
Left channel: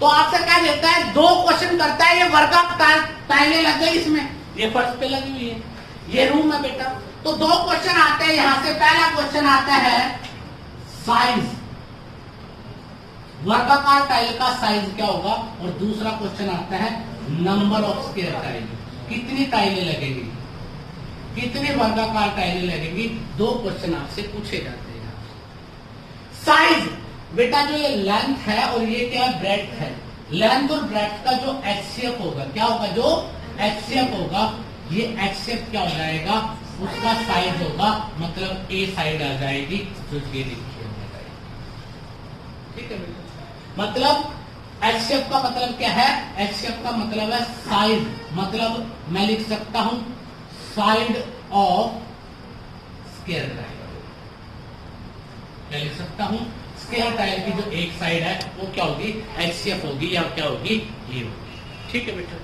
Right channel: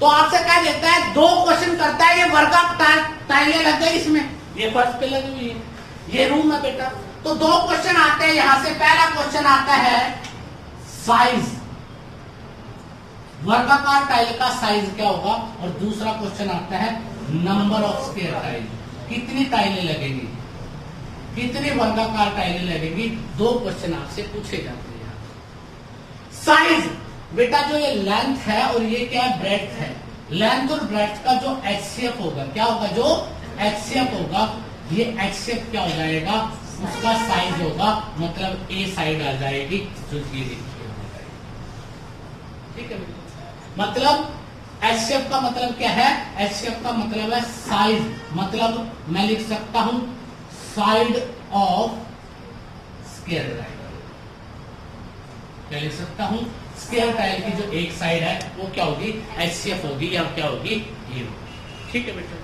तो आपसे क्या देता है, 2 क्वेश्चन करता है, ये वर्गाकार टाइलें लग गई इसमें, ये फर्श पे लगी हुई है, ये रूम है बेटा। तो 2 क्वेश्चन आते हैं यहां से। पहला क्वेश्चन आता है साइज, वर्गाकार टाइल का साइज क्या होगा, और दूसरा क्वेश्चन आता है नंबर ऑफ स्क्वायर टाइल, कितनी टाइलें लगेंगी, कितनी वर्गाकार टाइलें लगेंगी। 2 क्वेश्चन आपसे पूछे जाते हैं। साइज बेटा, जो ये लेंथ है और ये क्या है, ब्रेड्थ है, लेंथ और ब्रेड्थ का जो HCF होगा, क्या होगा, जो HCF होगा, ये HCF क्या हो जाएगा, उसका साइज होगा, मतलब A साइड आ जाएगी, जो ये देखिए, ठीक है। मतलब HCF का मतलब क्या है, HCF का मतलब है साइज, मतलब मैं लिख सकता हूं साइड ऑफ स्क्वायर टाइल। क्या लिख सकता हूं, स्क्वायर टाइल की जो एक साइड है वो क्या होगी, HCF होगी, या क्या होगी, ये होगी, ठीक है बेटा।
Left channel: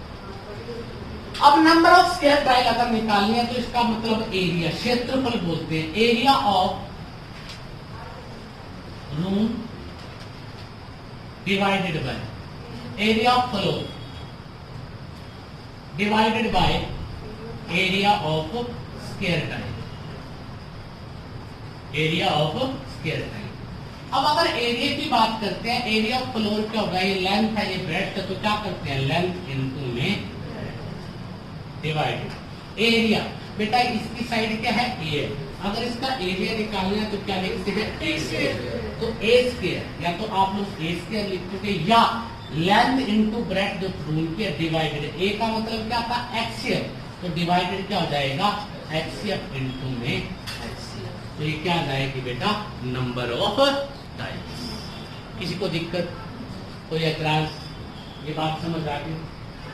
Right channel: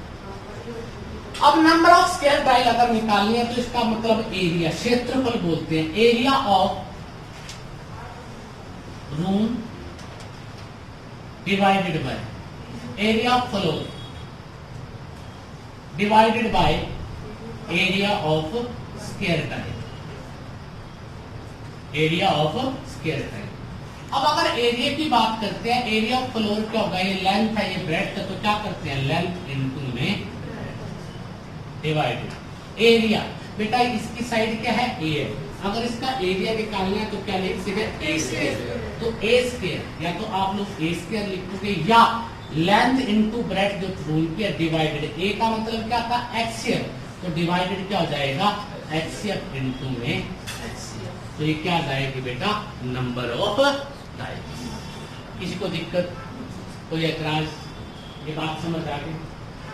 अब नंबर ऑफ स्क्वायर टाइल अगर निकालनी है तो इसका मतलब एरिया, क्षेत्रफल बोलते हैं, area of room divided by area of floor divided by area of square tile, area of square tile. अब अगर एरिया की बात करते हैं, एरिया ऑफ फ्लोर क्या होगा, ये लेंथ है, ये ब्रेड्थ है, तो क्या करते हैं, लेंथ इनटू में डिवाइडेड एरिया। बेटा इसकी साइड क्या है, A है, अगर इसका एरिया निकालना है तो क्या लिख सकते हैं, A स्क्वायर। तो A स्क्वायर, या तो आप लोग A स्क्वायर लिखोगे, या लेंथ इनटू ब्रेड्थ जो रूम की डिवाइडेड, A का मतलब क्या था, HCF, तो डिवाइडेड क्या हो जाएगा, HCF इनटू में HCF, तो ये क्या आ जाएगी बेटा, नंबर ऑफ टाइल्स। किसी को दिक्कत, कोई एतराज ये बात समझ आ गई।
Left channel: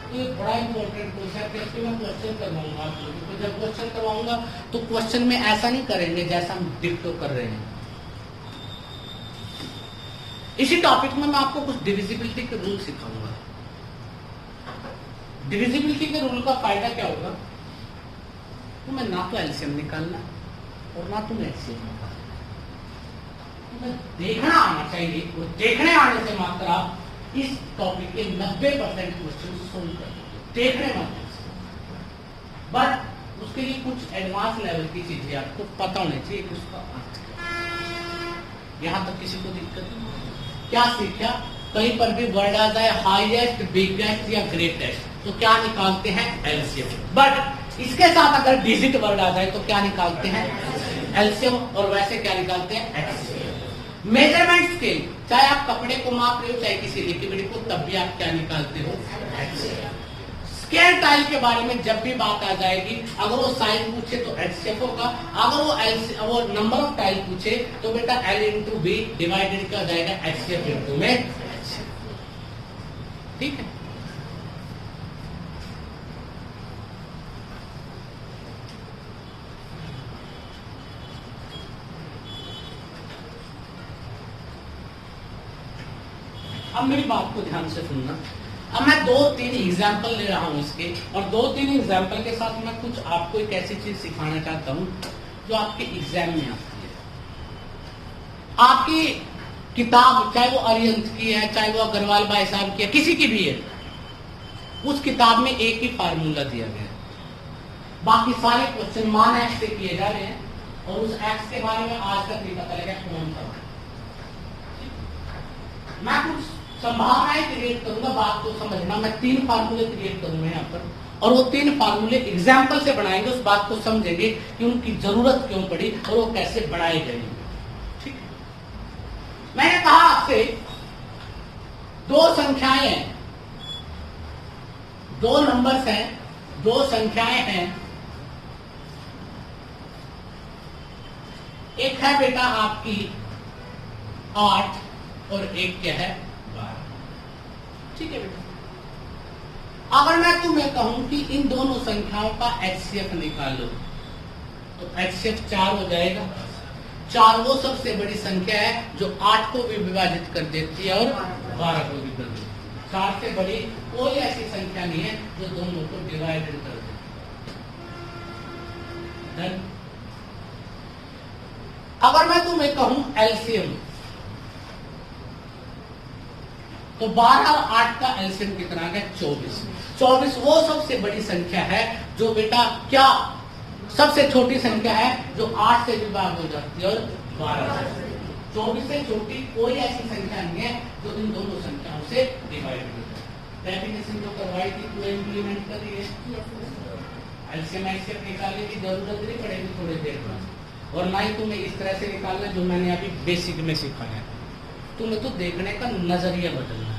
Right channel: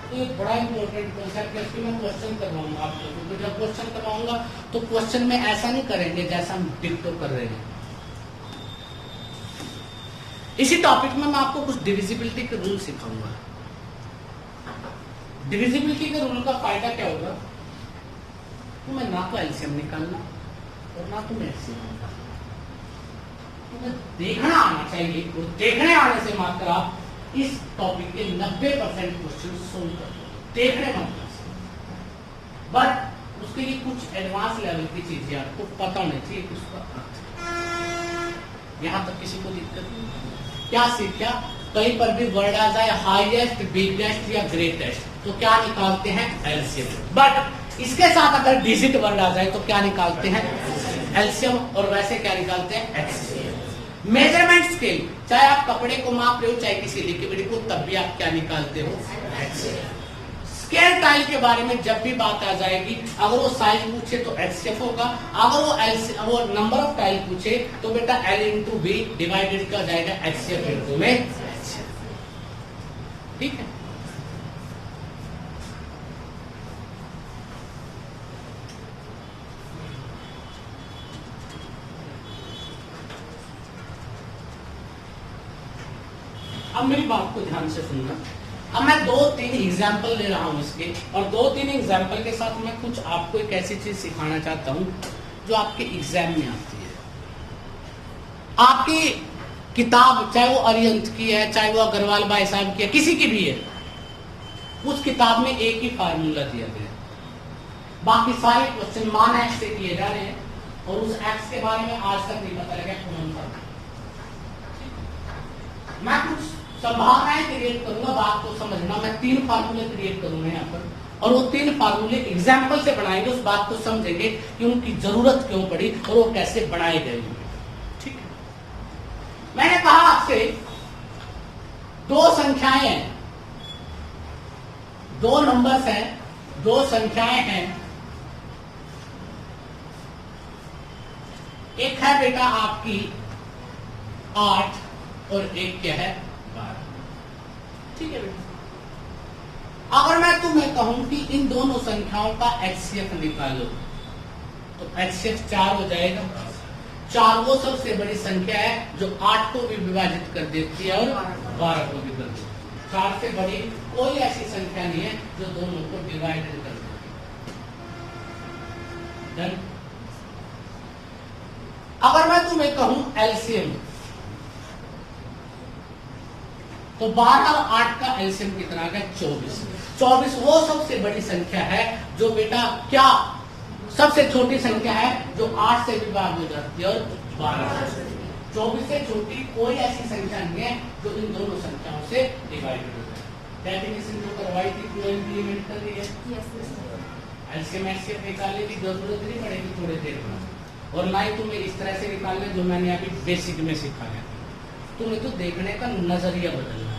तो ये बड़ा इंपॉर्टेंट कॉन्सेप्ट है, इसके मैं क्वेश्चन करवाऊंगा आप लोगों को। जब क्वेश्चन करवाऊंगा तो क्वेश्चन में ऐसा नहीं करेंगे जैसा हम डिक्टो कर रहे हैं। इसी टॉपिक में मैं आपको कुछ डिविजिबिलिटी के रूल सिखाऊंगा। डिविजिबिलिटी के रूल का फायदा क्या होगा, तुम्हें ना तो एलसीएम निकालना और ना तुम्हें एचसीएफ निकालना, तुम्हें देखना आना चाहिए। और देखने आने से मात्र आप इस टॉपिक के 90% क्वेश्चन सोल्व कर दोगे, देखने मात्र से। बट उसके लिए कुछ एडवांस लेवल की चीजें आपको पता होना चाहिए कि उसका यहां तक किसी को दिक्कत नहीं। क्या सीखा, कहीं पर भी वर्ड आ जाए हाईएस्ट, बिगेस्ट या ग्रेटेस्ट तो क्या निकालते हैं, एलसीएम। बट इसके साथ अगर डिजिट वर्ड आ जाए तो क्या निकालते हैं, एलसीएम। और वैसे क्या निकालते हैं, एचसीएफ। मेजरमेंट स्केल, चाहे आप कपड़े को माप रहे हो चाहे किसी लिक्विड को, तब भी आप क्या निकालते हो, एचसीएफ। स्केल टाइल के बारे में जब भी बात आ जाएगी, अगर वो साइज पूछे तो एचसीएफ होगा, अगर वो नंबर ऑफ टाइल पूछे तो बेटा एल इंटू बी डिवाइडेड क्या जाएगा, एचसीएफ इंटू में। ठीक है। अब मेरी बात को ध्यान से सुनना। अब मैं 2-3 एग्जाम्पल ले रहा हूं इसके, और 2-3 एग्जाम्पल के साथ मैं कुछ आपको एक ऐसी चीज सिखाना चाहता हूं जो आपके एग्जाम में आती है। आपकी किताब चाहे वो अरिहंत की है, चाहे वो अग्रवाल भाई साहब की है, किसी की भी है, उस किताब में एक ही फार्मूला दिया गया है। बाकी सारे क्वेश्चन मान एक्स से किए जा रहे हैं और उस एक्स के बारे में आज तक नहीं पता लगा कौन सा। मैं कुछ संभावनाएं क्रिएट करूंगा, बात को समझना। मैं 3 फार्मूले क्रिएट करूंगा यहाँ पर, और वो 3 फार्मूले एग्जाम्पल से बनाएंगे, उस बात को समझेंगे कि उनकी जरूरत क्यों पड़ी और वो कैसे बनाए गए। ठीक है। मैंने कहा आपसे 2 संख्याएं हैं, 2 नंबर्स हैं, 2 संख्याएं हैं। एक है बेटा आपकी 8 और एक क्या है, 12। ठीक है बेटा। अगर मैं तुम्हें कहूं कि इन दोनों संख्याओं का एचसीएफ निकालो तो एचसीएफ 4 हो जाएगा। 4 वो सबसे बड़ी संख्या है जो 8 को भी विभाजित कर देती है और 12 को भी कर देती है। 4 से बड़ी कोई ऐसी संख्या नहीं है जो दोनों को डिवाइडेड कर देती है। अगर मैं तुम्हें कहूं एलसीएम, तो 12 और 8 का एलसीएम कितना है, 24। 24 वो सबसे बड़ी संख्या है जो बेटा क्या सबसे छोटी संख्या है जो 8 से विभाजित हो जाती है और 12 से। 24 से छोटी कोई ऐसी संख्या नहीं है जो इन दोनों संख्याओं से डिवाइडेड हो जाती है। डेफिनेशन जो करवाई थी वो इम्प्लीमेंट कर रही है। एलसीएम एचसीएफ निकालने की जरूरत नहीं पड़ेगी थोड़ी देर में, और ना ही तुम्हें इस तरह से निकालना जो मैंने अभी बेसिक में सिखाया। तुम्हें तो देखने का नजरिया बदलना है।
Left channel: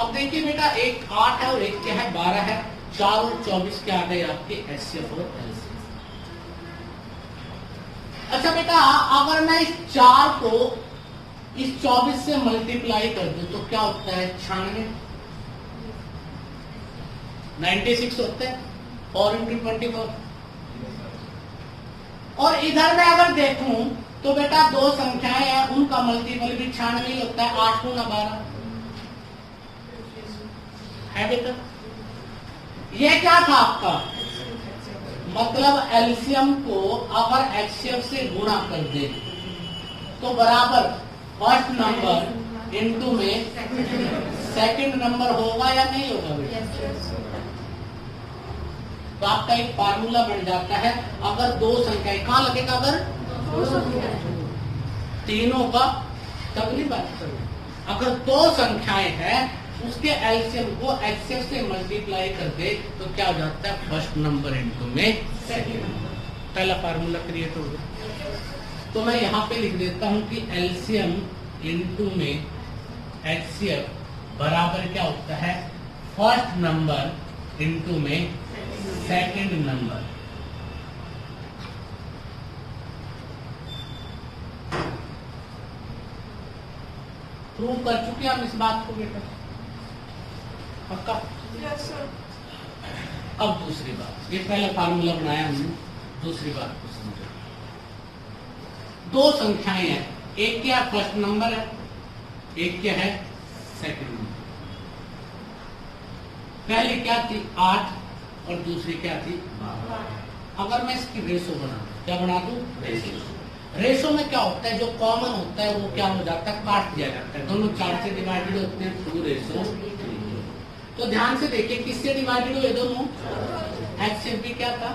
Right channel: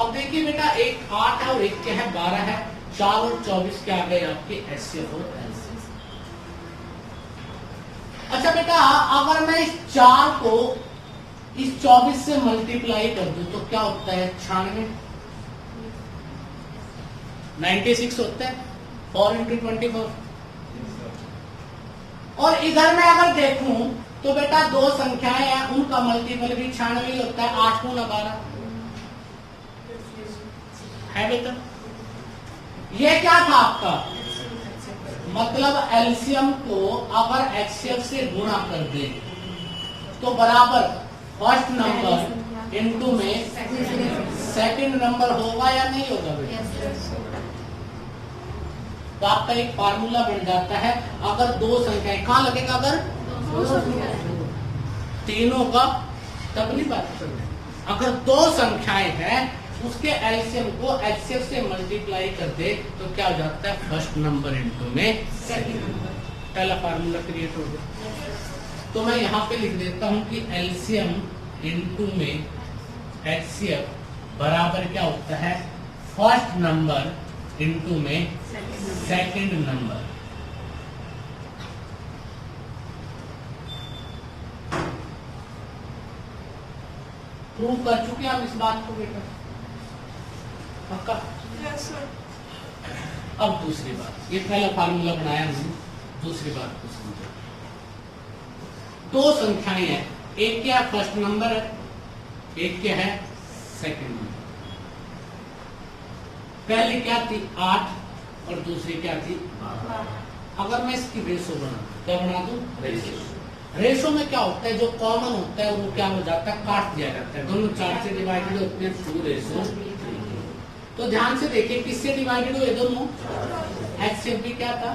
अब देखिए बेटा, एक 8 और एक क्या है, 12 है। 4 और 24 के आ गए आपके एचसीएफ और एलसीएफ। अच्छा बेटा, अगर मैं इस 4 को इस 24 से मल्टीप्लाई कर दूं तो क्या होता है, 96। 96 होता है 4 × 24। और इधर मैं अगर देखूं तो बेटा 2 संख्याएं हैं, उनका मल्टीपल भी 96 होता है। 8 × 12 है बेटा। ये क्या था आपका, मतलब एलसीएम को अगर एचसीएफ से गुणा कर दे तो बराबर फर्स्ट नंबर इनटू में सेकंड नंबर होगा या नहीं होगा बेटा। तो आपका एक फार्मूला बन जाता है। अगर 2 संख्याएं, कहां लगेगा, अगर तीनों का, तब नहीं बात करें। अगर 2 संख्याएं हैं उसके एलसीएम को एचसीएफ से मल्टीप्लाई कर दे तो क्या हो जाता है, फर्स्ट नंबर इनटू में सेकंड नंबर। पहला फार्मूला क्रिएट हो गया। तो मैं यहां पे लिख देता हूं कि एलसीएम इनटू में एचसीएफ बराबर क्या होता है, फर्स्ट नंबर इनटू में सेकंड नंबर। प्रूव कर चुके हम इस बात को बेटा, पक्का। Yes sir. अब दूसरी बात, ये पहला फार्मूला बनाया हमने, दूसरी बात को समझो। दो संख्याएं हैं, एक क्या फर्स्ट नंबर है, एक क्या है सेकंड नंबर। पहले क्या थी 8 और दूसरी क्या थी 12। अगर मैं इसकी रेशो बना दूं, क्या बना दूं रेशो। रेशो में क्या होता है, जो कॉमन होता है वो क्या हो जाता है, काट दिया जाता है, दोनों 4 से डिवाइडेड होते हैं, 2:3। तो ध्यान से देखिए किससे डिवाइडेड हुए दोनों, एचसीएफ भी क्या था,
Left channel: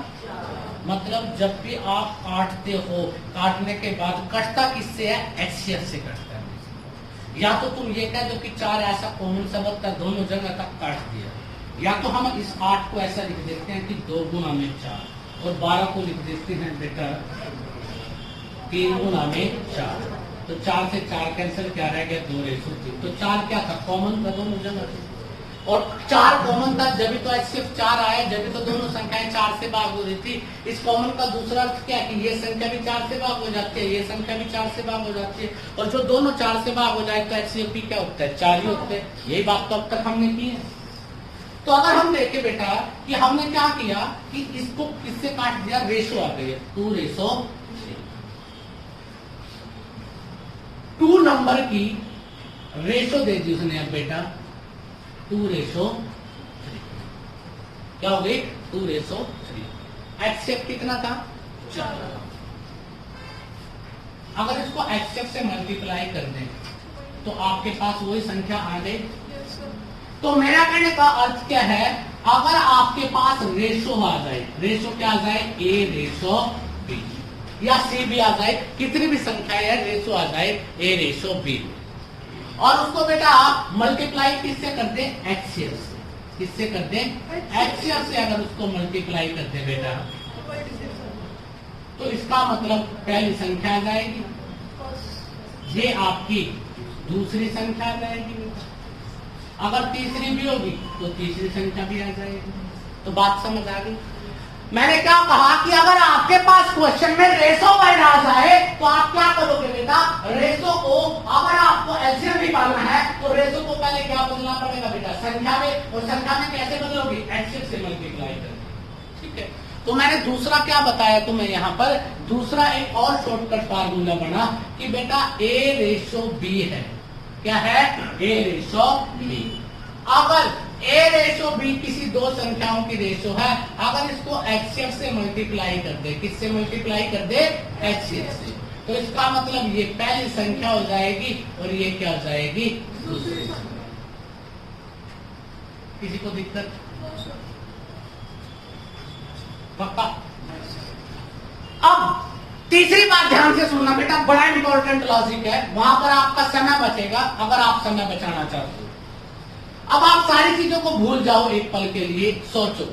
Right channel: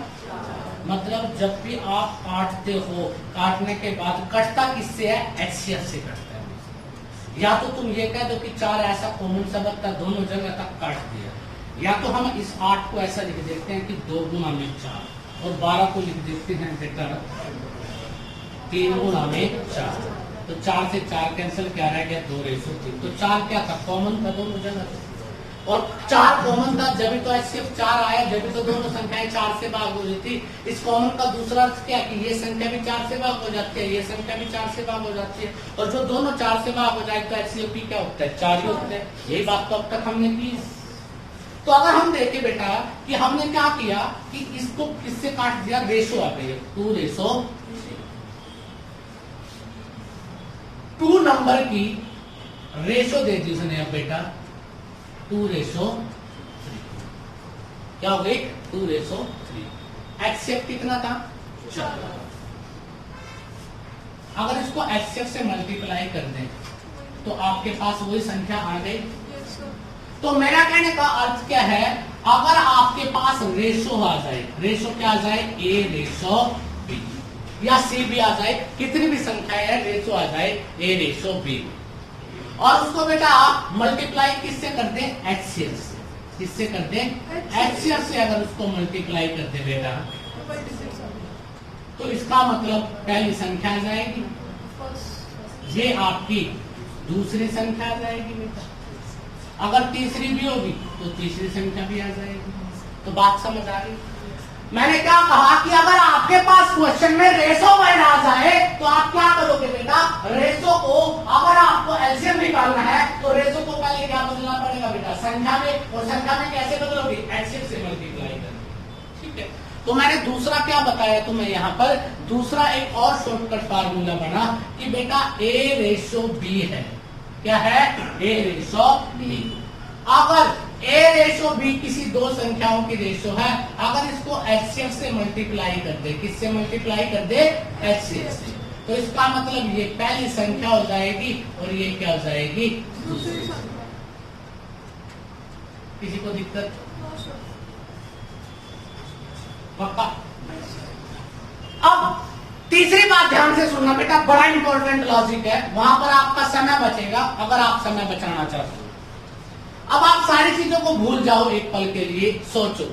मतलब जब भी आप काटते हो, काटने के बाद कटता किससे है, एचसीएफ से कटता है। या तो तुम ये कह दो कि 4 ऐसा कॉमन शब्द था, दोनों जगह तक काट दिया, या तो हम इस 8 को ऐसा लिख देते हैं कि 2 गुना में 4, और 12 को लिख देते हैं बेटा 3 गुना में 4। तो 4 से 4 कैंसिल, क्या रह गया 2:3। तो 4 क्या था, कॉमन था दोनों जगह से, और 4 कॉमन था, जब भी तो सिर्फ 4 आया, जब भी तो दोनों संख्याएं 4 से भाग हो रही थी। इस कॉमन का दूसरा अर्थ क्या कि ये संख्या भी 4 से भाग हो जाती है, ये संख्या भी 4 से भाग हो जाती है, और जो दोनों 4 से भाग हो जाए तो एचसीएफ भी क्या होता है, 4 ही होते हैं। यही बात तो अब तक हमने की है। तो अगर हम देखें बेटा कि हमने क्या किया कि इसको किससे काट दिया, रेशो आ गई है 2:3। 2 नंबर की रेशो दे दी उसने अब बेटा 2:3। क्या हो गई 2:3। एचसीएफ कितना था 4। अगर इसको एचसीएफ से मल्टीप्लाई कर दें तो आपके पास वही संख्या आ गई। तो मेरा कहने का अर्थ क्या है, अगर आपके पास रेशो आ जाए, रेशो क्या आ जाए, A:B या C भी आ जाए, कितनी भी संख्या है रेशो आ जाए A:B, और उसको बेटा आप मल्टीप्लाई किससे कर दें, एचसीएफ से। किससे कर दें, एचसीएफ से अगर उसको मल्टीप्लाई कर दे बेटा, तो इसका मतलब पहली संख्या आ जाएगी, ये आपकी दूसरी संख्या आ जाएगी बेटा, अगर तीसरी भी होगी तो तीसरी संख्या भी आ जाएगी। तो बात समझ आ गई। मैंने क्या कहा कि अगर आपके पास क्वेश्चन में रेशो वैल्यू आ जाए तो आप क्या करोगे बेटा, रेशो को अगर आपको एलसीएम निकालना है तो रेशो को पहले क्या बदलना पड़ेगा बेटा, संख्या में, और संख्या में कैसे बदलोगे, एचसीएफ से मल्टीप्लाई कर। ठीक है, तो मैंने दूसरा क्या बताया तुम्हें यहाँ पर, दूसरा एक और शॉर्टकट फार्मूला बना कि बेटा A:B है, क्या है, A:B। अगर A:B किसी दो संख्याओं की रेशो है, अगर इसको एचसीएफ से मल्टीप्लाई कर दे, किससे मल्टीप्लाई कर दे, एचसीएफ से, तो इसका मतलब ये पहली संख्या हो जाएगी और ये क्या हो जाएगी, दूसरी। किसी को दिक्कत, पक्का। अब तीसरी बात ध्यान से सुनना बेटा, बड़ा इंपॉर्टेंट लॉजिक है, वहां पर आपका समय बचेगा अगर आप समय बचाना चाहते हो। अब आप सारी चीजों को भूल जाओ एक पल के लिए, सोचो।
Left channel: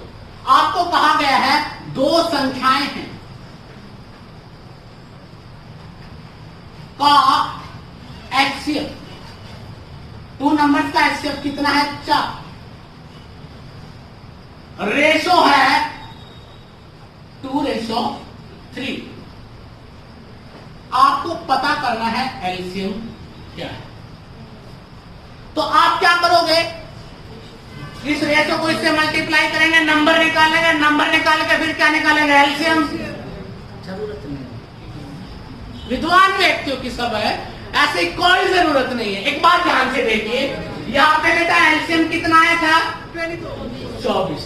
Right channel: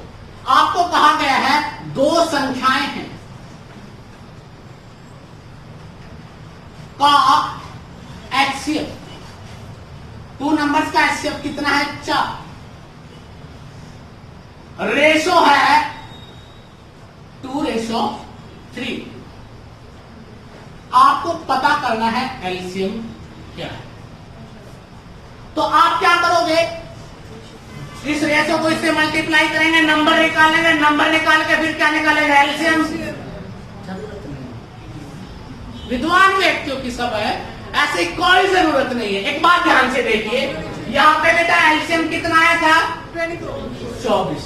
आपको कहा गया है दो संख्याएं हैं का एचसीएफ, 2 नंबर्स का एचसीएफ कितना है, 4। रेशो है 2:3। आपको पता करना है एलसीएम क्या है। तो आप क्या करोगे, इस रेशो को इससे मल्टीप्लाई करेंगे, नंबर निकालेंगे, नंबर निकाल के फिर क्या निकालेंगे, एलसीएम। विद्वान व्यक्तियों की सब है, ऐसी कोई जरूरत नहीं है। एक बात ध्यान से देखिए, यहाँ पे बेटा एलसीएम कितना आया था, 24।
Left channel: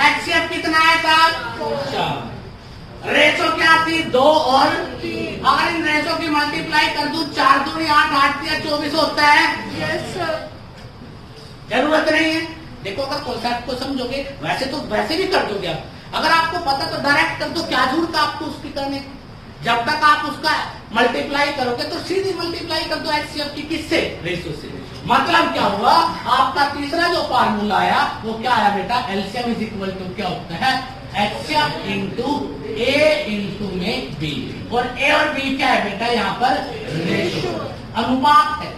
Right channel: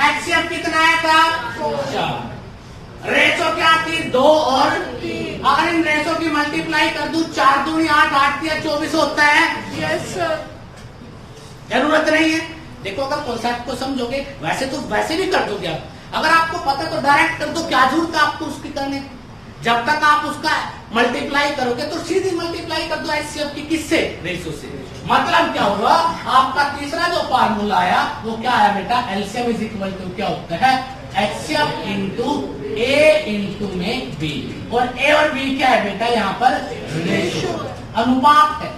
एचसीएफ कितना आया था, 4। रेशो क्या थी, 2 और 3। अगर इन रेशो की मल्टीप्लाई कर दूं, 4 दूनी 8, 8 या 24 होता है। Yes sir. जरूरत नहीं है। देखो अगर कॉन्सेप्ट को समझोगे, वैसे तो वैसे भी कर दोगे आप, अगर आपको पता तो डायरेक्ट कर दो, क्या जरूरत है आपको उसकी करने। जब तक आप उसका मल्टीप्लाई करोगे तो सीधी मल्टीप्लाई कर दो एचसीएफ की, किससे, रेशो से। मतलब क्या हुआ, आपका तीसरा जो फार्मूला आया वो क्या आया बेटा, एलसीएम इज इक्वल टू क्या होता है, एचसीएफ इंटू ए इंटू में बी। और ए और बी क्या है बेटा, यहाँ पर रेशो, अनुपात है,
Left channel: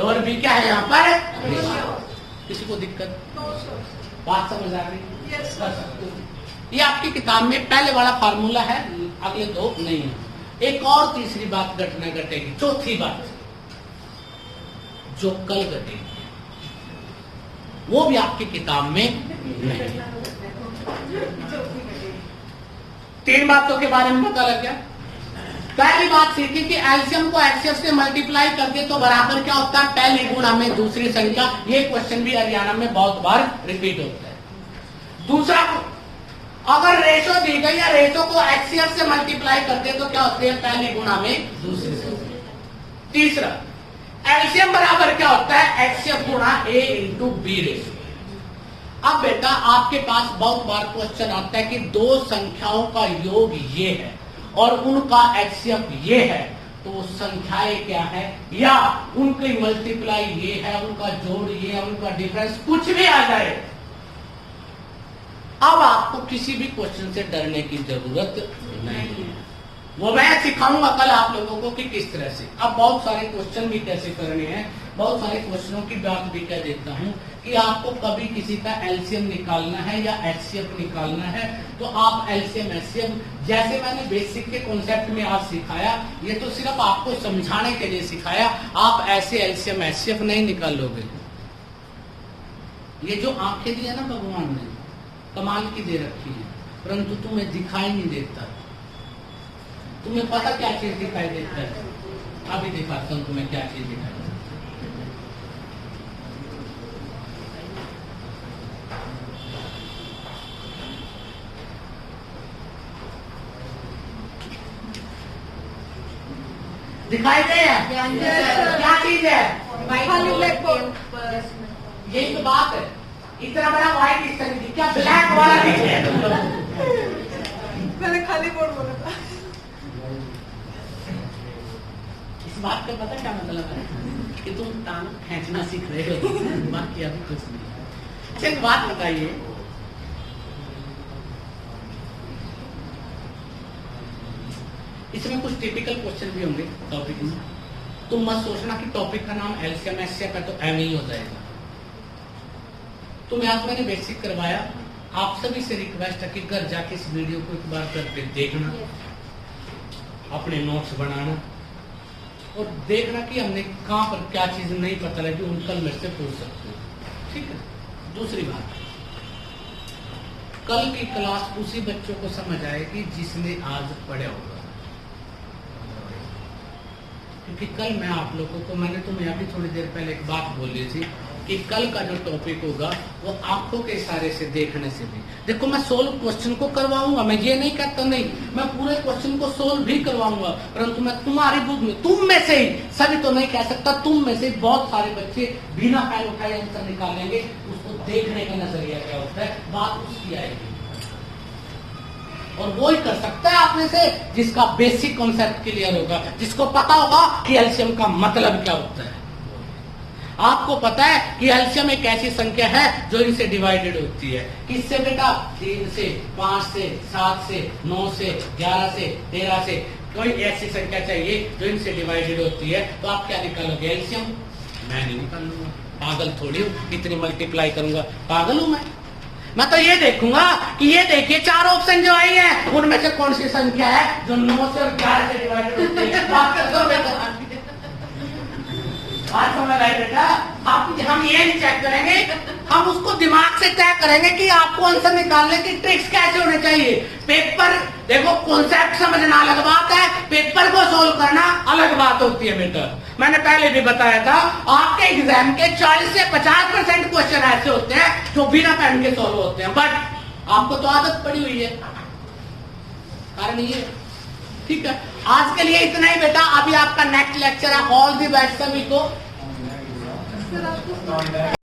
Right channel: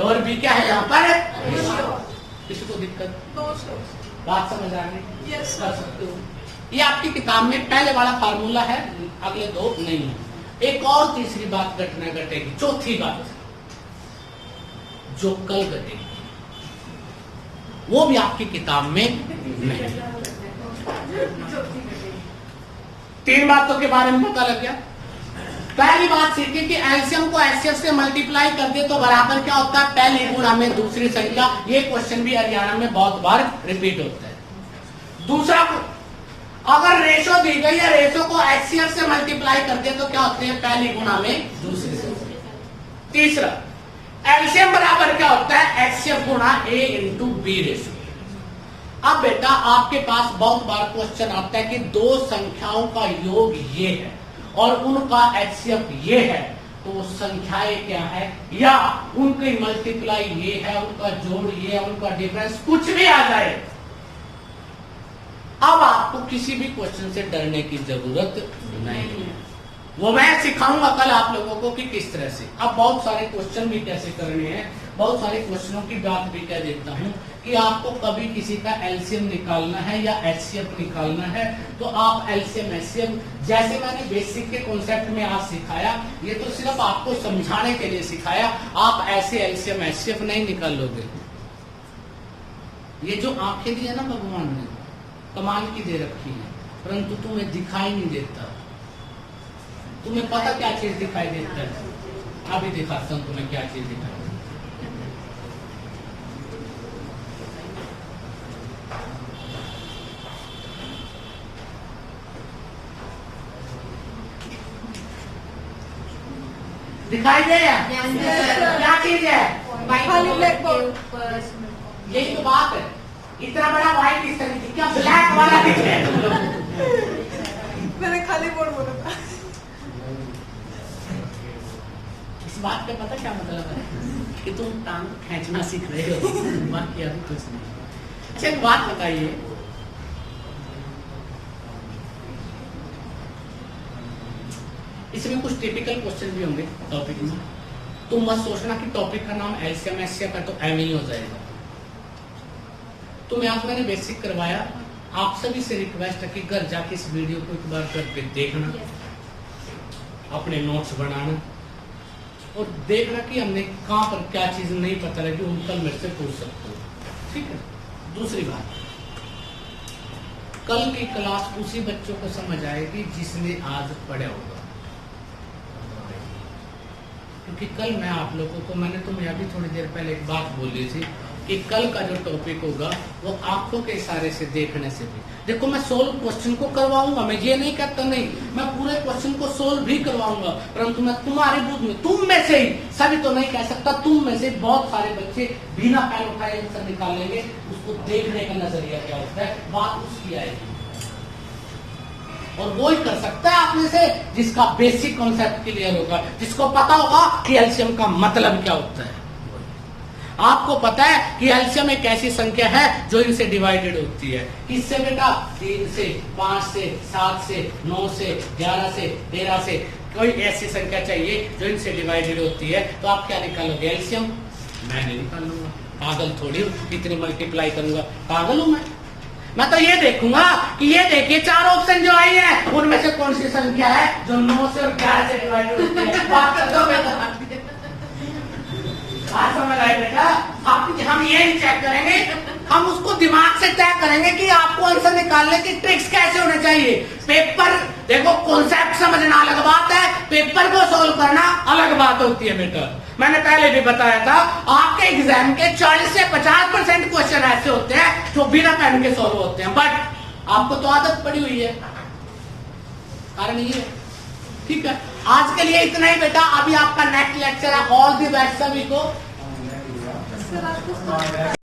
और बी क्या है यहाँ पर, रेशो। किसी को दिक्कत, बात समझ आ गई, कर सकते हो। ये आपकी किताब में पहले वाला फार्मूला है, अगले 2 नहीं है। एक और तीसरी बात घटना घटेगी, चौथी बात। जो कल घटेगी, वो भी आपकी किताब में नहीं। 3 बातों के बारे में पता लग गया। पहली बात सीखी कि एलसीएम को एचसीएफ से मल्टीप्लाई कर दे तो बराबर क्या होता है, पहली गुणा में दूसरी संख्या। ये क्वेश्चन भी हरियाणा में बहुत बार रिपीट होता है। दूसरा, अगर रेशो दी गई या रेशो को एचसीएफ से मल्टीप्लाई कर दे तो क्या होते हैं, पहली गुणा में दूसरी संख्या। तीसरा, एलसीएम बराबर क्या होता है, एचसीएफ गुणा ए इंटू बी रेशो। अब बेटा आपके पास बहुत बार क्वेश्चन आता है कि दो संख्याओं का योग ये है और उनका एचसीएफ ये है, तो संख्याएं क्या है, या उनकी मल्टीप्लाई ये है, उनका जोड़ ये है, उनका डिफरेंस कुछ भी आ जाए। अब आपको किसी भी क्वेश्चन से डरने की जरूरत नहीं है। वो मैं सिखाऊंगा कल आप लोगों को कि किस तरह से। अब बहुत सारे क्वेश्चन भी कैसे करने हैं, बहुत सारे क्वेश्चनों की बात भी कह देता हूं कि आपको कभी किसी का एलसीएम निकालना है या एचसीएफ निकालना है तो आप एलसीएम एचसीएफ, जैसे मैंने बेसिक के कॉन्सेप्ट में आज सिखाया, ये तो सिर्फ आपको समझाने के लिए सिखाया। आप ऐसे एलसीएम एचसीएफ नहीं निकाल लोगे। ये जो आंखें दी है ना भगवान ने, कमाल की दे रखी है, परंतु तुम्हें दिखाई नहीं देता। तुम्हें पता क्या चीज दिखाई देता है, अभी दिखाता हूं तुम्हें क्या चीज दिखाई देती है। दिखाई दे क्या चीज है, खाली ब्लैक बोर्ड। यही तो बात है। इतना बड़ा व्हाइट इस तरह की, क्या ब्लैक वाला दिख रहा है तुम लोग? मैंने खाली बोर्ड बोला था। इस बात का पता क्या मतलब है कि तुम टांग खींचना सीख रहे हो, बाकी अभी कुछ नहीं। अच्छा एक बात बताइए, इसमें कुछ टिपिकल क्वेश्चन भी होंगे टॉपिक में। तुम मत सोचना कि टॉपिक का नाम एलसीएम एचसीएफ है तो एम ही हो जाएगा। तो आज मैंने बेसिक करवाया, आप सभी से रिक्वेस्ट है कि घर जाके इस वीडियो को एक बार करके देखना, अपने नोट्स बनाना और देखना कि हमने कहां पर क्या चीज नहीं पता लगी, उन कल मेरे से पूछ सकते हो। ठीक है। दूसरी बात, कल की क्लास उसी बच्चों को समझ आएगी जिसने आज पढ़ा होगा, क्योंकि कल मैं आप लोगों को, मैंने तुम्हें अभी थोड़ी देर पहले एक बात बोली थी कि कल का जो टॉपिक होगा वो आंखों के इशारे से देखने से भी। देखो मैं सोल्व क्वेश्चन को करवाऊंगा, मैं ये नहीं करता नहीं, मैं पूरे क्वेश्चन को सोल्व भी करवाऊंगा, परंतु मैं तुम्हारे बुद्ध में, तुम में से ही, सभी तो नहीं कह सकता, तुम में से बहुत सारे बच्चे बिना पैर उठाए आंसर निकाल लेंगे। उसको देखने का नजरिया क्या होता है, बात उसकी आएगी। और वो ही कर सकता है आप में से जिसका बेसिक कॉन्सेप्ट क्लियर हो गया, जिसको पता होगा कि एलसीएम का मतलब क्या होता है। आपको पता है कि एलसीएम एक ऐसी संख्या है जो इनसे डिवाइडेड होती है। किससे बेटा? 3 से, 5 से, 7 से, 9 से, 11 से, 13 से। कोई ऐसी संख्या चाहिए जो इनसे डिवाइडेड होती है, तो आप क्या निकालोगे? एलसीएम। मैं नहीं निकालूंगा, पागल थोड़ी हूँ, कितनी मल्टीप्लाई करूंगा, पागल हूं मैं तो ये देखूंगा कि ये देखिए 4 ऑप्शन जो आई हैं उनमें से कौन सी संख्या है जो 9 से और 11 से डिवाइडेड होती है। बात कर दो बेटा, आज समझ आए बेटा। हम ये नहीं चेक करेंगे, हम उसको दिमाग से चेक करेंगे कि आपको आंसर निकालने की ट्रिक्स कैसे होने चाहिए। पेपर देखो, कॉन्सेप्ट समझना अलग बात है, पेपर को सोल्व करना अलग बात होती है बेटा। मैंने पहले भी बताया था, आपके एग्जाम के 40 से 50% क्वेश्चन ऐसे होते हैं जो बिना पेन के सोल्व होते हैं, बट आपको तो आदत पड़ी हुई है, कारण ये। ठीक है, आज के लिए इतना ही बेटा। अभी आपका नेक्स्ट लेक्चर है ऑल दी बेस्ट सभी को।